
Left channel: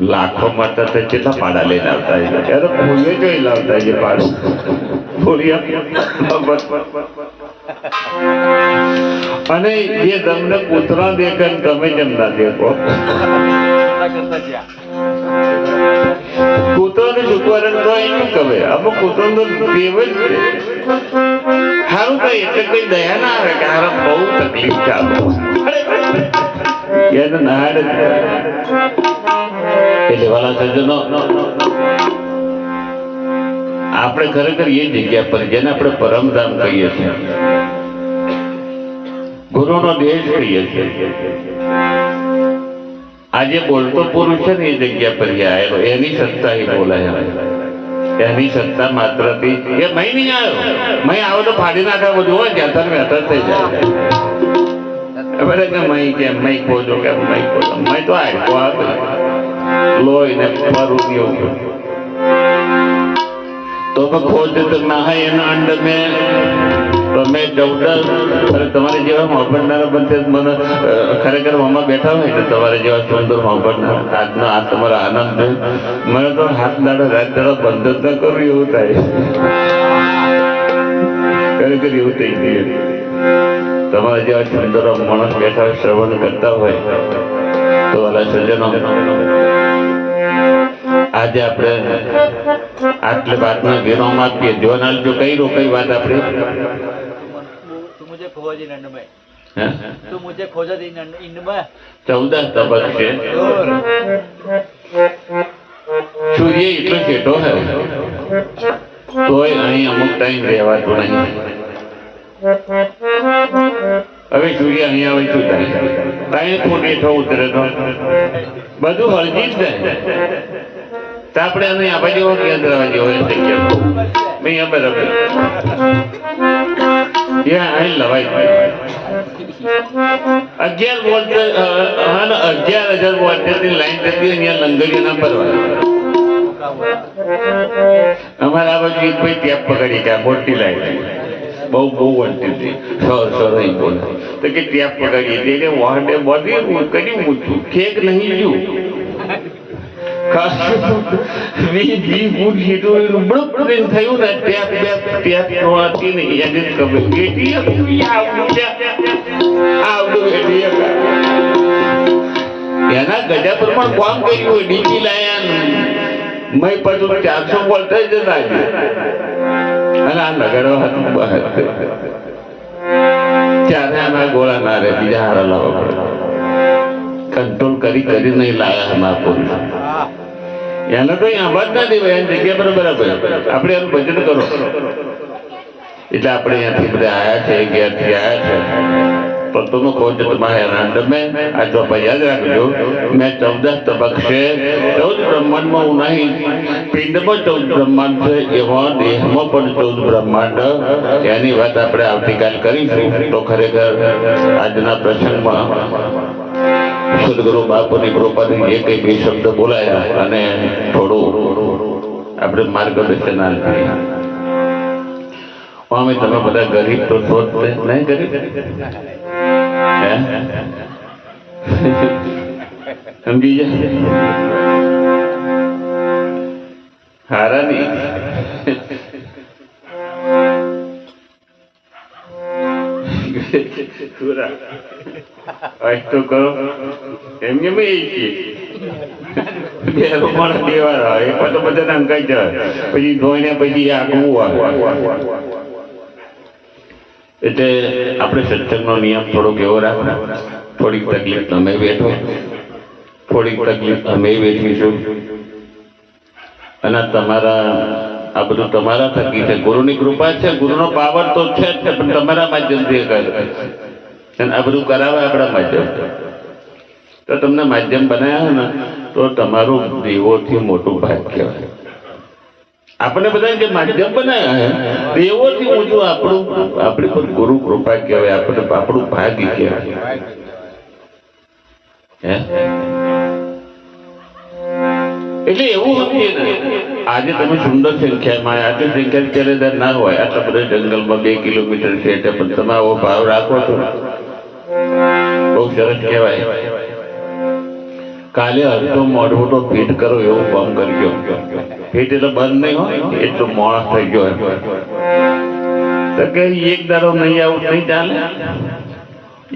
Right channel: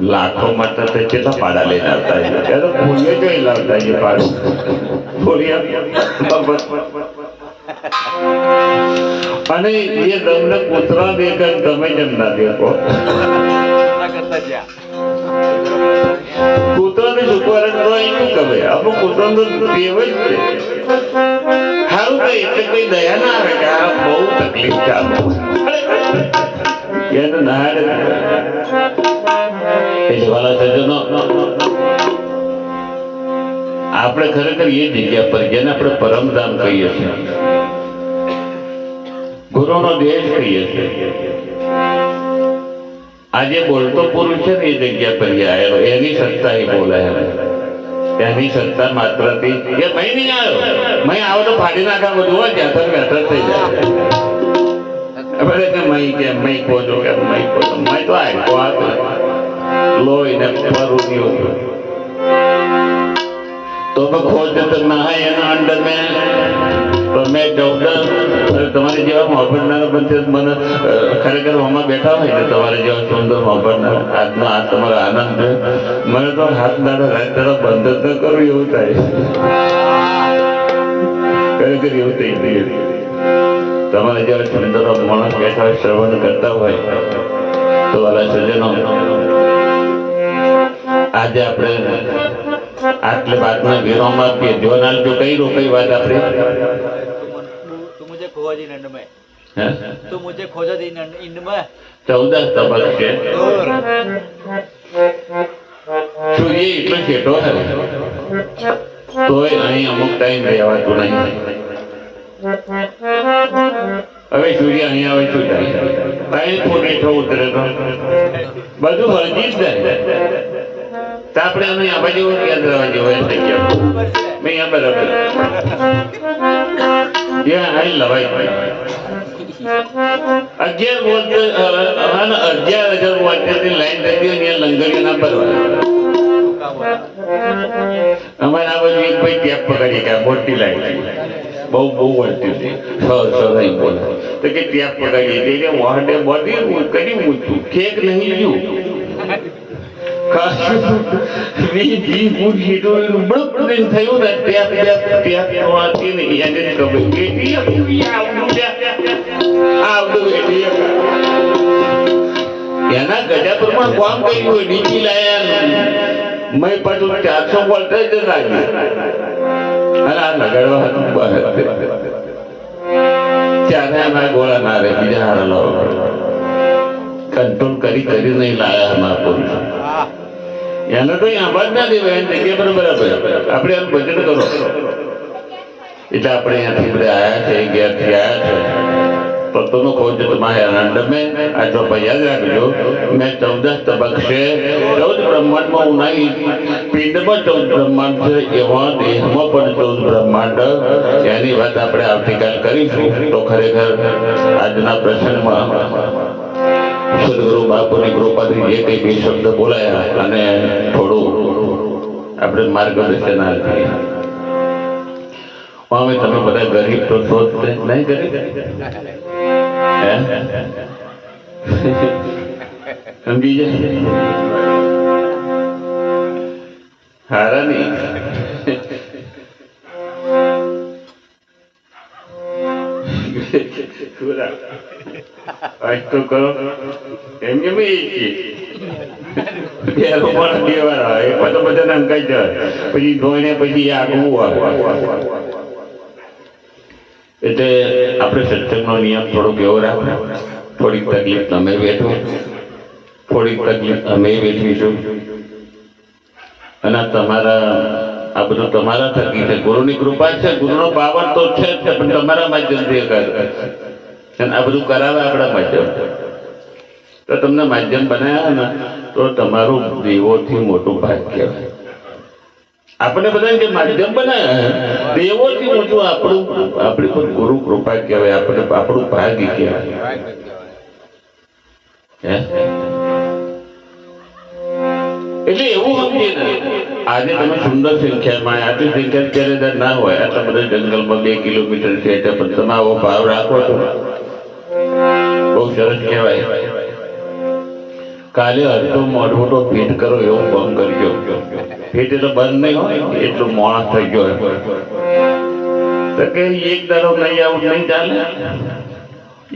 લાખો માટે તો કેટલા પાડા લઈને આવતા છે ત્યારે ભૂલે જોઈ લાવતા છે પાડું અને એ તમને કૂતરા દેખાય તમે જેમ ના દેખો કૂતરાને ચૂકવાનું શું કહે અમુક કૂતરાનો ટેવ જ છે સારું કઈ એટલે કઈ દયા ના આવે કે આ બહુ તકલીફ ચાલે એ તો ના એટલે વાલા સજ્જનો આપણે ખરેખર એ જગ્યા પર જેને આપણે પરમધામ કહીએ છીએ ગુરુનો દેશ કહીએ છીએ આજે બોલતો પુરુષ છે ને એ જગ્યા પર આવેલો એની સત્તા એ બોલાય એની સત્તા માત્રથી એ મય નહીં આવ્યો મય આવો તો ફાડી નાખા બધું હોય ત્યાં બેઠર થઈ જાય કે મય કેમ મય ખોજો કેમ મય ખોજો મય તો આડકો આવે લોહી ને ફરું એવું તો ખોજ તો ના હોય એના અંડર મેં તો મેં તમારે જેવા મોહબ્બતનારા બનશે મને ખરેખર મમ્મા બેઠા હોય ને તમારે જેવા સુંદર મોહબ્બતનાર આજનો આ તમારો આનંદ છે મને તો હાથ દાડા રાત દાડા બંધ જ ન કરવું એવું થાય ખરેખર એવું થઈ ગયું તમારે જેવા સુંદર માણસ બેઠા શ્રવણ કરતા હોય તો વાલા સજ્જનો આજે આપણે આટલે વાતમાં વિરામ આપીએ જોનાલ જો કઈ વાત આપણે खोजी नंद में तू मुझे खोजा दी इंड में 14 तबक છે સૂર્ય એટલો છેટો હે તોય અહીં અમુક ટાઈમ રહેવાતું નહીં હવે સૂર્ય અહીં આવે શું થાય ટાઈમ ફૂટ હેઠો ઉતરે તો બધું હળજી જ જાય તો આપણે અમે આ બાજુ કેન્દ્ર બાજુ હોય થઈ ગયા નહીં આ બરાબર ત્યાં અહીં લવાય 11 વોલ્ટ 11,000 વોલ્ટેજની લાઈન કરી અહીંયા લંગરી ના ભરવા અમારા આ બાજુ એક ભાઈ ટેપ પકડી ગયા મોટી લાઈન બહુ વોલ્ટેજ હતી નહીં બોલે તો કે ટેપ પકડી એટલે વાહને બધી કરી મૂકું કેક નહીં જોયું થયું ને ટેપ એના ગજા પર પણ કામ કર્યું હોય ડીજી લાયા મેં પાછું 400 વોલ્ટેજ જ લાગ્યું અને આ લગાડવા હતું ત્યારે આના ગોળા ના રે બીજા હારા લાવવા કંટ્રોલ કરી નહીં લાયા મહાપુરુષ એને તો આભાર ના દેવાય એની જગ્યા પર બરાબર આપણે એનું બજેટ કરો એટલે આપણે અહીંયાથી બધા આવ્યા છે ઘેરથી આવ્યા છે तो तुम्हें खोज तुम्हारे आनंद में आज जो याद रखो मैं 14 तबक से 14 ब्रह्मांड में नहीं पिंड में 14 ब्रह्मांड से एवं देह में पण 14 ब्रह्मांड यानी बात આપણે આવતીકાલ કરીશું તો ખરેખર આજના પ્રસંગમાં સદગુરુ બાપુની કૃપાથી જે કંઈ બે શબ્દ બોલાયા અને થોડું આપણે માર્ગદર્શન આપ્યું અમે તમે બધા ગરીબ તો શોધતે નહીં ગરીબ સમજી જશે હારા નહીં આજ તો કરો એમ કે પણ દેવાના એ તો બધા અંકાઈ જાય પછી ધોઈને પછી આગવું આવે એટલે આપણે સત્સંગનો નિયમ થોડોક એવો રાખો થોડીક તકલીફ તમે વેઠો થોડીક તકલીફ અમે વેઠીશું અને તમારા આ બધું તમારા થકી છે. ગુરુની કૃપા છે, ગુરુનો પાવર તો છે જ, પણ તમારા માધ્યમથી કરે અને આ બધું કરાવે આપણા માધ્યમ. તો તમને માધ્યમ બનાવ્યા ને તો તમારું દેવોથી મોટું ભાગ કહેવાય. આપણે બધા જે માધ્યમ બનાવ્યા છે દેવોથી મોટું આપણી પર ગુરુ કૃપા કહેવાય. આપણું ભાગ્ય કહેવાય. એટલે એવું સમજીએ ને, આજે તમે સુંદર સંખ્યામાં આટલી સંખ્યા ત્યારે ના હોય, આટલા બધા જંગલમાં 2 કિલોમીટર છે પણ તમે આવો ભાવ રાખો છો, બહુ સરસ કહેવાય. કાલે અડધો મોઢો ફીટ કરો એવું કામ કરજો. ફીટ એટલે બંધ નહીં હોય, એટલું મોડા થઈ ગયો તો કે એક દાડો નહીં આવું નહીં ચાલે,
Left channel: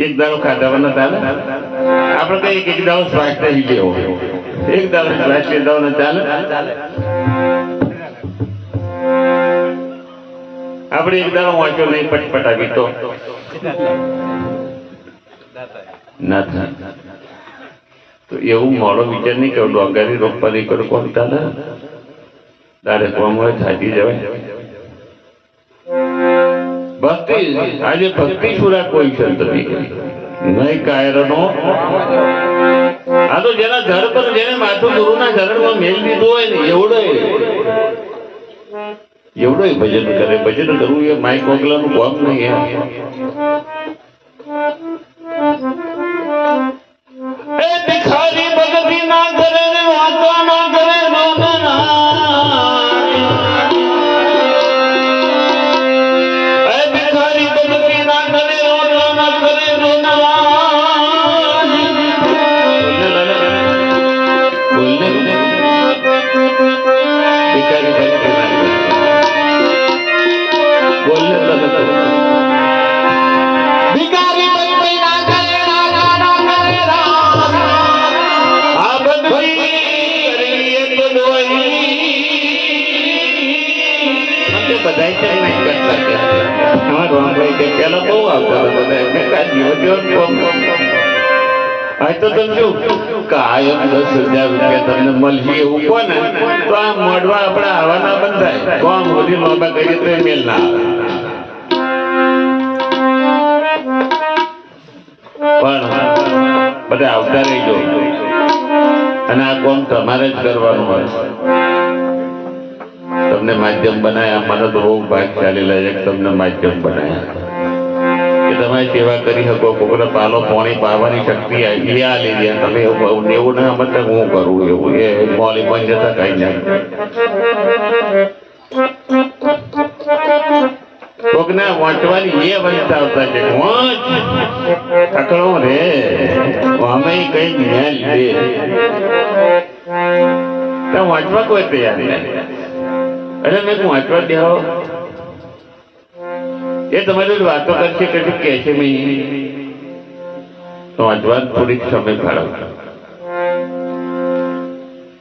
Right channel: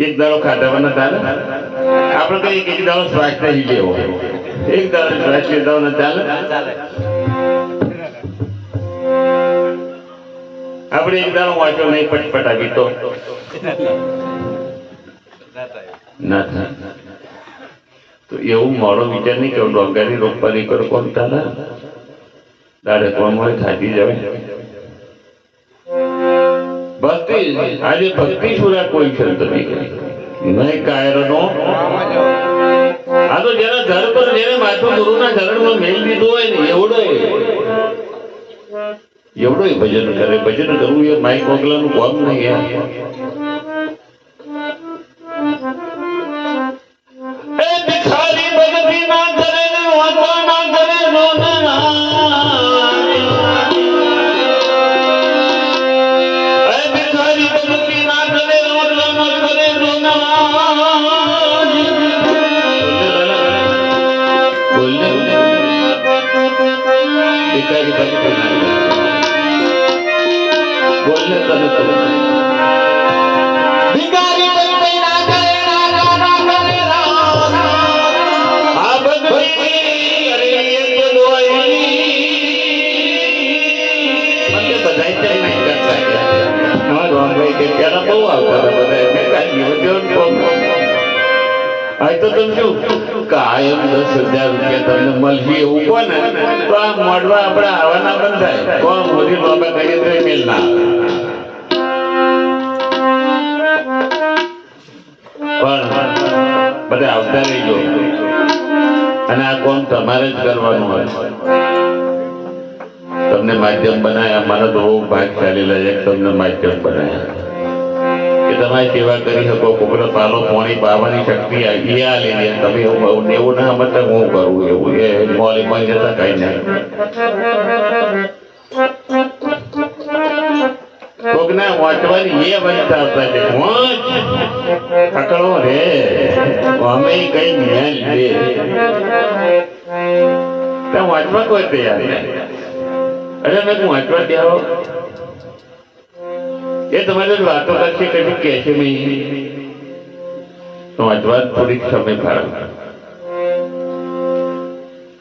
એક દાડો ખાધા ચાલે. આપણે કઈ એક દાડો સ્વાસ્થ્ય લેવો, એક દાડો સ્વાસ્થ્ય દાડો ના ચાલે. આપણે એક દાડો વાંચો નહીં પટપટાવી તો ના થાય. તો એવું મોડો વિચાર નહીં કેવું ડોંગરી રોપવાની કરો કોણ ચાલે. દાડે કોમ હોય થાકી જવાય. ભક્તિ આજે ભક્તિ સુરા કોઈ છે તમે નહીં કાયરનો. આ તો જેના ધડ પર જેને માથું ગુરુના ધરણમાં મેલ દીધો હોય ને એવડો ભજન કરે. ભજન કરવું એ માઇક વગલાનું કામ નહીં. કાયમ 10,000 રૂપિયા તમને મળશે એવું કોને તો આ મોઢવા આપણે આવવાના બંધ થાય. તો આ મોદી લોગા કરીએ તો મેલ ના આવે. પણ બધા આવતા રહીજો અને આ કોમ તમારે જ કરવાનું હોય. તમને માધ્યમ બનાવ્યા, મને તો બહુ ભાગશાળી લાગે તમને માધ્યમ બનાવ્યા કે તમારી સેવા કરી શકો. કોકને પાલો પાણી પાવાની શક્તિ એ આ લીધે તમે એવું ના મતલબ હું કરું એવું એ મોલી પણ જતા કઈ ના. કોકને વાંચવાની એ વંચતા આવતા છે અકળો રે અમે કઈ મેલ દે ત્યાં વાંચવા કોઈ તૈયાર નહીં. અરે મેં વાંચવા દેવો એ તમારે વાતો કરશે કેટલું કે છે તો વાંચવા થોડીક સમય ફાળો.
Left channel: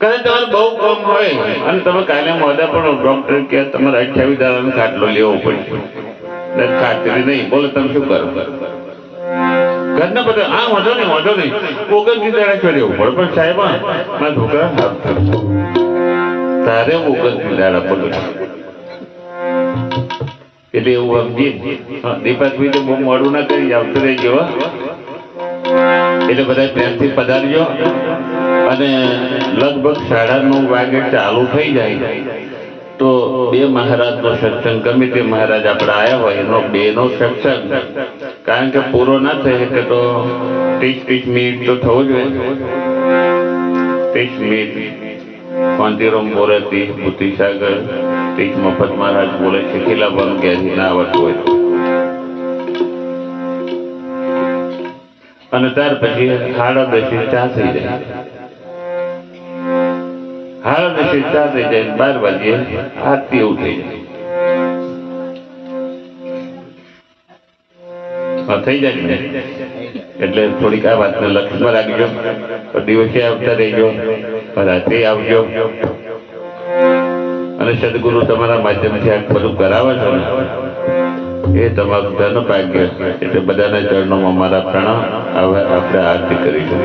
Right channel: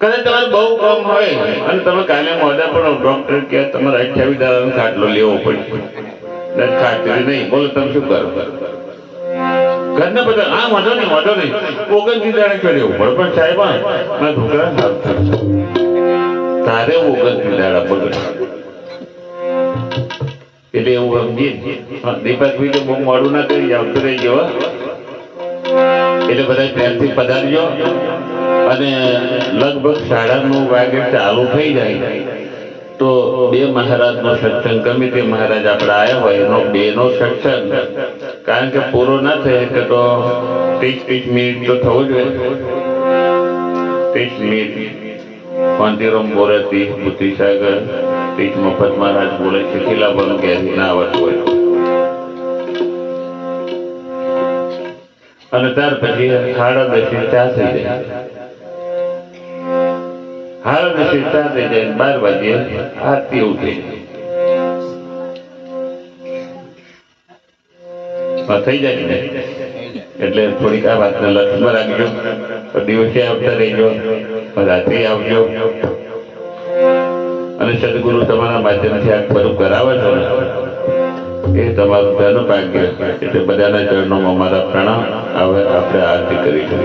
કારણ તમારે બહુ કામ હોય અને તમે કાલે મોડા પણ ડોક્ટર કે તમારે 28 દાડાનો ખાટલો લેવો પડશે. ખાતરી નહીં બોલો તમે શું કરો ઘરના બધા આ વાંધો નહીં 29 દાડા છો લેવું પડે. પણ સાહેબ ના છોકરા તારે 29 દાડા પડે એટલે એવું સમજી દીપકભાઈ તો બહુ મોડું ના કરી આવતું રહી ગયો. એટલે બધા પ્રેમથી પધારજો અને લગભગ 9:30 વાગે ચાલુ થઈ જાય તો 2 મહારાજનો સત્સંગ ગમે તે મહારાજ આપણે આવ્યા હોય એનો 2 નો સત્સંગ કારણ કે પૂરો ના થાય કે તો 30 મિનિટ તો થવું જોઈએ. 30 મિનિટ કાંતિરામ બોલે 30 બુદ્ધિસાગર 30 મફત મહારાજ બોલે છે ખીલાબન કે ના આવતું હોય અને ત્યાર પછી 10:30 ચા થઈ જાય. 10:30 ચા થઈ જાય 12 વાગે આરતી એવું થઈ જાય ને એટલે થોડીક આ વાતને લક્ષમાં રાખજો. દિવસે આવતા રહેજો, રાત્રે આવજો અને સદગુરુ તમારા માધ્યમથી આ બધું કરાવે છે ને એ તમારું ધન ભાગ્ય. એટલે બધાના ચરણોમાં અમારા પ્રણામ. હવે આપણે આરતી કરીશું.